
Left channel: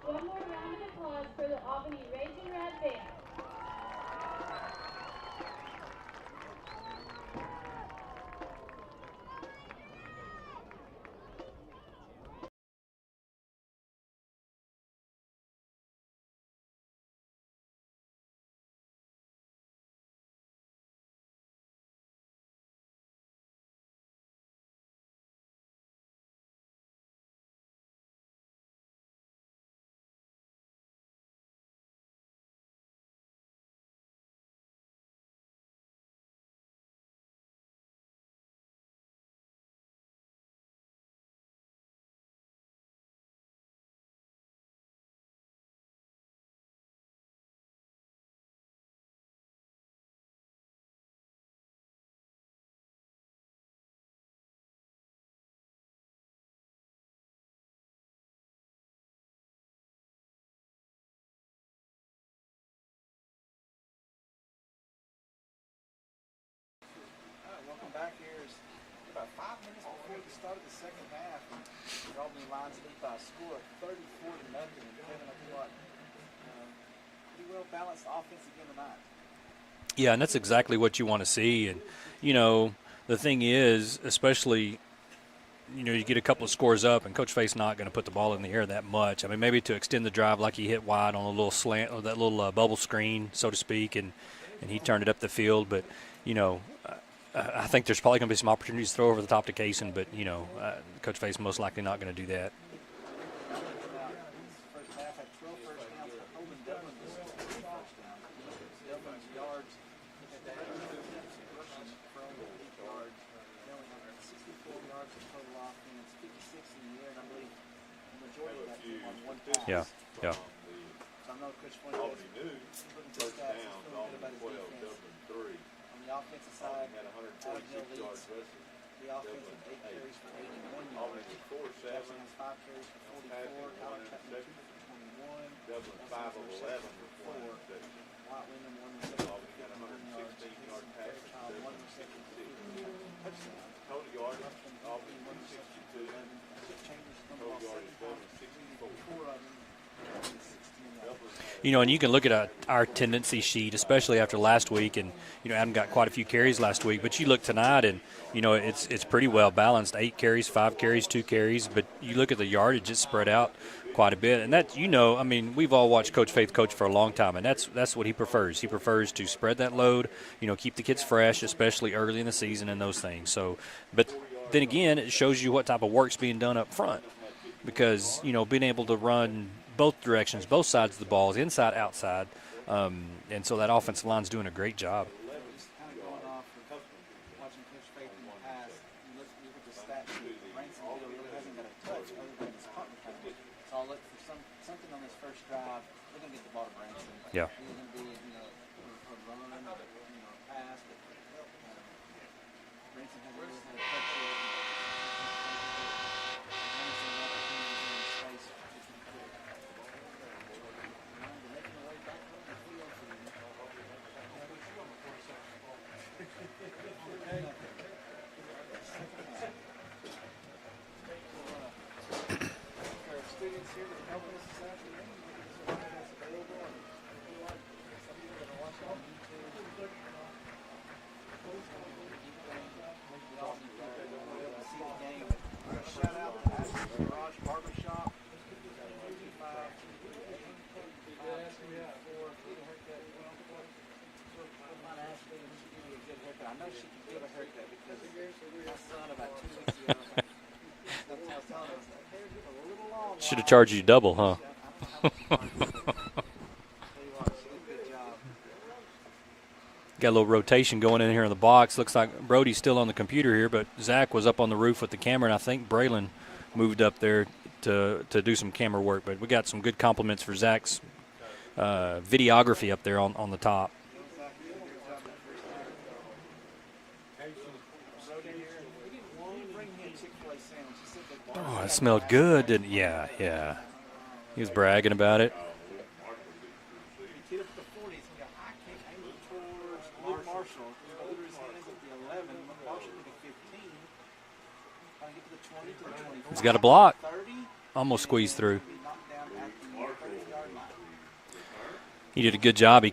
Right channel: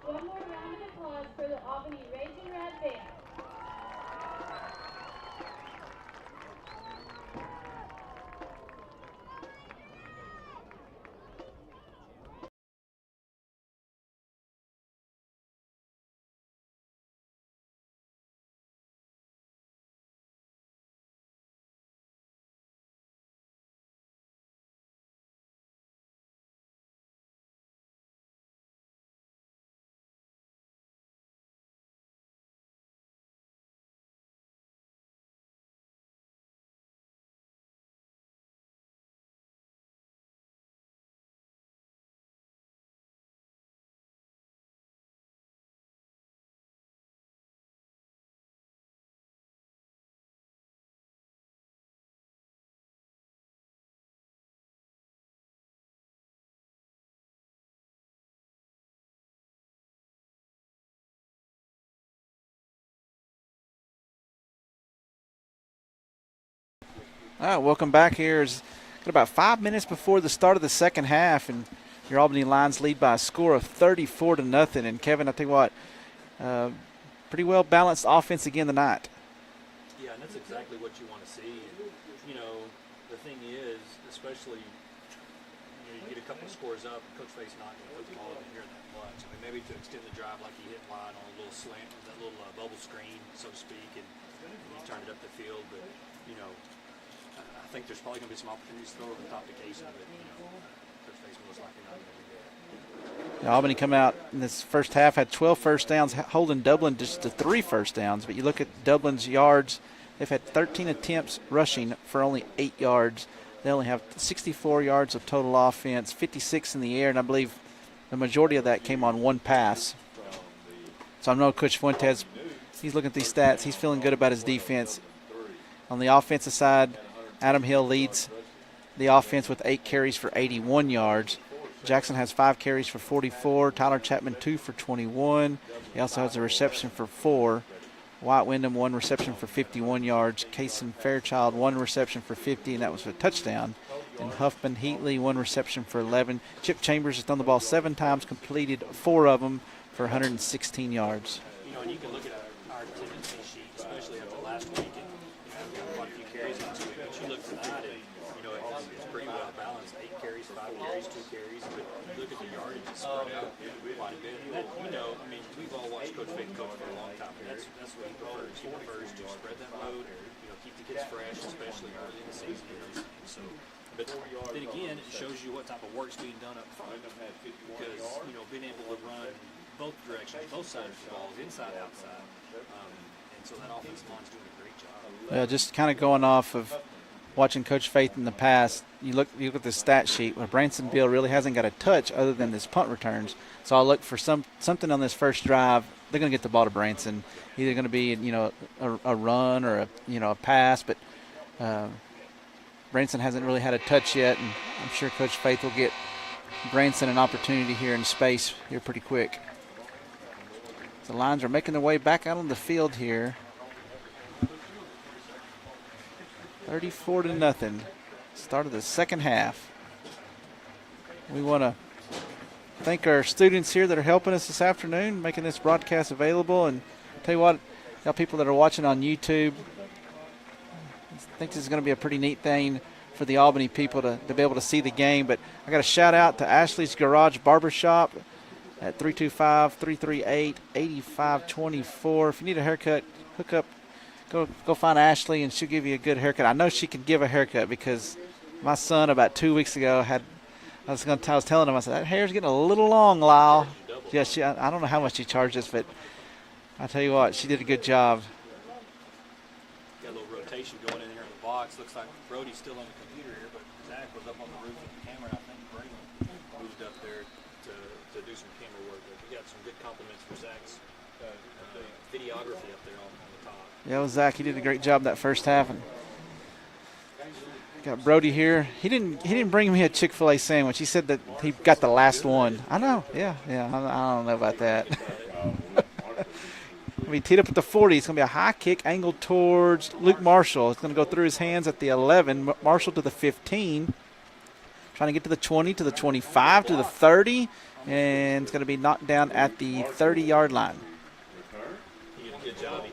One more round of applause for the Albany Raging Red Band. All right, welcome back here. It's got about 5 minutes before the start of the second half, and your Albany Lions lead by a score of 34-0. And Kevin, I tell you what, pretty well balanced offense again tonight. Yeah, and that's exactly what you want to see. And, you know, the thing is, especially, you know, you get a couple of scores up, and Coach Faye's not going to put the ball in the air that much. I mean, maybe to extend the drive like he hit wide on a little slant or that little bubble screen, so to speak, and he turned it up the field. But, you know, I think there's probably going to be some opportunities to throw over the top to Kaysen, but, you know, Coach Faye's most likely not going to do that. Albany come out in this first half, had 12 first downs, holding Dublin just to 3 first downs. But you look at Dublin's yards, they've had 13 attempts rushing for only 8 yards. They only have 64 yards of total offense, 56 in the air, and I believe the majority of that came on one pass. Yeah. So I know Coach Fuentes, he's looking at these stats. He's feeling good about his defense. On the offensive side, Adam Hill leads the offense with 8 carries for 81 yards. Jackson has 5 carries for 44. Tyler Chapman 2 for 21. He also has a reception for 4. White Wyndham 1 reception for 51 yards. Kaysen Fairchild 1 reception for 50, and that was a touchdown. And Huffman Heatley 1 reception for 11. Chip Chambers has thrown the ball 7 times, completed 4 of them for 116 yards. You know, and you can look at our tendency sheet, especially after last week, and, you know, Adam got quite a few carries last week, but you look tonight and, you know, it's pretty well balanced. 8 carries, 5 carries, 2 carries, but you look at the yardage, it's spread out quite a bit. And that, you know, I mean, we've all watched Coach Faith coach for a long time, and that's what he prefers. He prefers to spread that load, you know, keep the kids fresh, especially early in the season and those things. So, but then again, it shows you what type of work's being done up front, because, you know, being able to run both directions, both sides of the ball, inside, outside, and so that offensive line's doing a great job. Yeah, just kind of going off of watching Coach Faith in the past, you look at the stat sheet where Branson Bill really hasn't got a touch other than his punt returns. So I'll look for something on this first drive. They're going to get the ball to Branson. Yeah. Either going to be, you know, a run or a pass, but Branson hasn't really had a touch yet, and I'm sure Coach Faith will get Branson an opportunity here in space here pretty quick. The Lions are making their way back out on the field here. 34-0. Start of the second half. We want to thank our students here that are helping us this afternoon, making this broadcast available. And tell you what, y'all people that are watching on YouTube, I think this is going to be a pretty neat thing for the Albany people to be able to see the game. But I got a shout out to Ashley's Garage Barbershop at 325-338-8524. If you need a haircut, hook up. Go find Ashley, and she'll give you a good haircut. I know she can give a haircut because my son about 2 weeks ago had – I was telling him, I said, that hair's getting a little long, Lyle. She charged you double, yeah, huh? I don't know how much she charges, but I tell you what, she did a good job. Got a little rotation going in here in the box. Looks like Brody's still on the computer here, but Zach was up on the roof with the camera, and I think Braylon moved up there to do some camera work. But we got some good compliments for Zach's videography up there on the top. Yeah, well, Zach, he did a great job that first half. And got Brody here. He didn't bring me a Chick-fil-A sandwich. He said that he got the last good, one. didn't he? I know. Yeah. Yeah. I don't know He's about bragging that. about it. I mean, teed up at the 40. It's going to be a high kick angled towards Luke Marshall. It's going to go through his hands at the 11. Marshall to the 15. Trying to get to the 20, to the 25, to the 30. Almost squeezed through. And it's going to be knocked down at the 30-yard line. He did a good job. I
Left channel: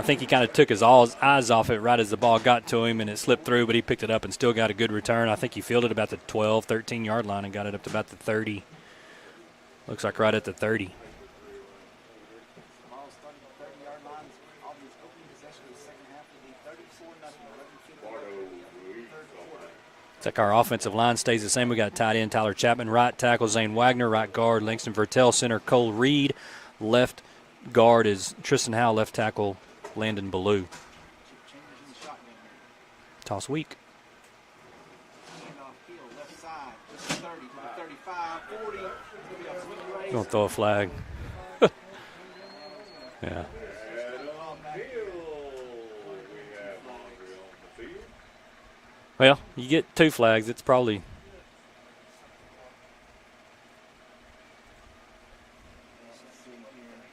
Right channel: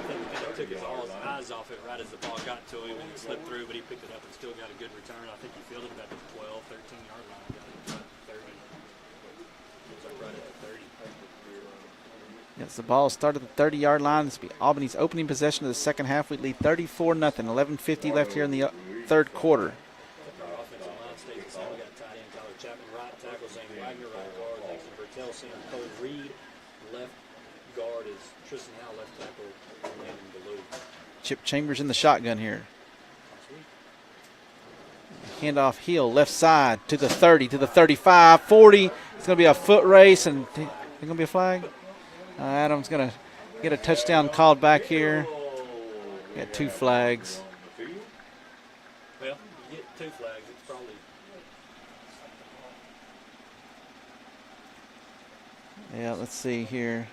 think he kind of took his eyes off it right as the ball got to him, and it slipped through, but he picked it up and still got a good return. I think he fielded about the 12, 13-yard line and got it up to about the 30. Looks like right at the 30. Yes, the ball started at the 30-yard line. This will be Albany's opening possession of the second half. We lead 34-0. 11:50 left here in the third quarter. It's like our offensive line stays the same. We got tight end Tyler Chapman, right tackle Zane Wagner, right guard Langston Vertel, center Cole Reed, left guard is Tristan Howe, left tackle Landon Ballou. Chip Chambers in the shotgun here. Toss weak. Handoff Hill, left side to the 30, to the 35, 40. It's going to be a foot race. Throw a flag. It's going to be a flag? Adam's going to get a touchdown called back here. Got 2 flags. Well, you get 2 flags. It's probably. Yeah, let's see here.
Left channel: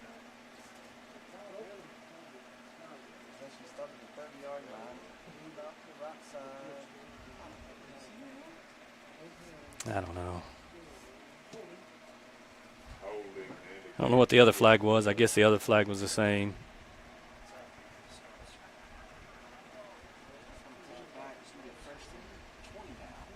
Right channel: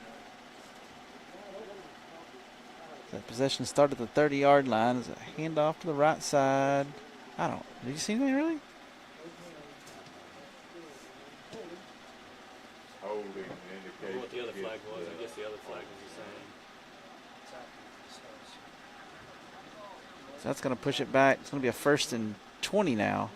That Possession started at the 30-yard line. It's a handoff to the right side. Did you see anything really? I don't know. I don't know what the other flag was. I guess the other flag was the same. So that's going to push it back. It's going to be a 1st and 20 now.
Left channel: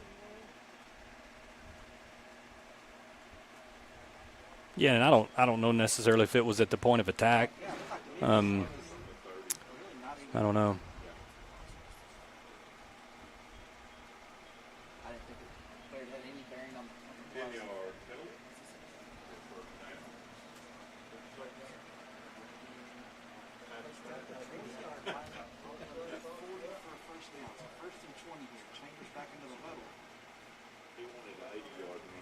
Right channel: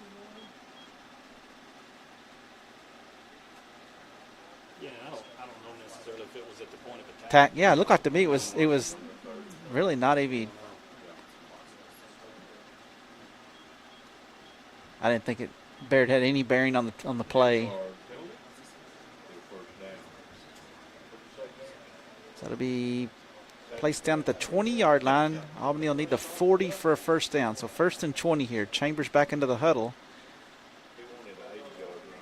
Yeah, and I don't know necessarily if it was at the point of attack. Yeah, it looked like to me it was really not even. I don't know. I didn't think Barrett had any bearing on the play. So it'll be placed down at the 20-yard line. Albany will need the 40 for a 1st down. So 1st and 20 here. Chambers back into the huddle.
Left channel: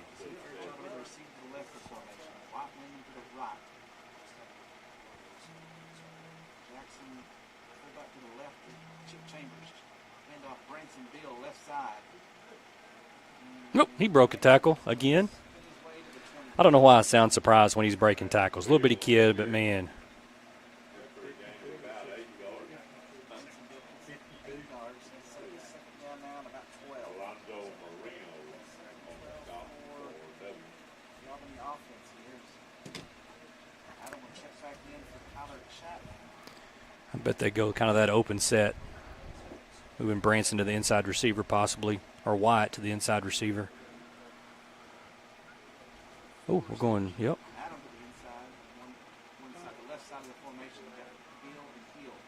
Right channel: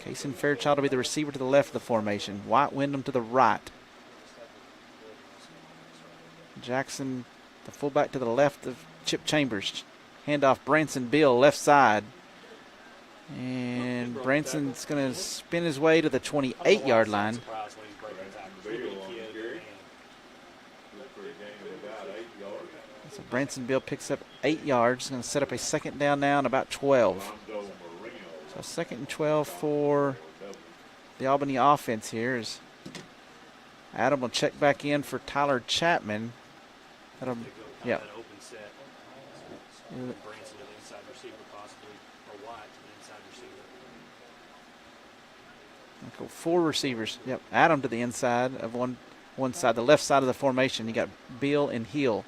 Kaysen Fairchild will be the receiver to the left of the formation. White Wyndham to the right. Jackson, the fullback to the left of Chip Chambers. Handoff Branson Bill, left side. And he broke the tackle Branson's again. Spin his way to the 28-yard line. I don't know why I sound surprised when he's breaking tackles. Little bitty kid, but man. So Branson Bill picks up 8 yards. Going to set up a 2nd down now and about 12. So 2nd and 12 for the Albany offense here as Adam will check back in for Tyler Chapman. I bet they go kind of that open set. Moving Branson to the inside receiver possibly, or White to the inside receiver. Go 4 receivers. Yep. Adam to the inside of one side, the left side of the formation. You got Bill and Hill.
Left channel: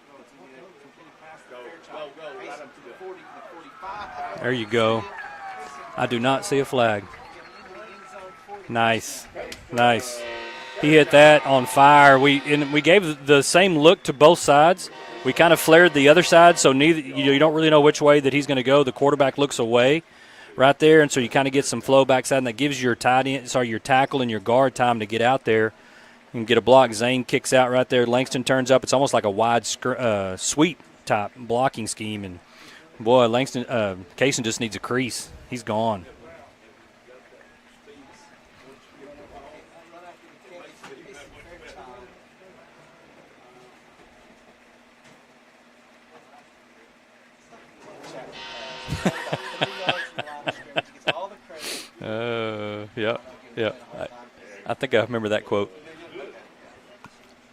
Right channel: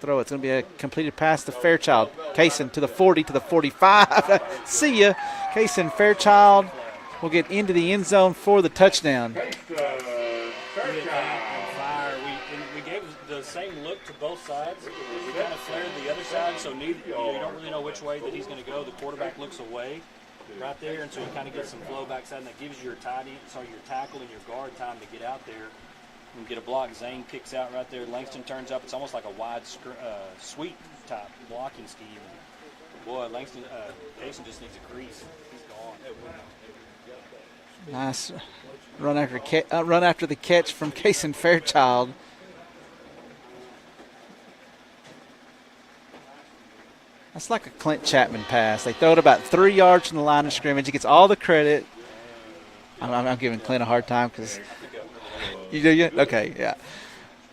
Throw. It's going to be a completed pass to Fairchild. Kaysen to the 40, to the 45. There you go. See ya. Kaysen Fairchild. I do not see a flag. Will get into the end zone for the touchdown. Nice. He hit that on fire. We gave the same look to both sides. We kind of flared the other side, so you don't really know which way that he's going to go. The quarterback looks away right there, and so you kind of get some flow backside, and that gives your your tackle and your guard time to get out there and get a block. Zane kicks out right there. Langston turns up. It's almost like a wide sweep type blocking scheme, and boy, Kaysen just needs a crease. He's gone. Nice run after the catch from Kaysen Fairchild. That's like a Clint Chapman pass. They throw it about 3 yards from the line of scrimmage. He gets all the credit. I'm giving Clint a hard time because I think I remember that quote. You do? Okay, yeah.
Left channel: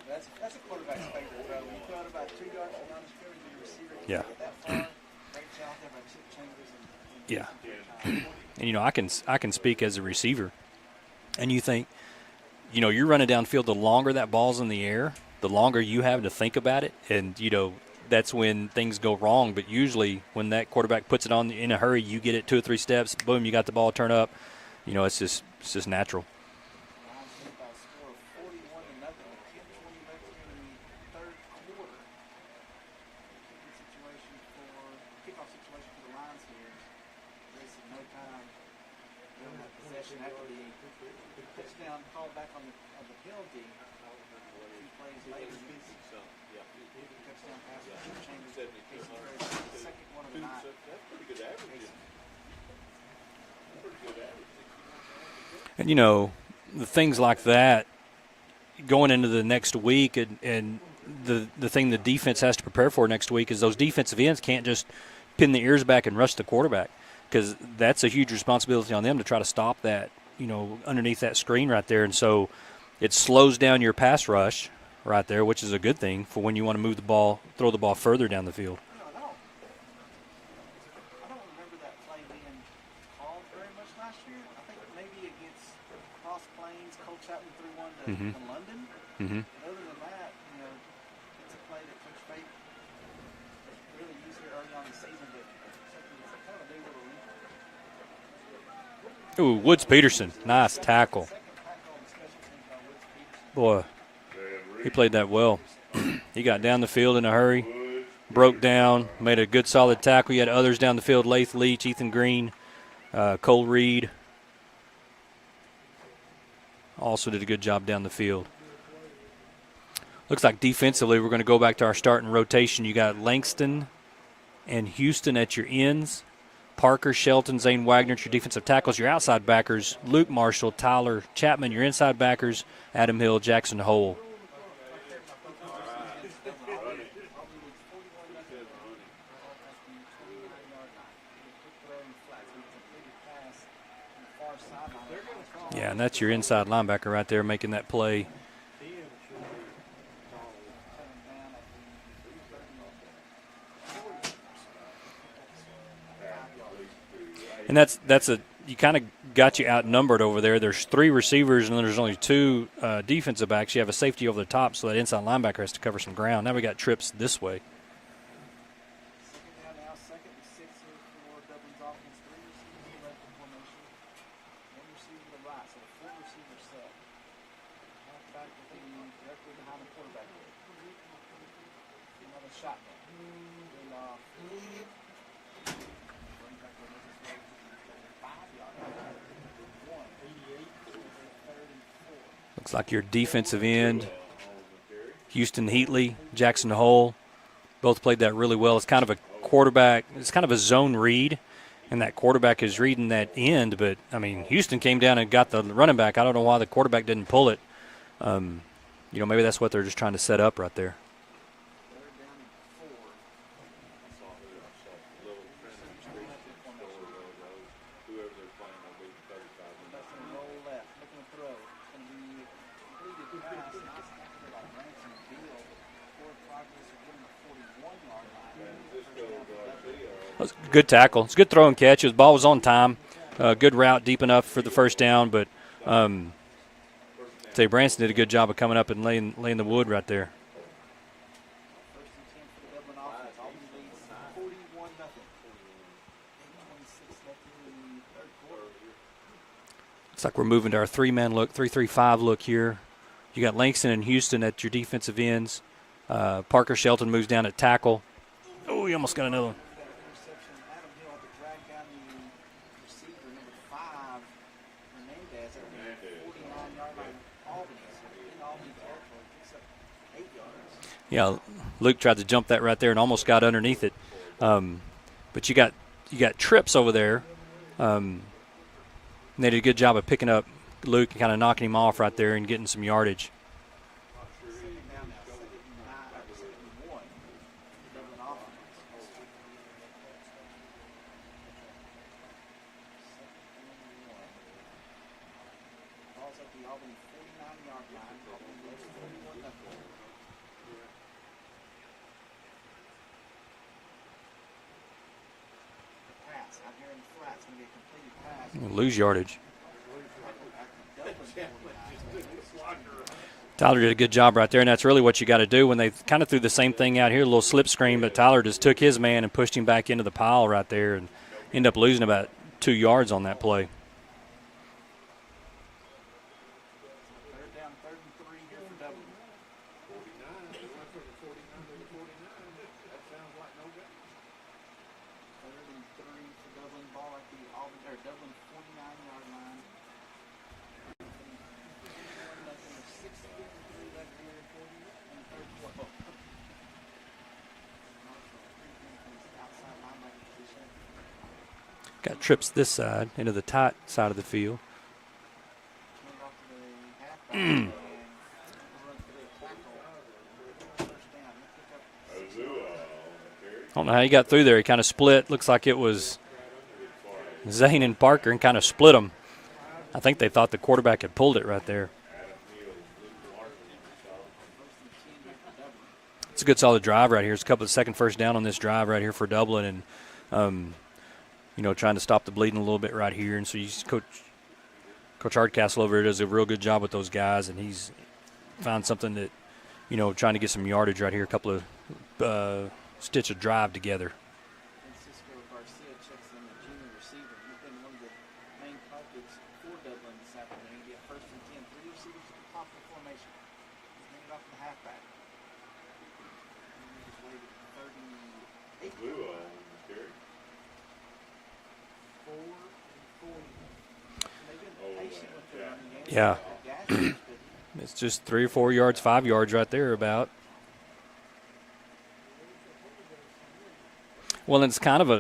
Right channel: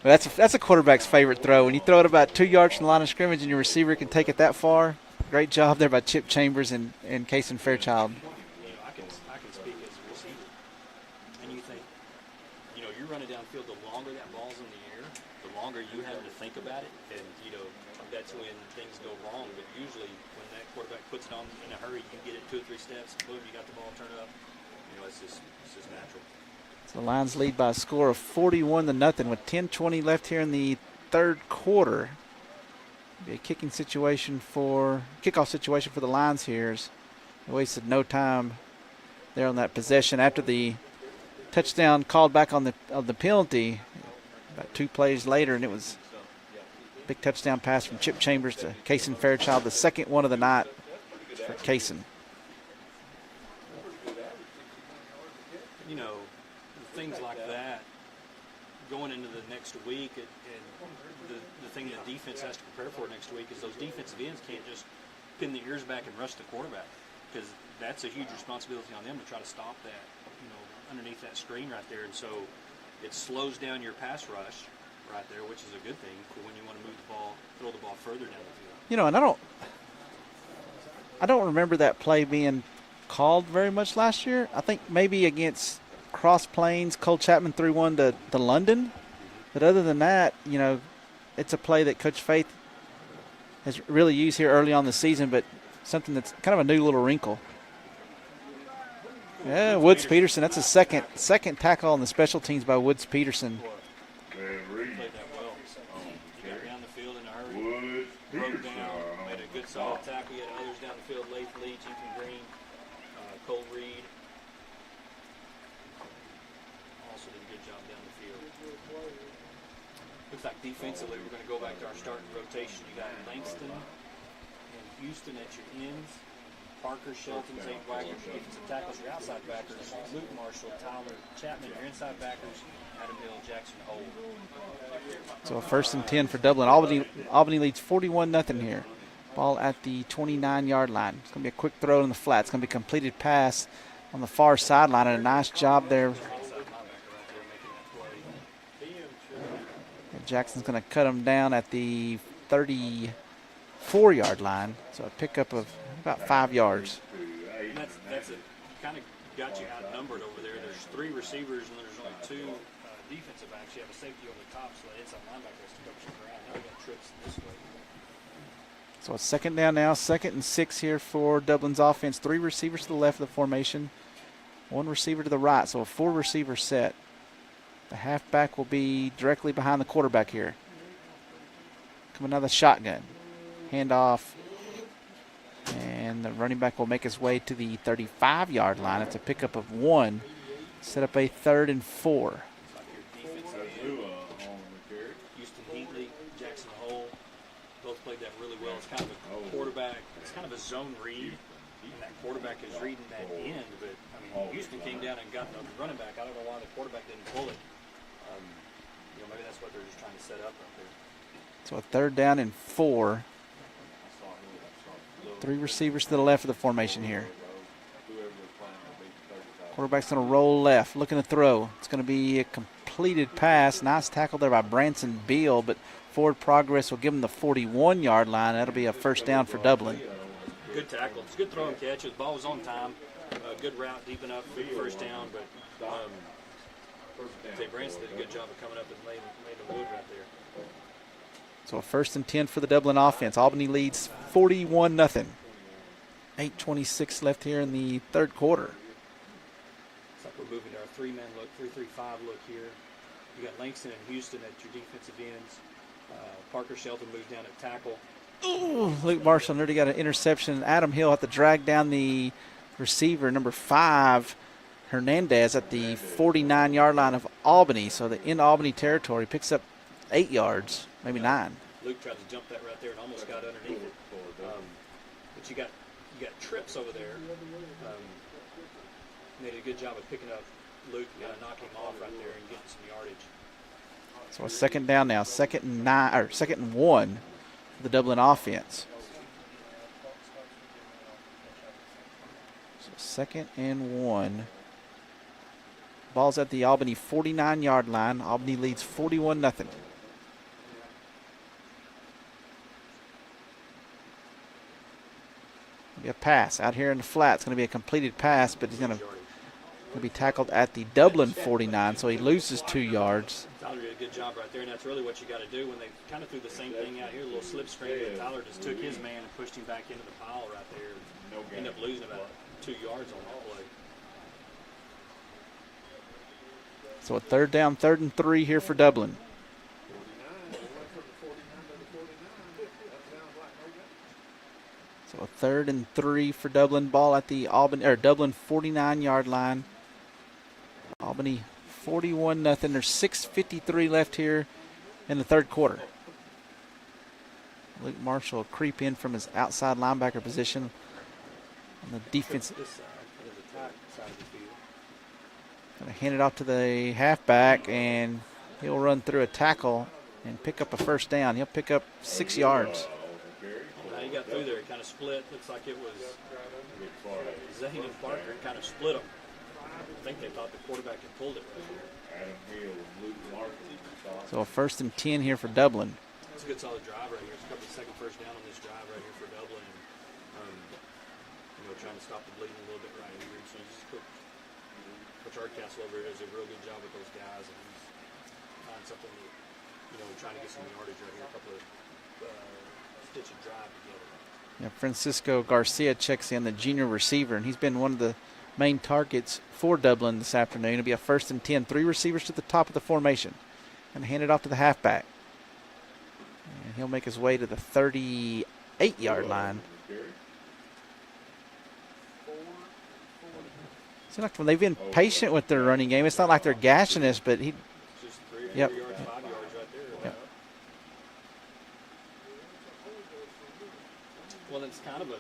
But that's a quarterback's favorite throw. When you throw it about 2 yards from the line of scrimmage and your receiver can take it that far, great job there by Chip Chambers and Kaysen Fairchild. And I can speak as a receiver. And you think, you're running downfield. The longer that ball's in the air, the longer you have to think about it, and that's when things go wrong. But usually when that quarterback puts it on in a hurry, you get it 2 or 3 steps, boom, you got the ball turn up. It's just natural. So the Lions lead by a score of 41-0 with 10:20 left here in the 3rd quarter. Be a kickoff situation for the Lions here. They wasted no time there on that possession after the touchdown called back on the penalty. About 2 plays later, and it was a big touchdown pass from Chip Chambers to Kaysen Fairchild, the 2nd one of the night for Kaysen. And the things like that going into the next week, and the thing the defense has to prepare for next week is those defensive ends can't just pin the ears back and rush the quarterback, because that's a huge responsibility on them to try to stop that, underneath that screen right there. And so it slows down your pass rush right there, which is a good thing for when you want to move the ball, throw the ball further down the field. And I don't remember that play being called very much last year. I think maybe against Cross Plains, Cole Chapman threw one to London. Mm-hmm. But other than that, it's a play that Coach Faith has really used here early on the season, but something that's kind of a new little wrinkle. Ooh, Woods Peterson. That's nice a second tackle on the special teams by Woods Peterson. Boy, he played that well. He got down the field in a hurry, broke down, made a good solid tackle. You had others down the field, Lath Leach, Ethan Green, Cole Reed. Also did a good job down the field. Looks like defensively we're going to go back to our starting rotation. You got Langston and Houston at your ends. Parker Shelton, Zane Wagner, your defensive tackles. Your outside backers, Luke Marshall, Tyler Chapman. Your inside backers, Adam Hill, Jackson Hole. So 1st and 10 for Dublin. Albany leads 41-0 here. Ball at the 29-yard line. It's going to be a quick throw in the flat. It's going to be a completed pass on the far sideline, and a nice job there. That's your inside linebacker right there making that play. And Jackson's going to cut him down at the 34-yard line. So a pickup of about 5 yards. And you kind of got you outnumbered over there. There's 3 receivers, and then there's only 2 defensive backs. You have a safety over the top, so that inside linebacker has to cover some ground. Now we got trips this way. So it's 2nd down now, 2nd and 6 here for Dublin's offense. 3 receivers to the left of the formation, 1 receiver to the right, so a 4-receiver set. The halfback will be directly behind the quarterback here. Coming out of the shotgun. Handoff. And the running back will make his way to the 35-yard line. It's a pickup of 1. Set up a 3rd and 4. Looks like your defensive end, Houston Heatley, Jackson Hole, both played that really well. It's kind of a quarterback. It's kind of a zone read, and that quarterback is reading that end. But, I mean, Houston came down and got the running back. I don't know why the quarterback didn't pull it. Maybe that's what they're just trying to set up right there. So a 3rd down and 4. 3 receivers to the left of the formation here. Quarterback's going to roll left, looking to throw. It's going to be a completed pass. Nice tackle there by Branson Beal, but forward progress will give him the 41-yard line. That'll be a 1st down for Dublin. Good tackle. It's a good throw and catch. The ball was on time. Good route, deep enough for the 1st down, but Branson did a good job of coming up and laying the wood right there. So a 1st and 10 for the Dublin offense. Albany leads 41-0. 8:26 left here in the 3rd quarter. Looks like we're moving to our 3-man look, 3-3-5 look here. You got Langston and Houston at your defensive ends. Parker Shelton moves down at tackle. Luke Marshall nearly got an interception. Adam Hill had to drag down the receiver, number 5, Hernandez, at the 49-yard line of Albany. So in Albany territory, picks up 8 yards, maybe 9. Luke tried to jump that right there and almost got underneath it. But you got trips over there. And they did a good job of picking up Luke and kind of knocking him off right there and getting some yardage. So a 2nd down now, 2nd and 1 for the Dublin offense. So 2nd and 1. Ball's at the Albany 49-yard line. Albany leads 41-0. A pass out here in the flat. It's going to be a completed pass, but lose yardage. Will be tackled at the Dublin 49, so he loses 2 yards. Tyler did a good job right there, and that's really what you got to do when they kind of threw the same thing out here, a little slip screen, but Tyler just took his man and pushed him back into the pile right there and ended up losing about 2 yards on that play. So a 3rd down, 3rd and 3 here for Dublin. So a 3rd and 3 for Dublin. Ball at the Dublin 49-yard line. Albany 41-0. There's 6:53 left here in the 3rd quarter. Luke Marshall will creep in from his outside linebacker position. Got trips this side into the tight side of the field. Going to hand it off to the halfback, and he'll run through a tackle and pick up a 1st down. He'll pick up 6 yards. I don't know how he got through there. He kind of split. Looks like it was Zane and Parker and kind of split them. I think they thought the quarterback had pulled it right there. So a 1st and 10 here for Dublin. It's a good solid drive right here. It's a couple of 2nd 1st down on this drive right here for Dublin, and trying to stop the bleeding a little bit right here. And so Coach Hardcastle over here does a real good job with those guys, and he's found something that, trying to get some yardage right here, a couple of stitch a drive together. Yeah, Francisco Garcia checks in, the junior receiver, and he's been one of the main targets for Dublin this afternoon. It'll be a 1st and 10, 3 receivers to the top of the formation, and hand it off to the halfback. And he'll make his way to the 38-yard line. It's like when they've been patient with their running game. It's not like they're gashing us, but it's just 3 or 4 yards, 5 yards right there about. Well, it's kind of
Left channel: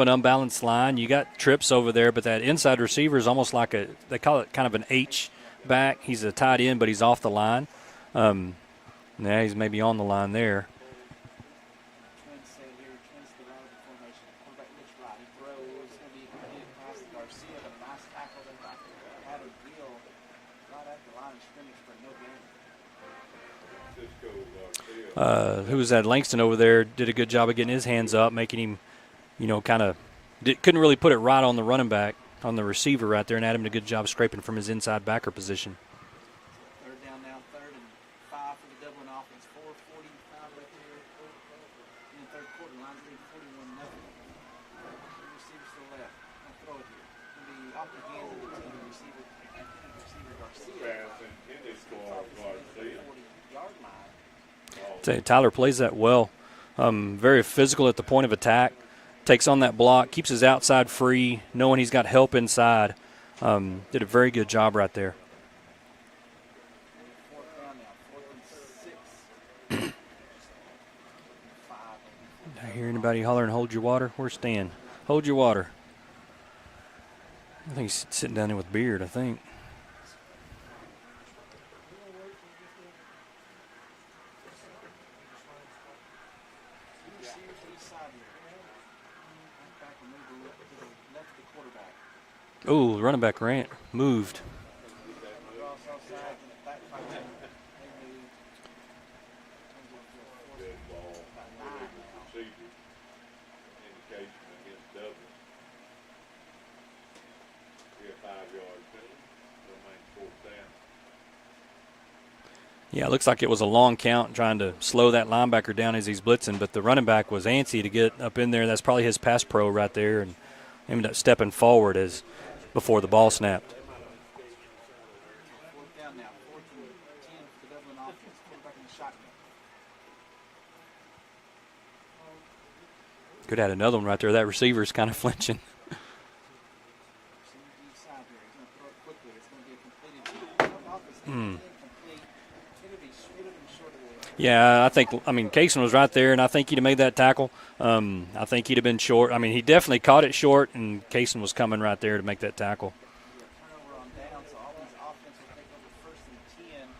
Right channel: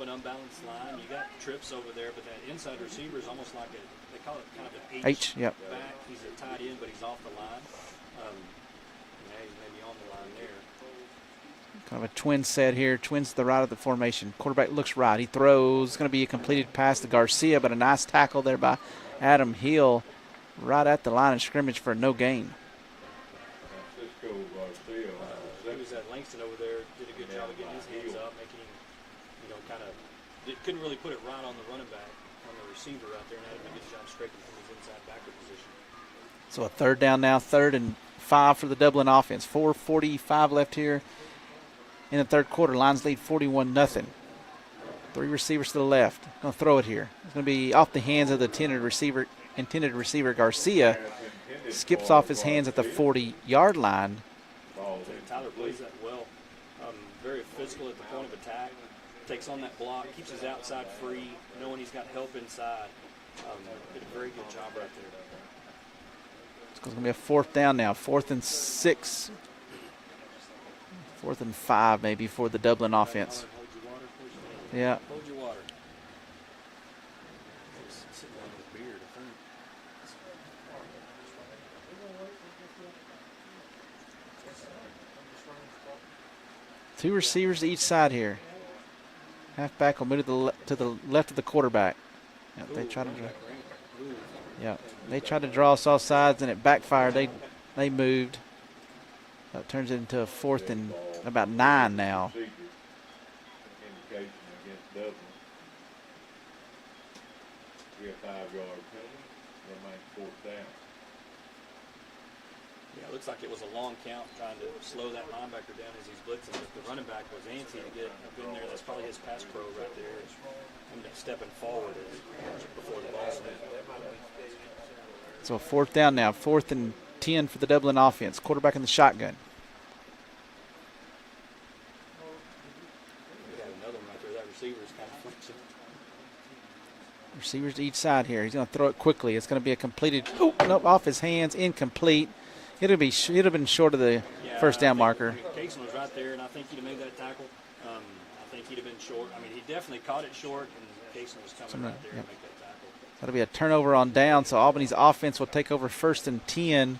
an unbalanced line. You got Trips over there, but that inside receiver is almost like they call it kind of an H yep. back. He's a tight end, but he's off the line. Now he's maybe on the line there. Kind of a twin set here. Twins to the right of the formation. Quarterback looks right. He throws. It's going to be a completed pass to Garcia, but a nice tackle there by Adam Hill right at the line of scrimmage for no gain. Who was that? Langston over there did a good job of getting his hands up, making him, couldn't really put it right on the running back, on the receiver right there, and Adam did a good job scraping from his inside backer position. So a third down now, 3rd and 5 for the Dublin offense. 4:45 left here in the third quarter. Lions lead 41-0. 3 receivers to the left. Going to throw it here. It's going to be off the hands of the intended receiver Garcia. Skips off his hands at the 40-yard line. Tyler plays that well. Very physical at the point of attack. Takes on that block, keeps his outside free, knowing he's got help inside. Did a very good job right there. It's going to be a 4th down now. 4th and 6. 4th and 5 maybe for the Dublin offense. Hollering, hold your water. Where's Stan? Yeah. Hold your water. I think he's sitting down there with Beard, I think. Two receivers to each side here. Halfback will move to the left of the quarterback. Ooh, running back moved. Yeah, they tried to draw us off sides and it backfired. They moved. That turns it into a 4th and about 9 now. Yeah, it looks like it was a long count trying to slow that linebacker down as he's blitzing, but the running back was antsy to get up in there. That's probably his pass pro right there, and ended up stepping forward as before the ball snapped. So 4th down now, 4th and 10 for the Dublin offense. Quarterback in the shotgun. Could have had another one right there. That receiver's kind of flinching. Receivers to each side here. He's going to throw it quickly. It's going to be a completed, nope, off his hands, incomplete. It'd have been short of the first down marker. Kaysen was right there, and I think he'd have made that tackle. I think he'd have been short. He definitely caught it short, and Kaysen was coming right there to make that tackle. That'll be a turnover on down, so Albany's offense will take over 1st and 10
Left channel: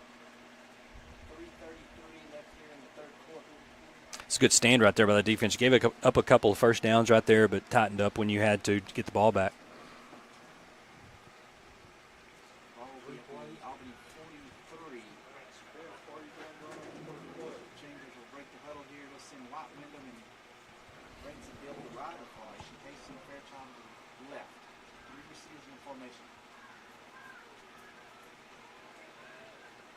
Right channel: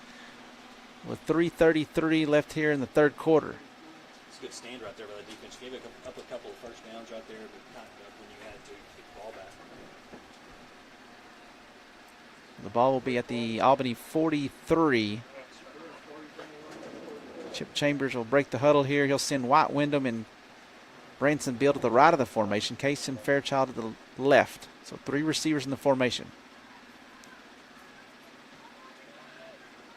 with 3:33 left here in the third quarter. It's a good stand right there by the defense. You gave up a couple of first downs right there, but tightened up when you had to get the ball back. The ball will be at the Albany 43. Chip Chambers will break the huddle here. He'll send White Wyndham and Branson Beal to the right of the formation. Kaysen Fairchild to the left. So 3 receivers in the formation.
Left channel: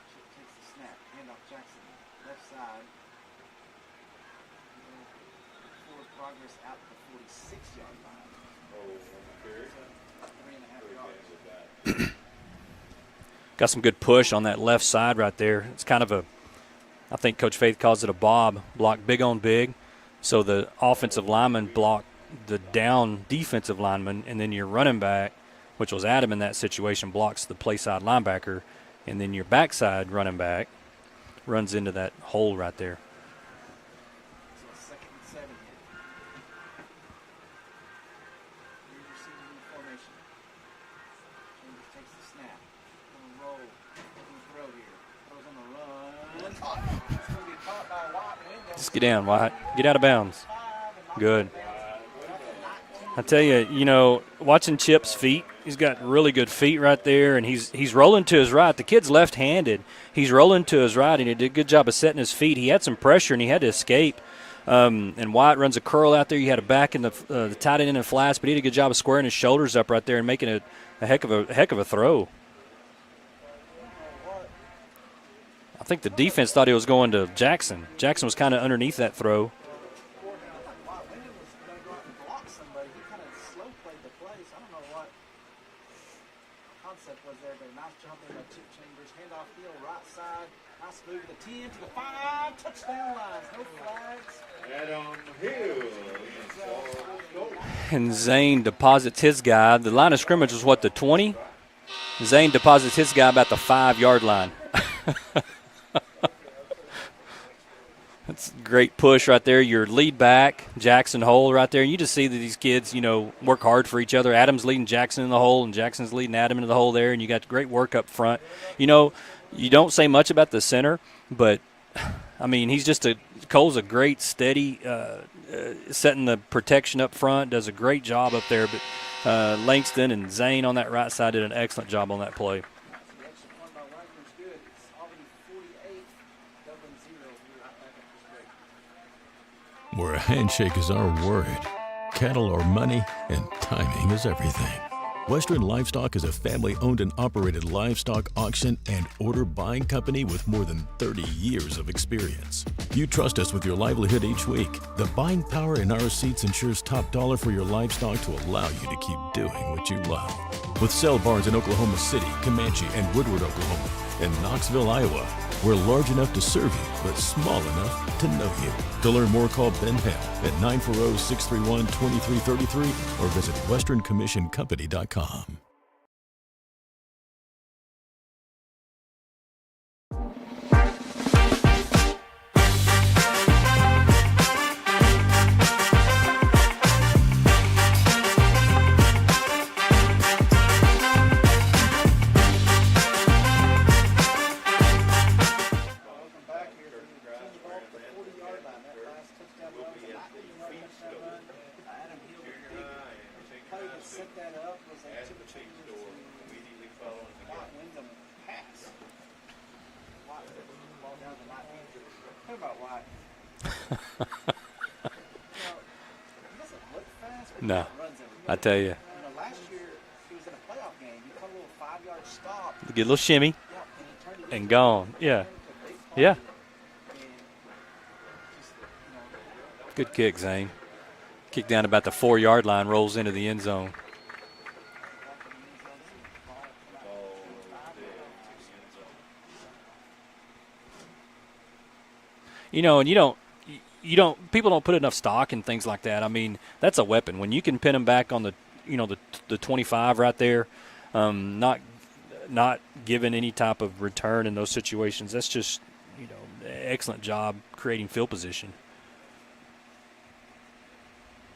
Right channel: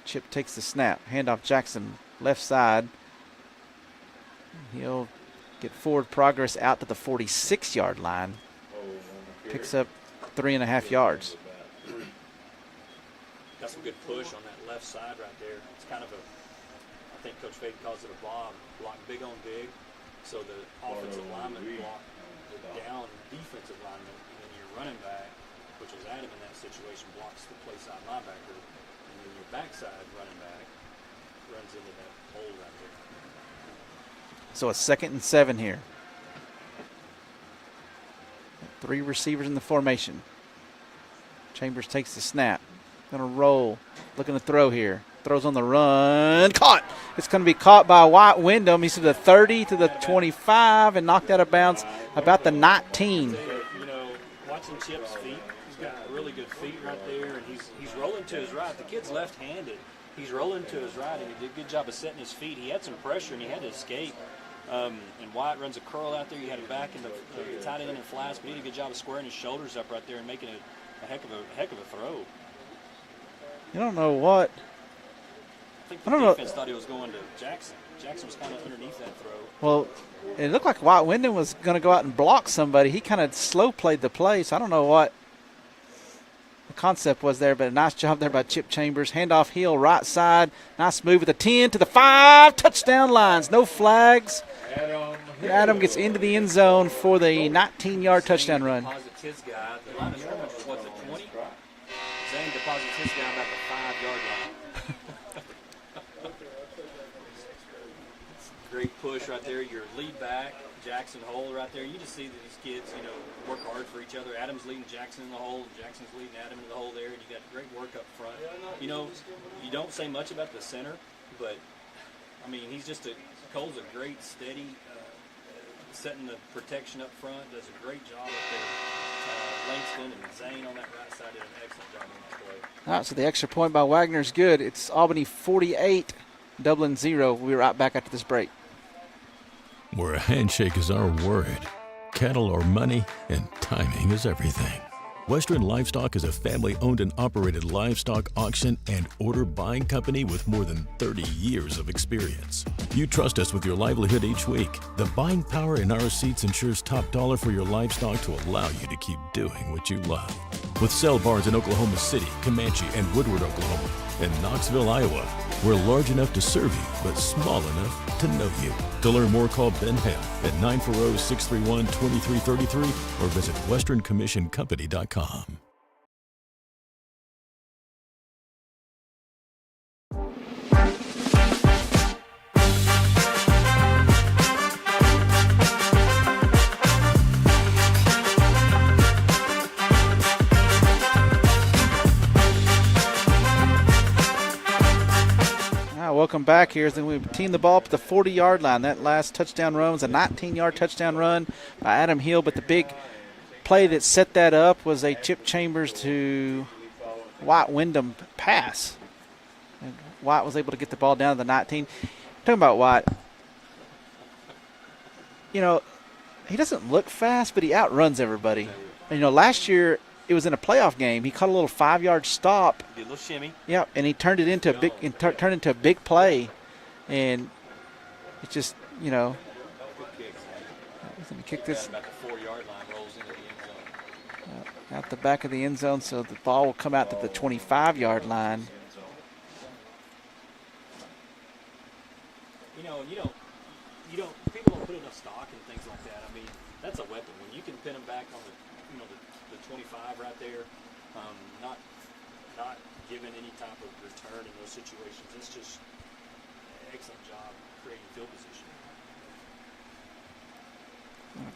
Chip takes the snap. Handoff Jackson, left side. He'll get forward progress out to the 46-yard line. Picks up 3.5 yards. Got some good push on that left side right there. It's kind of I think Coach Faith calls it a bob, block big on big. So the offensive lineman blocked the down defensive lineman, and then your running back, which was Adam in that situation, blocks the play side linebacker, and then your backside running back runs into that hole right there. So a 2nd and 7 here. 3 receivers in the formation. Chambers takes the snap. Going to roll. Looking to throw here. Throws on the run. Caught. It's going to be caught by White Wyndham. He's to the 30 to the 25 and knocked out of bounds about the 19. I tell you, watching Chip's feet, he's got really good feet right there, and he's rolling to his right. The kid's left-handed. He's rolling to his right, and he did a good job of setting his feet. He had some pressure, and he had to escape. And White runs a curl out there. You had a back in the tight end in the flats, but he did a good job of squaring his shoulders up right there and making a heck of a throw. You don't know what. I think the defense thought he was going to Jackson. Jackson was kind of underneath that throw. Well, it looked like White Wyndham was going to go out and block somebody. He kind of slow played the play, so I don't know what the concept was there, but a nice job there by Chip Chambers. Handoff Hill, right side. Nice move with the 10 to the 5. Touchdown lines. No flags. Adam gets into the end zone for the 19-yard touchdown Zane run. deposits his guy. The line of scrimmage was, the 20? Zane deposits his guy about the 5-yard line. That's a great push right there. Your lead back, Jackson Hole right there. You just see that these kids, work hard for each other. Adam's leading Jackson in the hole, and Jackson's leading Adam into the hole there, and you got great work up front. You don't say much about the center, but, Cole's a great, steady, setting the protection up front, does a great job up there. But Langston and Zane on that right side did an excellent job on that play. All right, so the extra point by Wagner is good. It's Albany 48, Dublin 0. We'll be right back after this break. Where a handshake is our word, cattle are money, and timing is everything. Western Livestock is a family-owned and operated livestock auction and order buying company with more than 30 years of experience. You trust us with your livelihood each week. The buying power in our seats ensures top dollar for your livestock to allow you to keep doing what you love. With sale barns in Oklahoma City, Comanche, and Woodward, Oklahoma, and Knoxville, Iowa, we're large enough to serve you, but small enough to know you. To learn more, call Ben Hale at 940-631-2333 or visit westerncommissioncompany.com. Welcome back here. Then we team the ball up at the 40-yard line. That last touchdown run was a 19-yard touchdown run by Adam Hill, but the big play that set that up was a Chip Chambers to White Wyndham pass. And White was able to get the ball down to the 19. Talking about White, he doesn't look fast, but he outruns everybody. I tell you. And, last year it was in a playoff game. He caught a little 5-yard stop. Get a little shimmy. Yeah, and he turned it into turned into a big play. Yeah. And it's just, Good kick, Zane. Kick down about the 4-yard line, rolls into the end zone. Out the back of the end zone, so the ball will come out to the 25-yard line. And people don't put enough stock in things like that. I mean, that's a weapon. When you can pin them back on the 25 right there, not given any type of return in those situations. That's just, excellent job creating field position.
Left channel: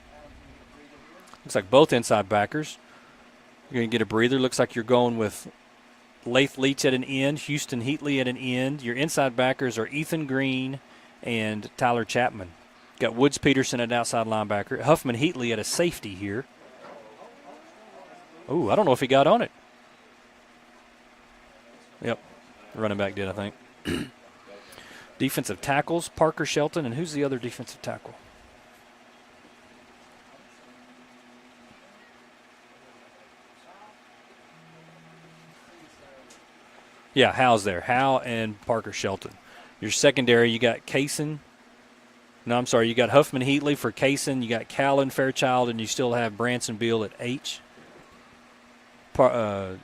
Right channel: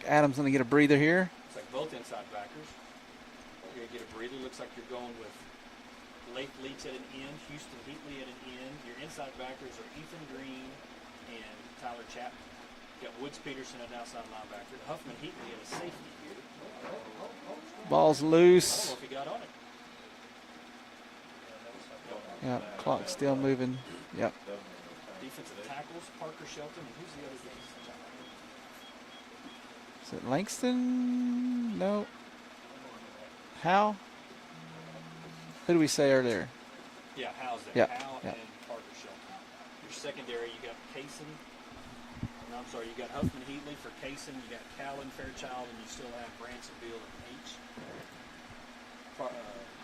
Adam's going to get a breather here. Looks like both inside backers. You're going to get a breather. Looks like you're going with Lath Leach at an end, Houston Heatley at an end. Your inside backers are Ethan Green and Tyler Chapman. Got Woods Peterson at an outside linebacker. Huffman Heatley at a safety here. Ball's loose. Ooh, I don't know if he got on it. Yep. Running Clock's back did, I think. Moving. Yep. Defensive tackles, Parker Shelton, and who's the other defensive tackle? Is it Langston? No. Hal? Who did we say earlier? Yeah, Hal's there. Yep. Hal and Parker Shelton. Your secondary, you got Kaysen. No, I'm sorry. You got Huffman Heatley for Kaysen. You got Callan Fairchild, and you still have Branson Beal at H.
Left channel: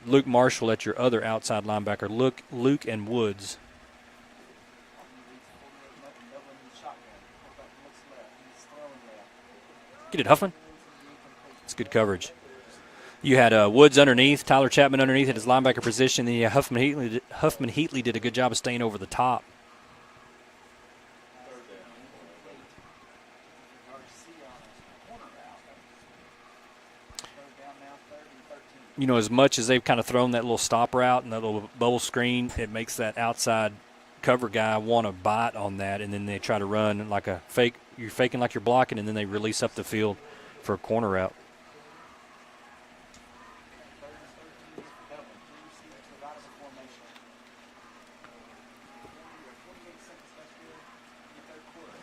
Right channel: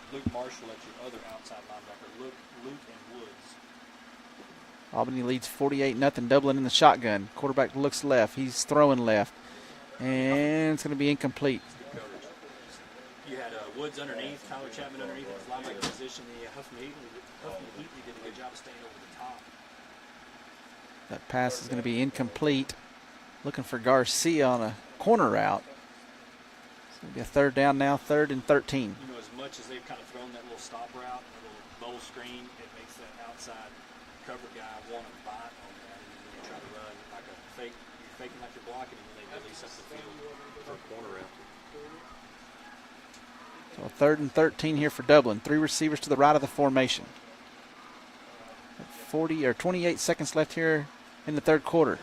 Luke Marshall at your other outside linebacker, Luke and Woods. Albany leads 48-0. Dublin in the shotgun. Quarterback looks left. He's throwing left. And it's going to be incomplete. It's good coverage. You had Woods underneath, Tyler Chapman underneath at his linebacker position. Then Huffman Heatley did a good job of staying over the top. That pass is going to be incomplete. Looking for Garcia on a corner route. It's going to be a third down now, 3rd and 13. As much as they've kind of thrown that little stop route and that little bubble screen, it makes that outside cover guy want to bite on that, and then they try to run like a fake. You're faking like you're blocking, and then they release up the field for a corner route. So 3rd and 13 here for Dublin. 3 receivers to the right of the formation. 28 seconds left here in the third quarter.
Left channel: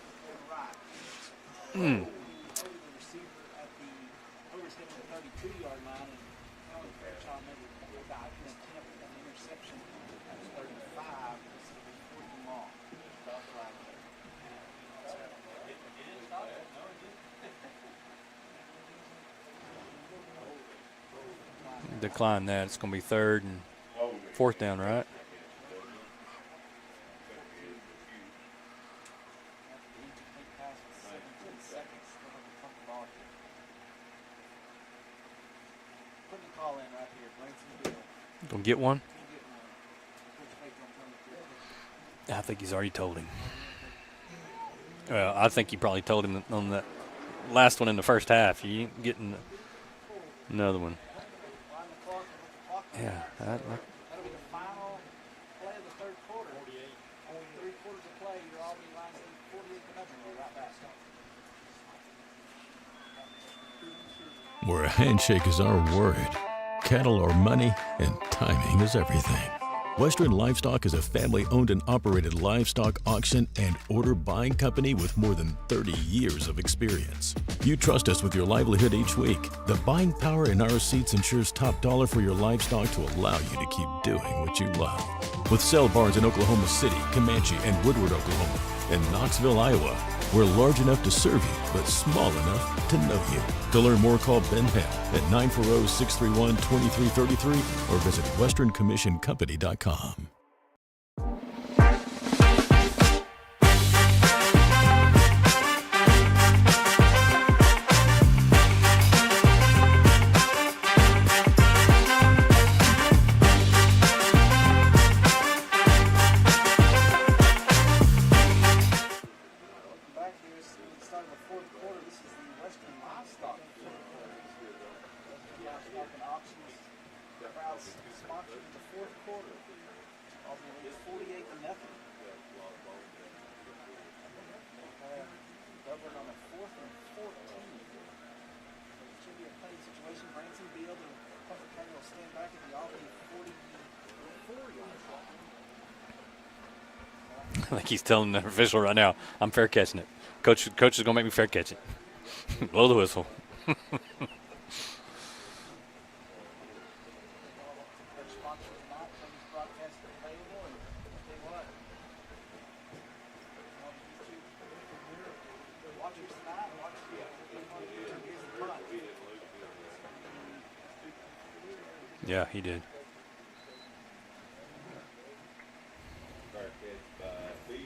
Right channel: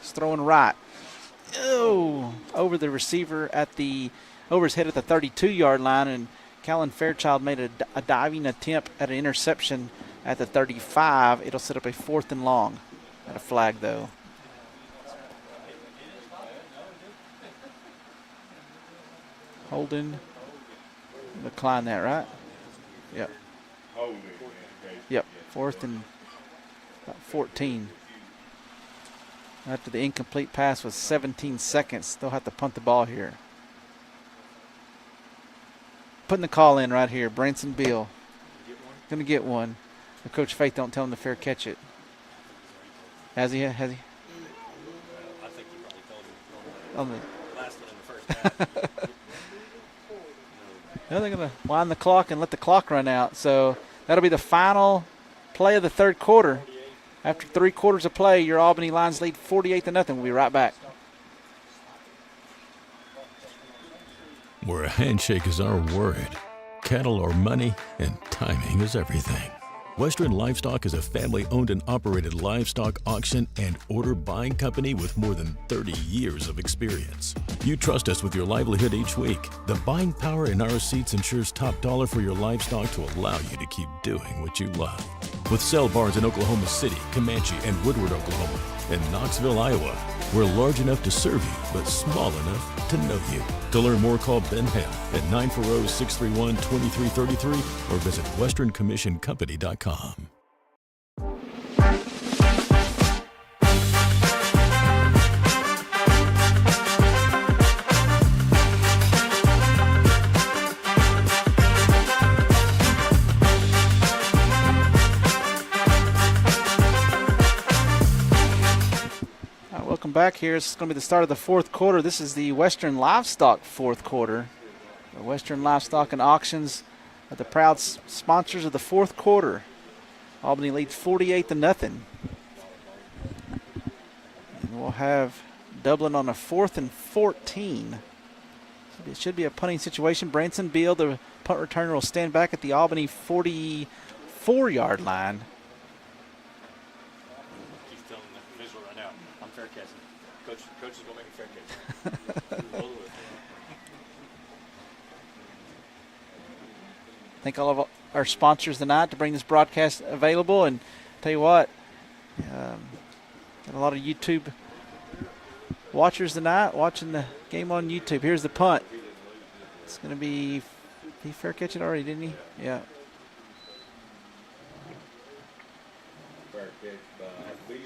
He's throwing right. Oh, over the receiver over his head at the 32-yard line, and Callan Fairchild made a diving attempt at an interception at the 35. It'll set up a 4th and long. At a flag, though. Holden. Decline that, right? Decline that. It's going to be 3rd and 4th down, right? Yep, 4th and about 14. After the incomplete pass was 17 seconds, they'll have to punt the ball here. Putting the call in right here, Branson Beal. Going to get one? Going to get one. But Coach Faith don't tell him to fair catch it. I think he's already told him. Has he? Has he? Well, I think he probably told him on the On last one in the first half. You getting another one. Well, they're going to wind the clock and let the clock run out. So that'll be the final play of the third quarter. After 3 quarters of play, your Albany Lions lead 48-0. We'll be right back. Where a handshake is our word, cattle are money, and timing is everything. Western Livestock is a family-owned and operated livestock auction and order buying company with more than 30 years of experience. You trust us with your livelihood each week. The buying power in our seats ensures top dollar for your livestock to allow you to keep doing what you love. With sale barns in Oklahoma City, Comanche, and Woodward, Oklahoma, and Knoxville, Iowa, we're large enough to serve you, but small enough to know you. To learn more, call Ben Hale at 940-631-2333 or visit westerncommissioncompany.com. Back here, it's going to be the start of the fourth quarter. This is the Western Livestock fourth quarter. The Western Livestock and Auctions are the proud sponsors of the fourth quarter. Albany leads 48-0. And we'll have Dublin on a 4th and 14. So it should be a punting situation. Branson Beal, the punt returner, will stand back at the Albany 44-yard line. Like he's telling the official right now, I'm fair catching it. Coach is going to make me fair catch it. Blow the whistle. Thank all of our sponsors tonight to bring this broadcast available. And tell you what, got a lot of YouTube watchers tonight watching the game on YouTube. Here's the punt. It's going to be, he fair catch it already, didn't he? Yeah, he did.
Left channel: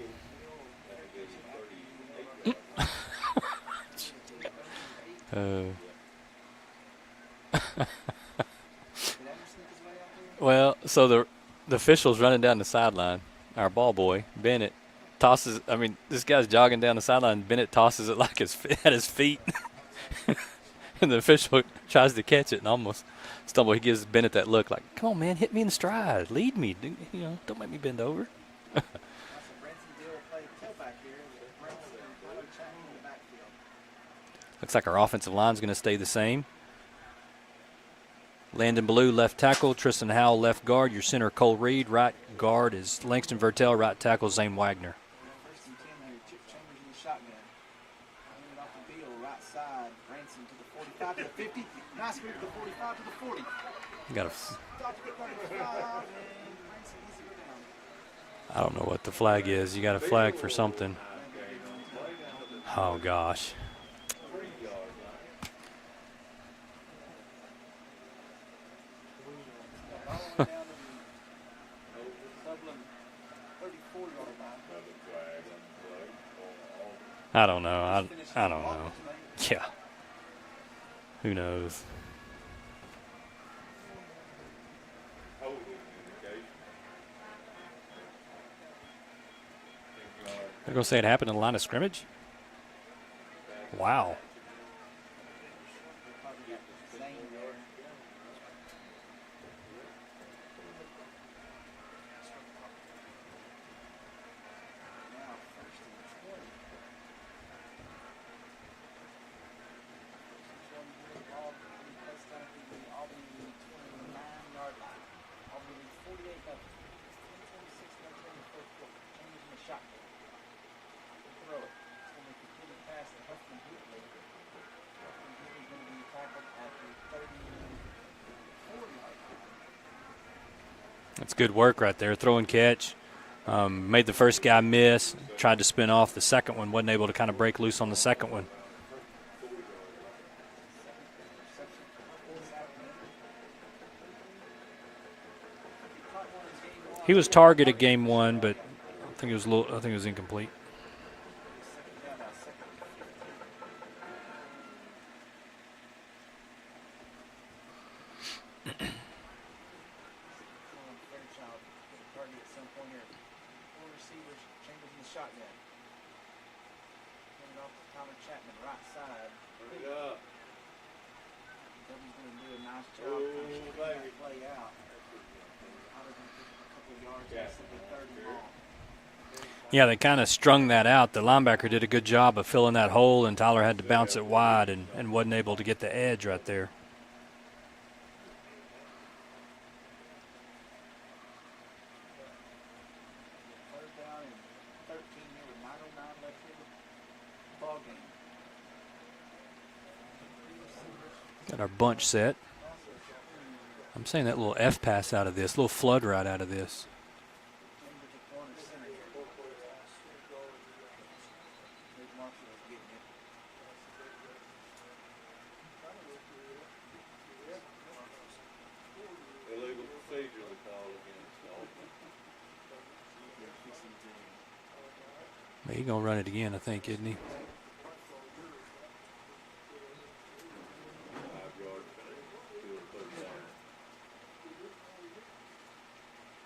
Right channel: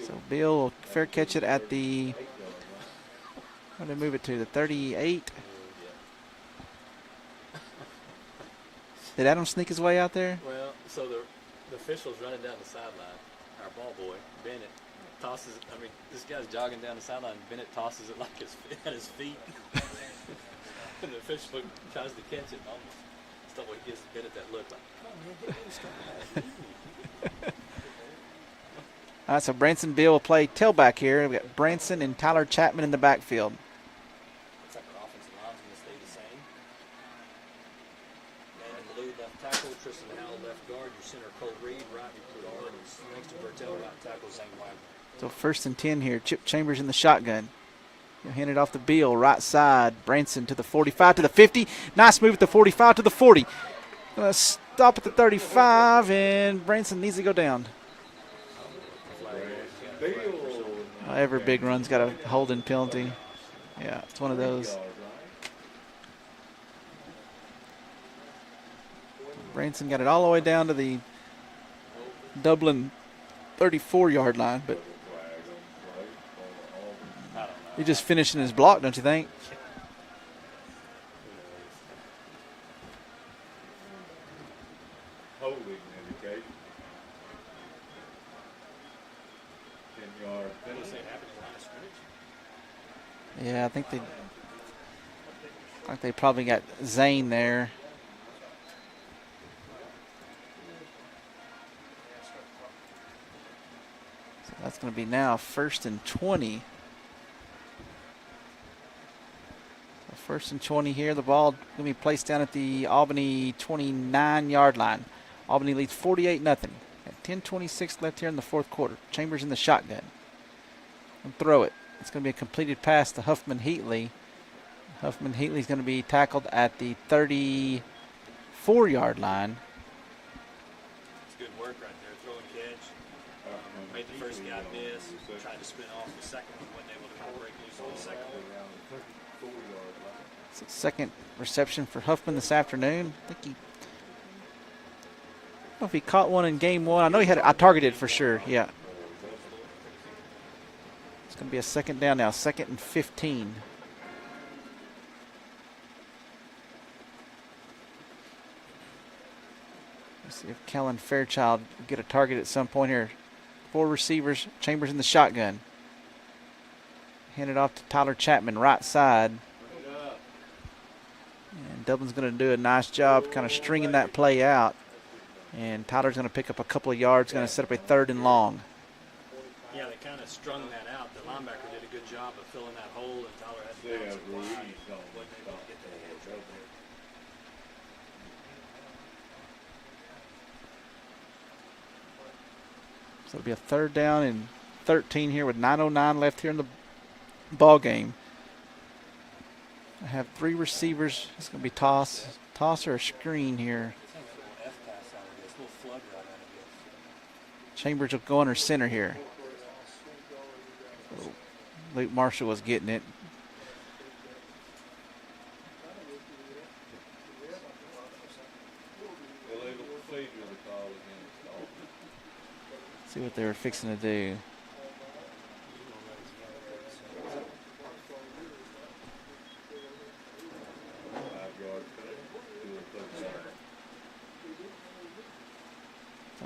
So Bill will fair catch it at the, where did they move it to, the 38? Did Adam sneak his way out there? Well, so the official's running down the sideline. Our ball boy, Bennett, tosses, this guy's jogging down the sideline. Bennett tosses it like at his feet. And the official tries to catch it and almost stumble. He gives Bennett that look like, come on, man, hit me in the stride. Lead me. Don't make me bend over. All right, so Branson Beal will play tailback here. We've got Branson and Tyler Chapman in the backfield. Looks like our offensive line's going to stay the same. Landon Ballou, left tackle. Tristan Howell, left guard. Your center, Cole Reed. Right guard is Langston Vertel. Right tackle, Zane Wagner. So 1st and 10 here. Chip Chambers in the shotgun. He'll hand it off to Beal, right side. Branson to the 45, to the 50. Nice move at the 45 to the 40. Gonna stop at the 35, and Branson needs to go down. I don't know what the flag is. You got a flag for something. Every big run's got a holding penalty. Oh, gosh. Yeah, it's one of those. Branson got it all the way down to the Dublin 34-yard line, but I don't know. He's just finishing his block, don't you think? Yeah. Who knows? They're going to say it happened in the line of scrimmage? Yeah, I think. Wow. I think they probably got Zane there. So that's going to be now 1st and 20. So 1st and 20 here. The ball going to be placed down at the Albany 29-yard line. Albany leads 48-0. At 10:26 left here in the fourth quarter. Chambers in the shotgun. And throw it. It's going to be a completed pass to Huffman Heatley. Huffman Heatley's going to be tackled at the 34-yard line. That's good work right there. Throw and catch. Made the first guy miss. Tried to spin off the second one. Wasn't able to kind of break loose on the second one. It's the second reception for Huffman this afternoon. I think I don't know if he caught one in game one. He was targeted game for one, sure. but Yeah. I think it was incomplete. It's going to be a second down now, 2nd and 15. Let's see if Kellen Fairchild will get a target at some point here. 4 receivers. Chambers in the shotgun. Handed off to Tyler Chapman, right side. And Dublin's going to do a nice job kind of stringing that play out. And Tyler's going to pick up a couple of yards, going to set up a 3rd and long. Yeah, they kind of strung that out. The linebacker did a good job of filling that hole, and Tyler had to bounce it wide and wasn't able to get the edge right there. So it'll be a 3rd down and 13 here with 9:09 left here in the ball game. I have 3 receivers. It's going to be toss or a screen here. I'm saying that little F pass out of this, little flood right out of this. Chambers will go under center here. Luke Marshall was getting it. See what they were fixing to do. He's going to run it again, I think, isn't he?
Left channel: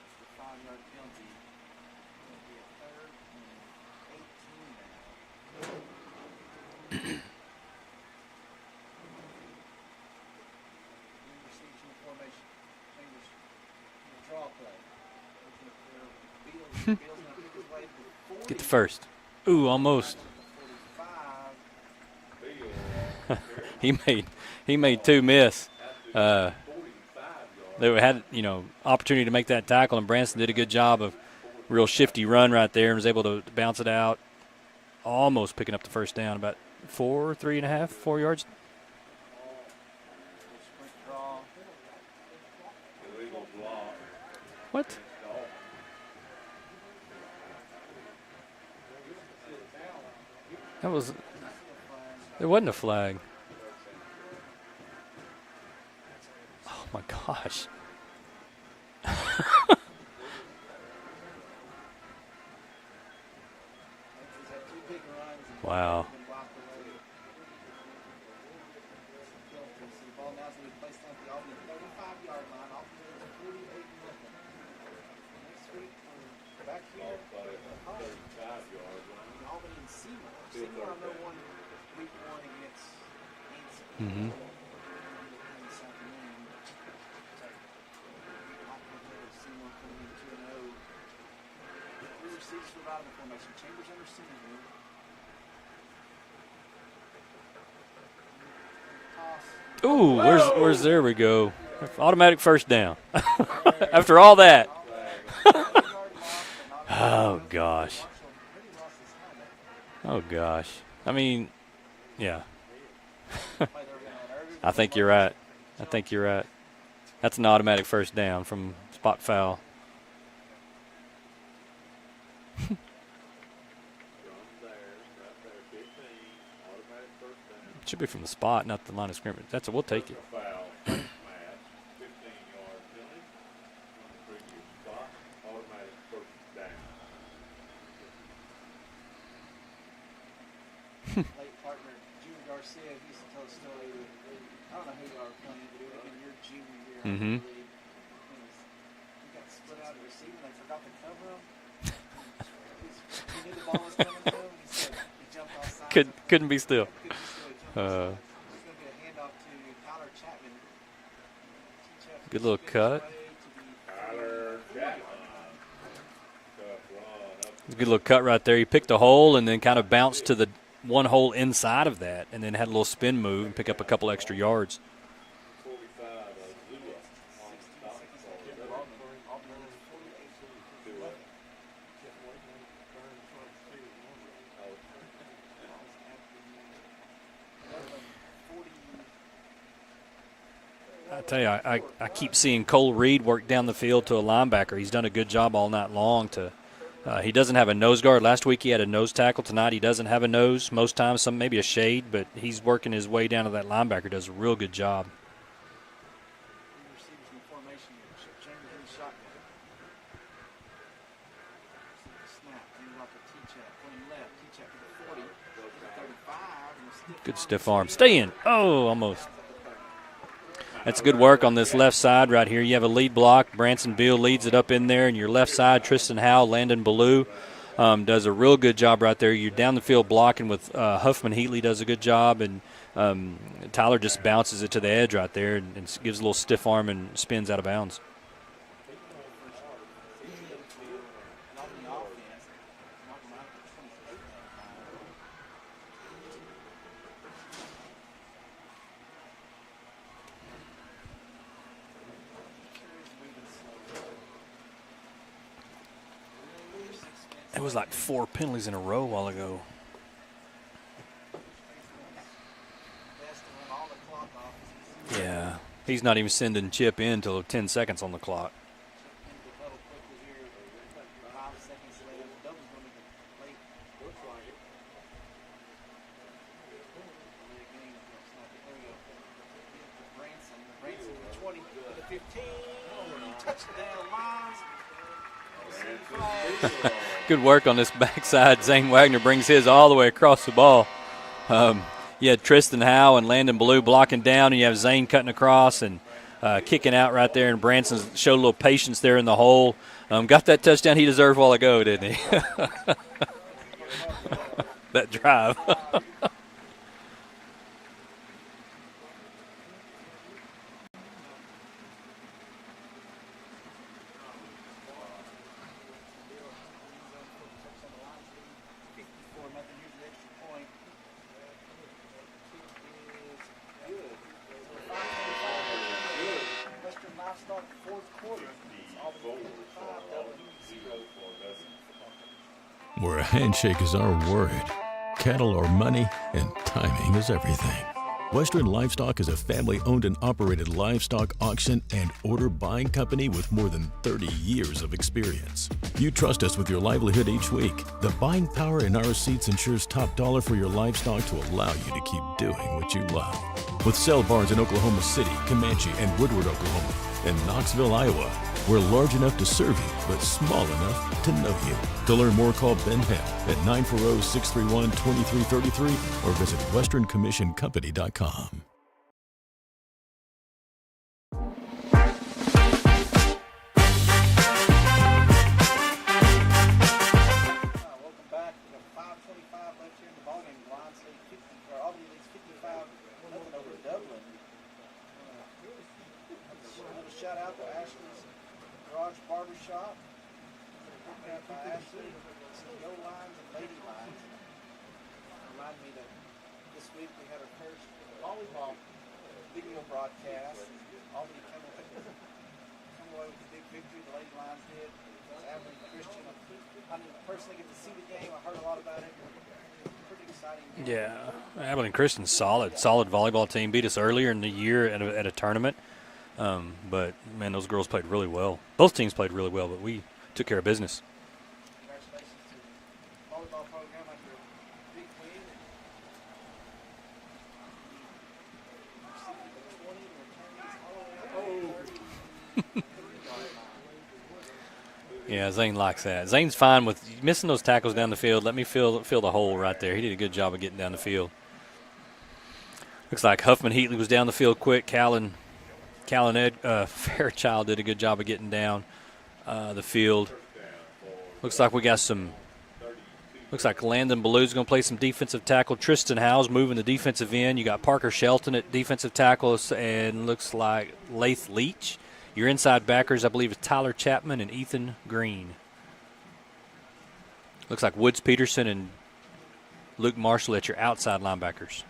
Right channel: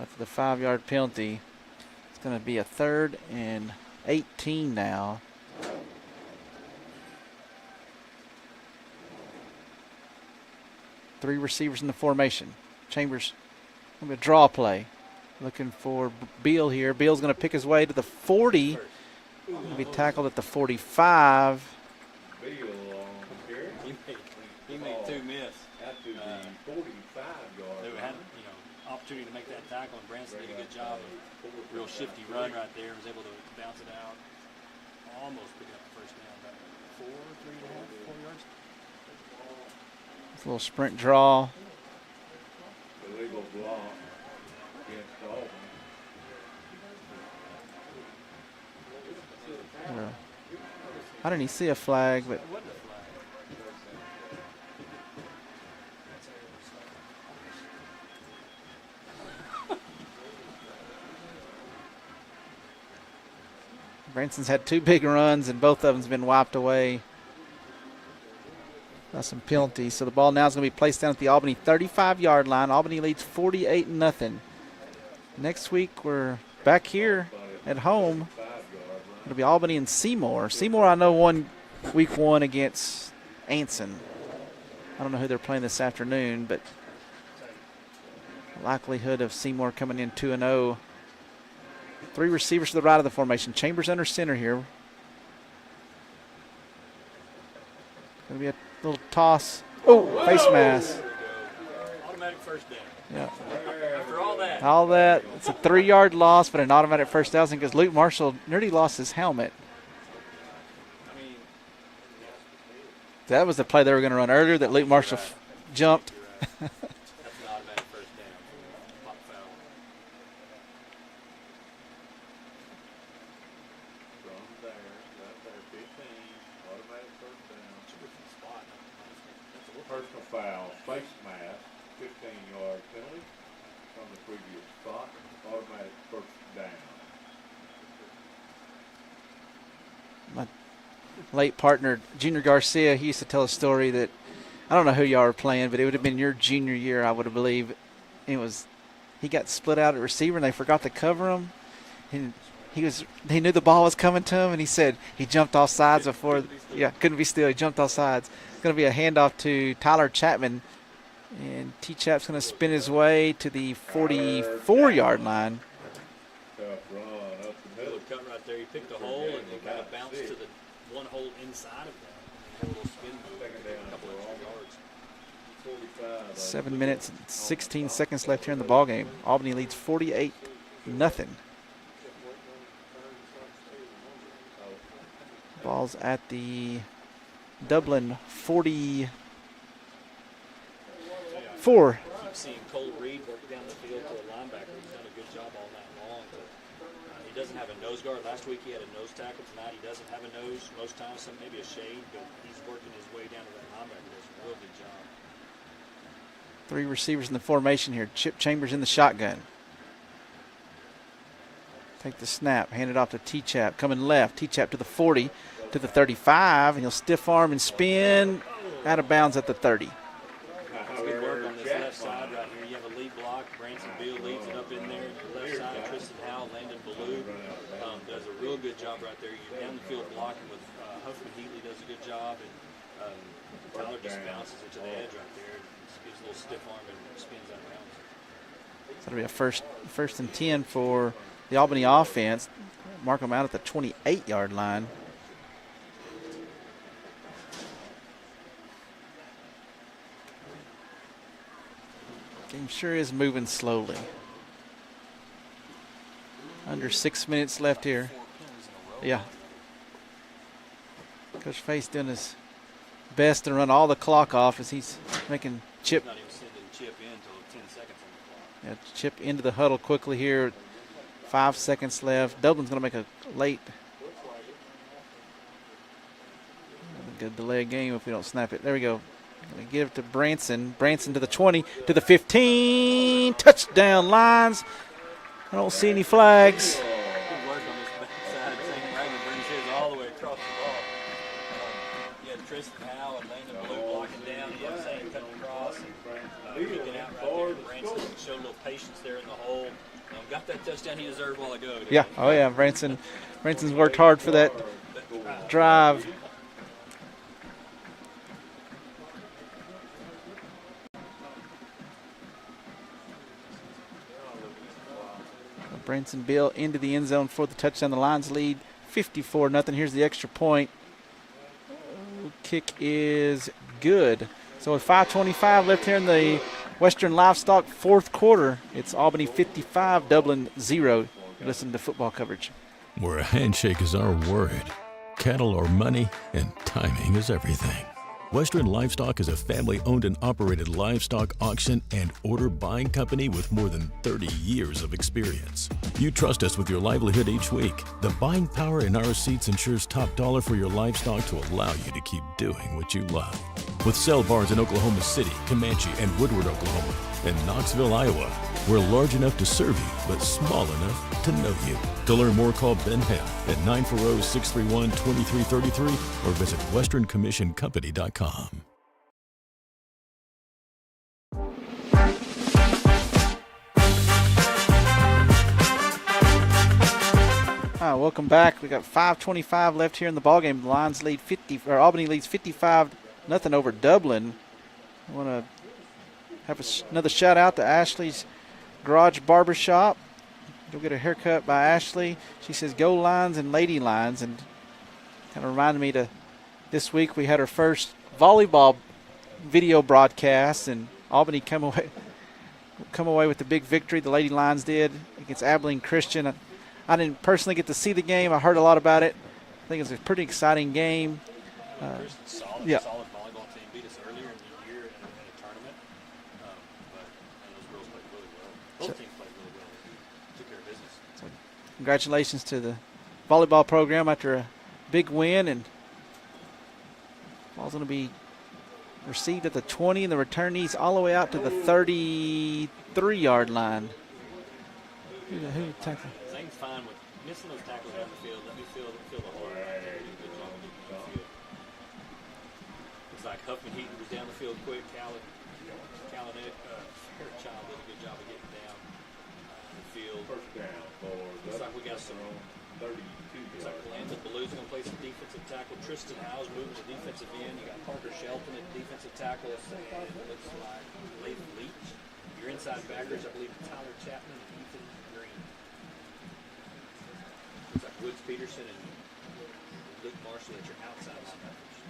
After the 5-yard penalty, it's going to be a 3rd and 18 now. 3 receivers in the formation. Chambers, going to draw play. Looking for Beal here. Beal's going to pick his way to the 40. First. Ooh, almost. He tackled at the 45. he made 2 miss. They had, opportunity to make that tackle, and Branson did a good job of real shifty run right there and was able to bounce it out, almost picking up the first down, about 4 yards. A little sprint draw. What? That was. I didn't even see a flag, but it wasn't a flag. Oh my gosh. Branson's had 2 big runs, and both of them's been wiped away. Got some penalties. So the ball now is going to be placed down at the Albany 35-yard line. Albany leads 48-0. Next week we're back here at home. It'll be Albany and Seymour. Seymour, I know, won week 1 against Anson. I don't know who they're playing this afternoon, but likelihood of Seymour coming in 2-0. 3 receivers to the right of the formation. Chambers under center here. Going to be a little toss. Oh, there we go. Automatic first down. After all that. All that. It's a 3-yard loss, but an automatic first down because Luke Marshall nearly lost his helmet. Oh, gosh. I mean, yeah. That was the play they were going to run earlier that Luke Marshall jumped. I think you're right. That's an automatic first down from spot foul. It should be from the spot, not the line of scrimmage. That's we'll take it. Foul, face mask, 15-yard penalty from the previous spot, automatic first down. My late partner, Junior Garcia, he used to tell a story that I don't know who y'all were playing, but it would have been your junior year, I would believe. It was he got split out at receiver and they forgot to cover him. And he knew the ball was coming to him, and he said he jumped off sides before. Couldn't be still. Yeah, couldn't be still. He jumped off sides. It's going to be a handoff to Tyler Chapman, and T-Chap's going to spin his way to the 44-yard line. Good little cut right there. He picked a hole and then kind of bounced to the one hole inside of that, and then had a little spin move and pick up a couple extra yards. 7 minutes and 16 seconds left here in the ballgame. Albany leads 48-0. Ball's at the Dublin 40. I tell you, I keep seeing Cole Reed work down the field to a linebacker. He's done a good job all night long. He doesn't have a nose guard. Last week he had a nose tackle. Tonight he doesn't have a nose. Most times maybe a shade, but he's working his way down to that linebacker. Does a real good job. 3 receivers in the formation here. Chip Chambers in the shotgun. Take the snap. Hand it off to T-Chap. Coming left. T-Chap to the 40. To the 35, and he'll stiff arm and spin. Oh, out of bounds at the 30. That's good work on this left side right here. You have a lead block. Branson Beal leads it up in there, and your left side, Tristan Howell, Landon Ballou does a real good job right there. You're down the field blocking with Huffman Heatley does a good job, and Tyler just bounces it to the edge right there and gives a little stiff arm and spins out of bounds. So it'll be a first and 10 for the Albany offense. Mark them out at the 28-yard line. Game sure is moving slowly. Under 6 minutes left here. 4 penalties in a row a while ago. Coach Face doing his best to run all the clock off as he's making Chip. He's not even sending Chip in until 10 seconds on the clock. Yeah, Chip into the huddle quickly here. 5 seconds left. Dublin's going to make a late good delay game if we don't snap it. There we go. We give it to Branson. Branson to the 20, to the 15. Touchdown Lions. I don't see any flags. Good work on this backside. Zane Wagner brings his all the way across the ball. You had Tristan Howe and Landon Ballou blocking down, and you have Zane cutting across and kicking out right there. And Branson showed a little patience there in the hole. Got that touchdown he deserved a while ago, didn't he? Oh, yeah. Branson's worked hard for that drive. Branson Bill into the end zone for the touchdown. The Lions lead 54-0. Here's the extra point. Kick is good. So with 5:25 left here in the Western Livestock fourth quarter, it's Albany 55, Dublin 0. Listen to football coverage. Where a handshake is our word, cattle are money, and timing is everything. Western Livestock is a family-owned and operated livestock auction and order buying company with more than 30 years of experience. You trust us with your livelihood each week. The buying power in our seats ensures top dollar for your livestock to allow you to keep doing what you love. With sale barns in Oklahoma City, Comanche, and Woodward, Oklahoma, and Knoxville, Iowa, we're large enough to serve you, but small enough to know you. To learn more, call Ben Hale at 940-631-2333 or visit westerncommissioncompany.com. Welcome back. We got 5:25 left here in the ballgame. The Lions lead Albany leads 55-0 over Dublin. I want to have another shout out to Ashley's Garage Barbershop. Go get a haircut by Ashley. She says go Lions and Lady Lions, and kind of reminded me to this week we had our first volleyball video broadcast, and Albany come away with the big victory. The Lady Lions did against Abilene Christian. I didn't personally get to see the game. I heard a lot about it. I think it's a pretty exciting game. Yeah. Abilene Christian's solid volleyball team. Beat us earlier in the year at a tournament. But, man, those girls played really well. Both teams played really well, but we took care of business. So congratulations to the volleyball program after a big win. And ball's going to be received at the 20, and the returnees all the way out to the 33-yard line. Yeah, Zane likes that. Zane's fine with missing those tackles down the field. Let me fill the hole right there. He did a good job of getting down the field. Looks like Huffman Heatley was down the field quick. Fairchild did a good job of getting down the field. Looks like we got some. Looks like Landon Ballou's going to play some defensive tackle. Tristan Howes moving the defensive end. You got Parker Shelton at defensive tackle, and looks like Lath Leach. Your inside backers, I believe, is Tyler Chapman and Ethan Green. Looks like Woods Peterson and Luke Marshall at your outside linebackers.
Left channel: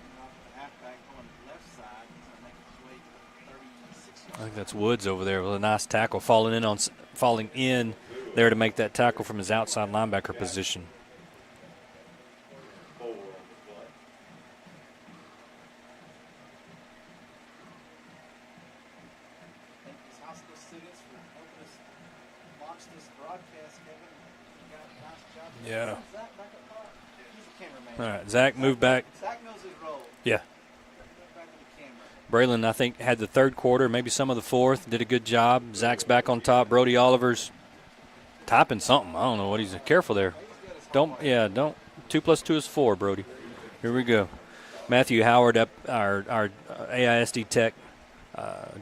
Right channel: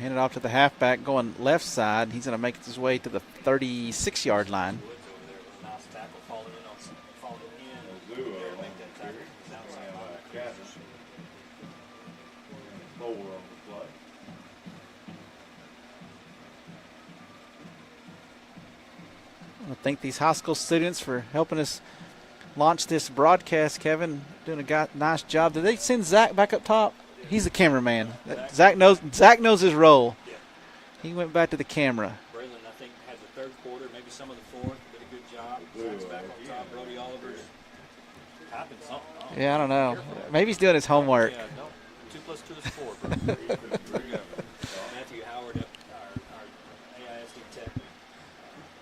Hand it off to the halfback going left side. He's going to make his way to the 36-yard line. That's Woods over there with a nice tackle, falling in there to make that tackle from his outside linebacker position. I thank these high school students for helping us launch this broadcast, Kevin. Doing a nice job. Did they send Zach back up top? He's the cameraman. Right, Zach knows his role. Yeah. He went back to the camera. Braylon, I think, had the third quarter, maybe some of the fourth. Did a good job. Zach's back on top. Brody Oliver's typing something. I don't know. Careful there. Maybe he's doing his homework. 2 + 2 is 4, Brody. Here we go. Matthew Howard, our AISD tech,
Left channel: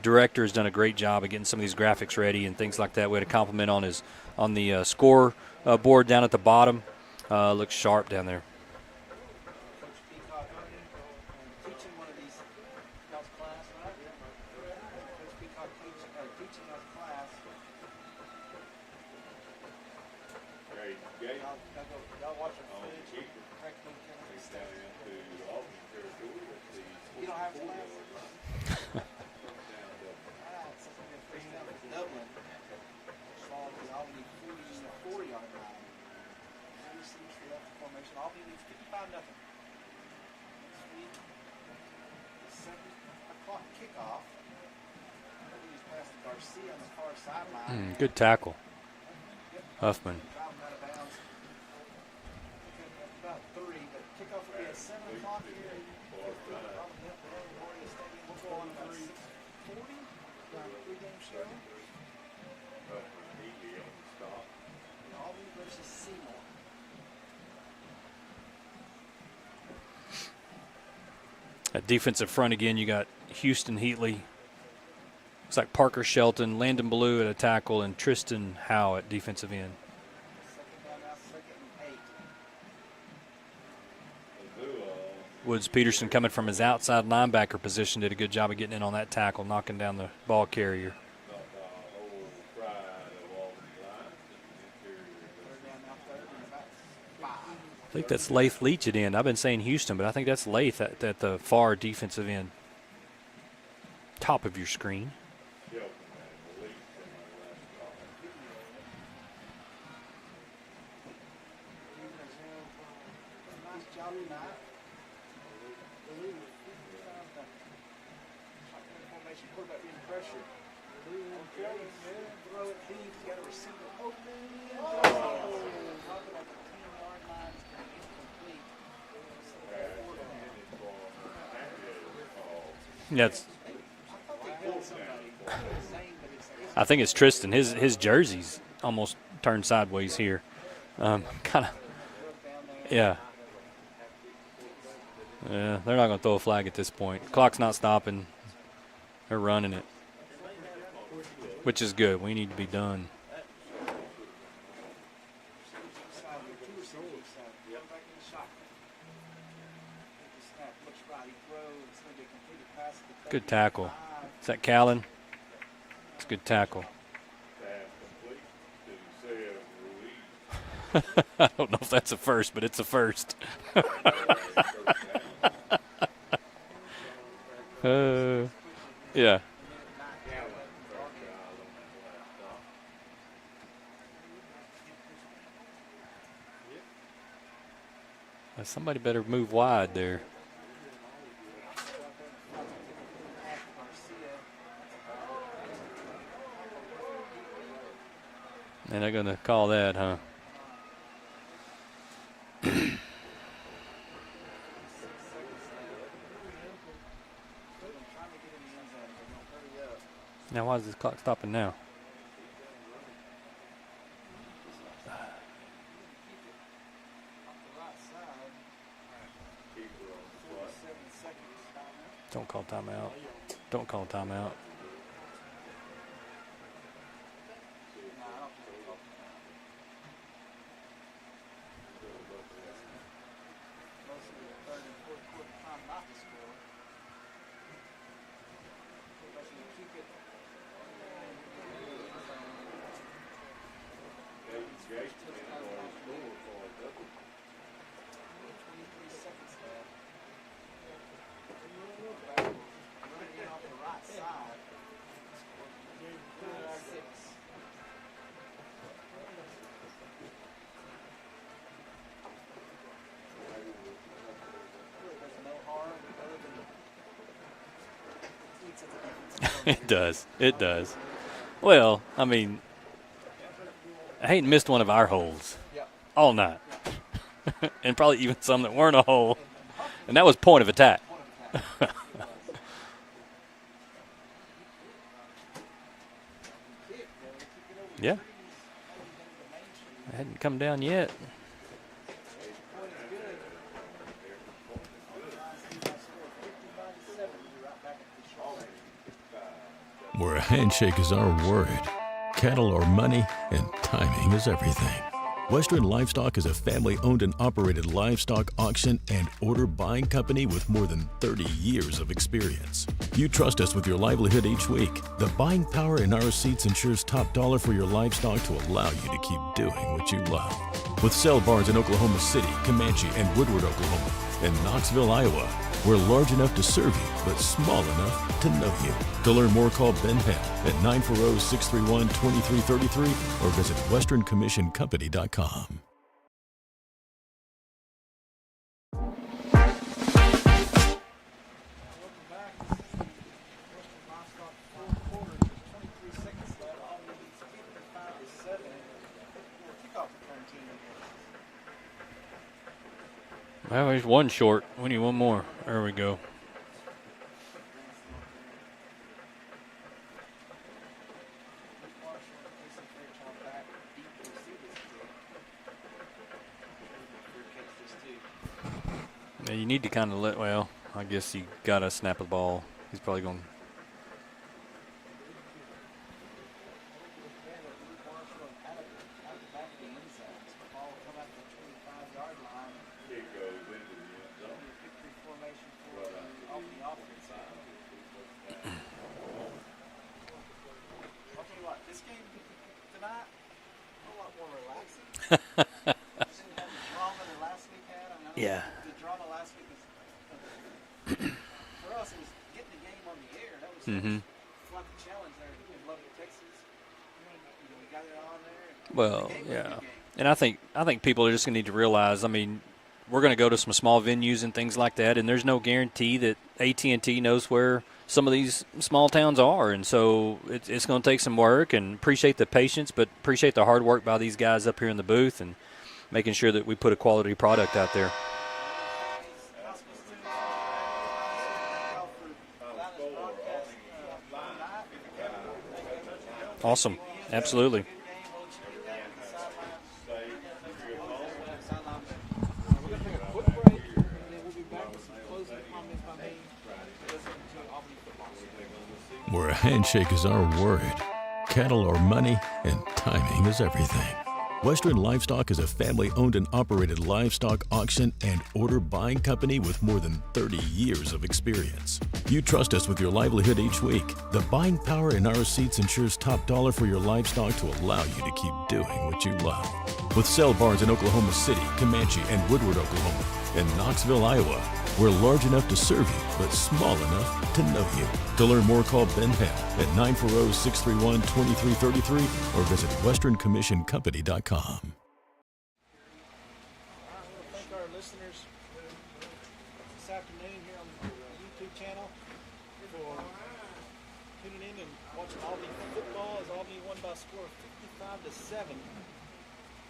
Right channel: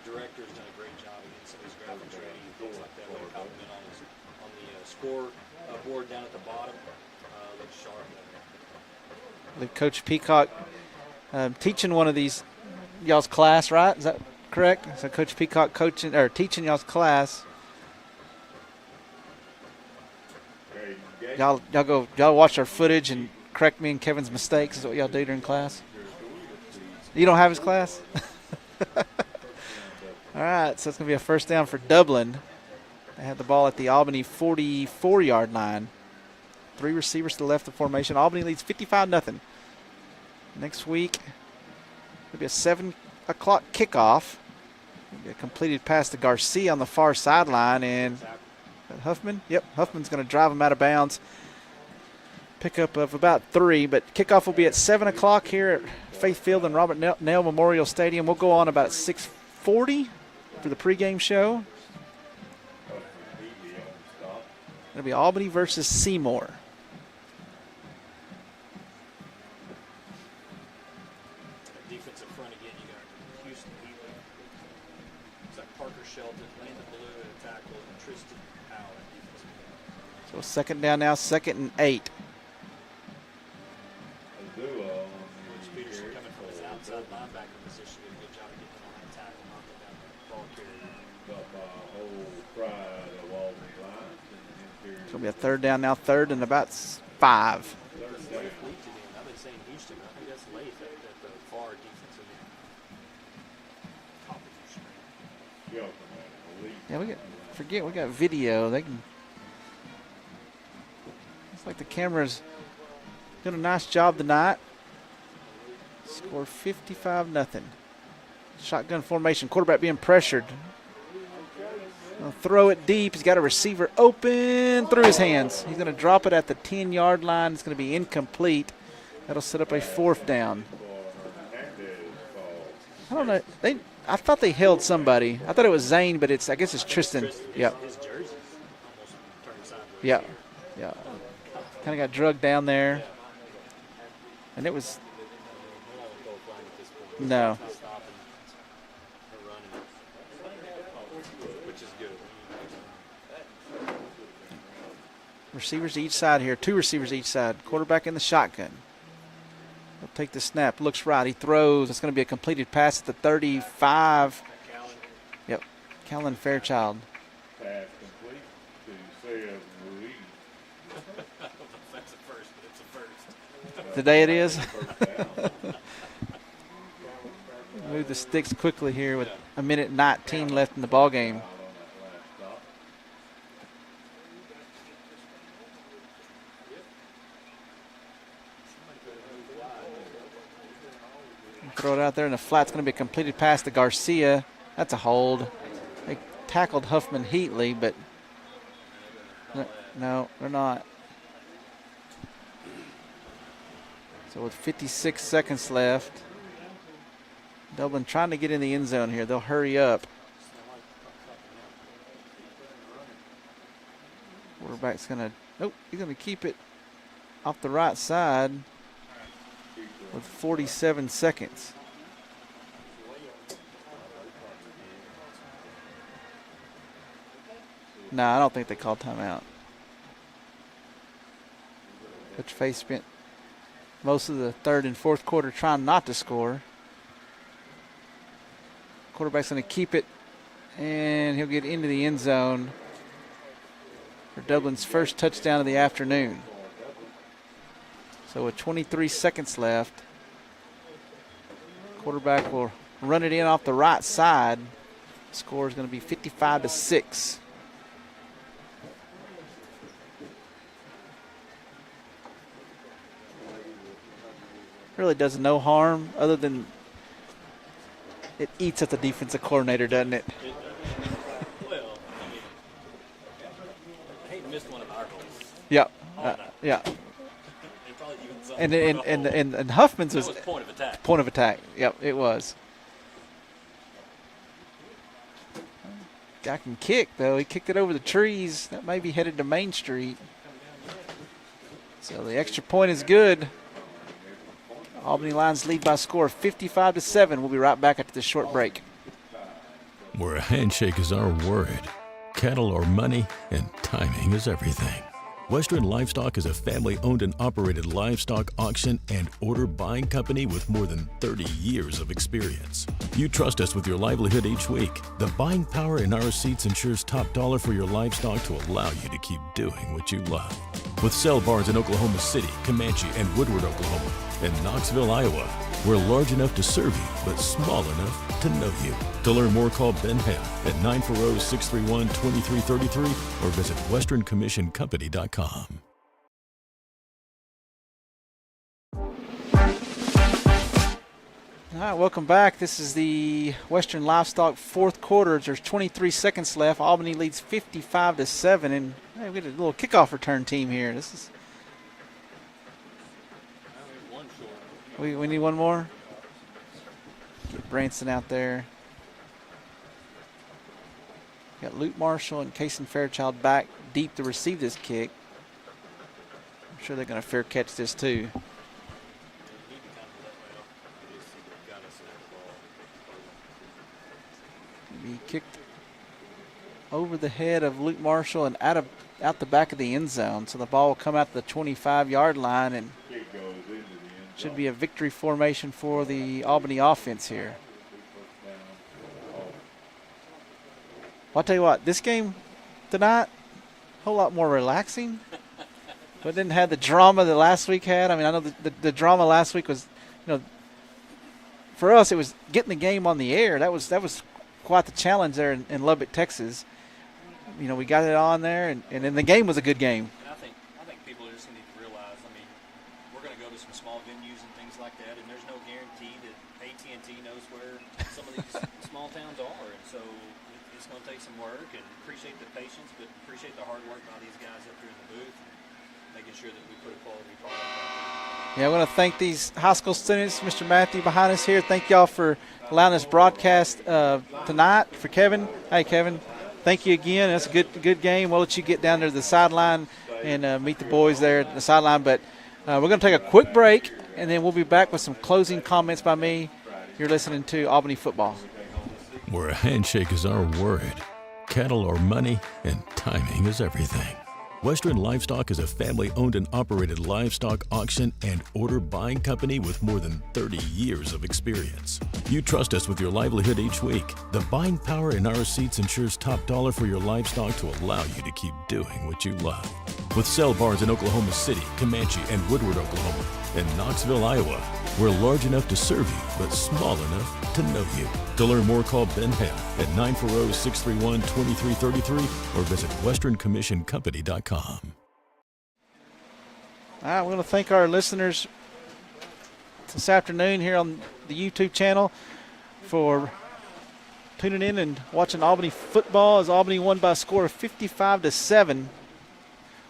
director has done a great job of getting some of these graphics ready and things like that. We had a compliment on the score board down at the bottom. Looks sharp down there. Coach Peacock teaching one of these y'all's class, right? Is that correct? So Coach Peacock coaching or teaching y'all's class. Y'all watch our footage and correct me and Kevin's mistakes is what y'all do during class. You don't have his class? All right, so it's going to be a first down for Dublin. They had the ball at the Albany 44-yard line. 3 receivers to the left of formation. Albany leads 55-0. Next week, it'll be a 7 o'clock kickoff. A completed pass to Garcia on the far sideline. And good tackle. Huffman? Yep, Huffman's going to drive him out of bounds. Pickup of about 3, but kickoff will be at 7 o'clock here at Faith Field and Robert Nell Memorial Stadium. We'll go on about 6:40 for the pregame show. It'll be Albany versus Seymour. At defensive front again, you got Houston Heatley. Looks like Parker Shelton, Landon Ballou at a tackle, and Tristan Howe at defensive end. So second down now, 2nd and 8. Woods Peterson coming from his outside linebacker position did a good job of getting in on that tackle, knocking down the ball carrier. It's going to be a 3rd down now, 3rd and about 5. I think that's Lath Leach at end. I've been saying Houston, but I think that's Lath at the far defensive end. Top of your screen. Yeah, we got video. They can. Looks like the camera's doing a nice job tonight. Score 55-0. Shotgun formation. Quarterback being pressured. Gonna throw it deep. He's got a receiver open through his hands. He's going to drop it at the 10-yard line. It's going to be incomplete. That'll set up a 4th down. I thought they held somebody. I thought it was Zane, but I guess it's Tristan. I think it's Tristan. His jersey's almost turned sideways here. Yeah. Kind of got drugged down there. Yeah. And it was. Yeah, they're not going to throw a flag at this point. No. Clock's not stopping. They're running it, which is good. We need to be done. Receivers each side here. 2 receivers each side. Quarterback in the shotgun. He'll take the snap. Looks right. He throws. It's going to be a completed pass at the 35. Is that Callan? Yep. Callan Fairchild. I don't know if that's a first, but it's a first. Today it is. Move the sticks quickly here. Yeah. A minute 19 left in the ball game. Somebody better move wide there. Throw it out there in the flat. It's going to be a completed pass to Garcia. That's a hold. They tackled Huffman Heatley, but. And they're going to call that, huh? No, they're not. So with 56 seconds left, Dublin trying to get in the end zone here. They'll hurry up. Now why is this clock stopping now? Quarterback's going to, he's going to keep it off the right side with 47 seconds. Don't call timeout. Don't call timeout. No, I don't think they called timeout. Coach Faye spent most of the 3rd and 4th quarter trying not to score. Quarterback's going to keep it, and he'll get into the end zone for Dublin's first touchdown of the afternoon. So with 23 seconds left, quarterback will run it in off the right side. Score is going to be 55-6. Really does no harm other than it eats at the defensive coordinator, doesn't it? It does. Well, I mean, I ain't missed one of our holes. Yeah. All night. Yeah. And probably even some that weren't a hole. And Huffman's. And that was point of attack. Point of attack. Yep, it was. Guy can kick, though. He kicked it over the trees. That may be headed to Main Street. Hadn't come down yet. So the extra point is good. Albany Lions lead by a score of 55-7. We'll be right back after this short break. Where a handshake is our word, cattle are money, and timing is everything. Western Livestock is a family-owned and operated livestock auction and order buying company with more than 30 years of experience. You trust us with your livelihood each week. The buying power in our receipts ensures top dollar for your livestock to allow you to keep doing what you love. With sale barns in Oklahoma City, Comanche, and Woodward, Oklahoma, and Knoxville, Iowa, we're large enough to serve you, but small enough to know you. To learn more, call Ben Hale at 940-631-2333 or visit westerncommissioncompany.com. All right, welcome back. This is the Western Livestock fourth quarter. There's 23 seconds left. Albany leads 55-7, and hey, we got a little kickoff return team here. This is. Well, there's one short. We need one more. We need one more. There we go. Get Branson out there. Got Luke Marshall and Kason Fairchild back deep to receive this kick. I'm sure they're going to fair catch this too. Yeah, you need to kind of well, I guess you got to snap the ball. He's probably going to. He kicked over the head of Luke Marshall and out the back of the end zone. So the ball will come out the 25-yard line and should be a victory formation for the Albany offense here. Well, I'll tell you what, this game tonight, a whole lot more relaxing. But didn't have the drama that last week had. I mean, I know the drama last week was, for us, it was getting the game on the air. That was quite the challenge there in Lubbock, Texas. We got it on there, and the game was a good game. And I think people are just going to need to realize, I mean, we're going to go to some small venues and things like that, and there's no guarantee that AT&T knows where some of these small towns are. And so it's going to take some work, and appreciate the patience, but appreciate the hard work by these guys up here in the booth and making sure that we put a quality product out there. Yeah, I want to thank these high school students, Mr. Matthew behind us here. Thank y'all for allowing us broadcast tonight. For Kevin, hey, Kevin, thank you again. That's a good game. We'll let you get down there to the sideline and meet the boys there at the sideline. But we're going to take a quick break, and then we'll be back with some closing comments by me. You're listening to Albany Football. Where a handshake is our word, cattle are money, and timing is everything. Western Livestock is a family-owned and operated livestock auction and order buying company with more than 30 years of experience. You trust us with your livelihood each week. The buying power in our receipts ensures top dollar for your livestock to allow you to keep doing what you love. With sale barns in Oklahoma City, Comanche, and Woodward, Oklahoma, and Knoxville, Iowa, we're large enough to serve you, but small enough to know you. To learn more, call Ben Hale at 940-631-2333 or visit westerncommissioncompany.com. All right, we want to thank our listeners this afternoon here on the YouTube channel for tuning in and watching Albany football as Albany won by a score of 55-7. I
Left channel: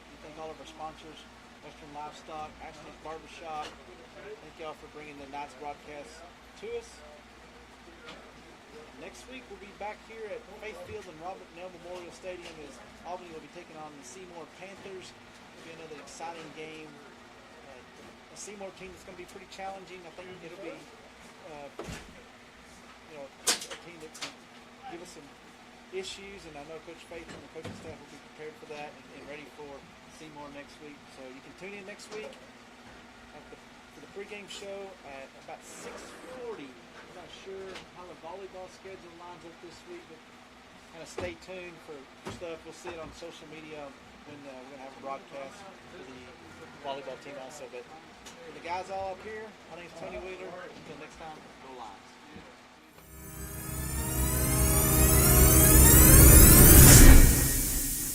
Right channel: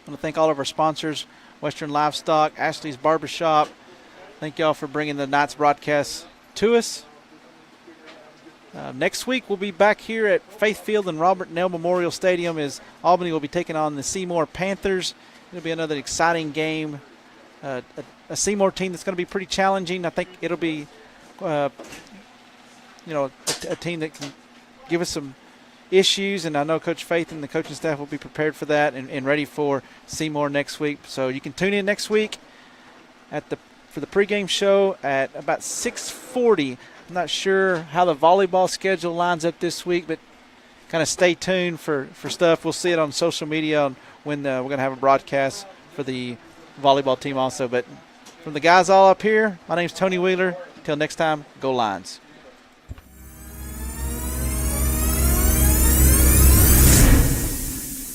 want to thank all of our sponsors, Western Livestock, Ashley's Barbershop. Thank y'all for bringing the night's broadcast to us. Next week we'll be back here at Faith Field and Robert Nell Memorial Stadium as Albany will be taking on the Seymour Panthers. It'll be another exciting game. A Seymour team that's going to be pretty challenging. I think it'll be, a team that can give us some issues, and I know Coach Faith and the coaching staff will be prepared for that and ready for Seymour next week. So you can tune in next week for the pregame show at about 6:40. I'm not sure how the volleyball schedule lines up this week, but kind of stay tuned for stuff. We'll see it on social media on when we're going to have a broadcast for the volleyball team also. But from the guys all up here, my name's Tony Wheeler. Until next time, go Lions.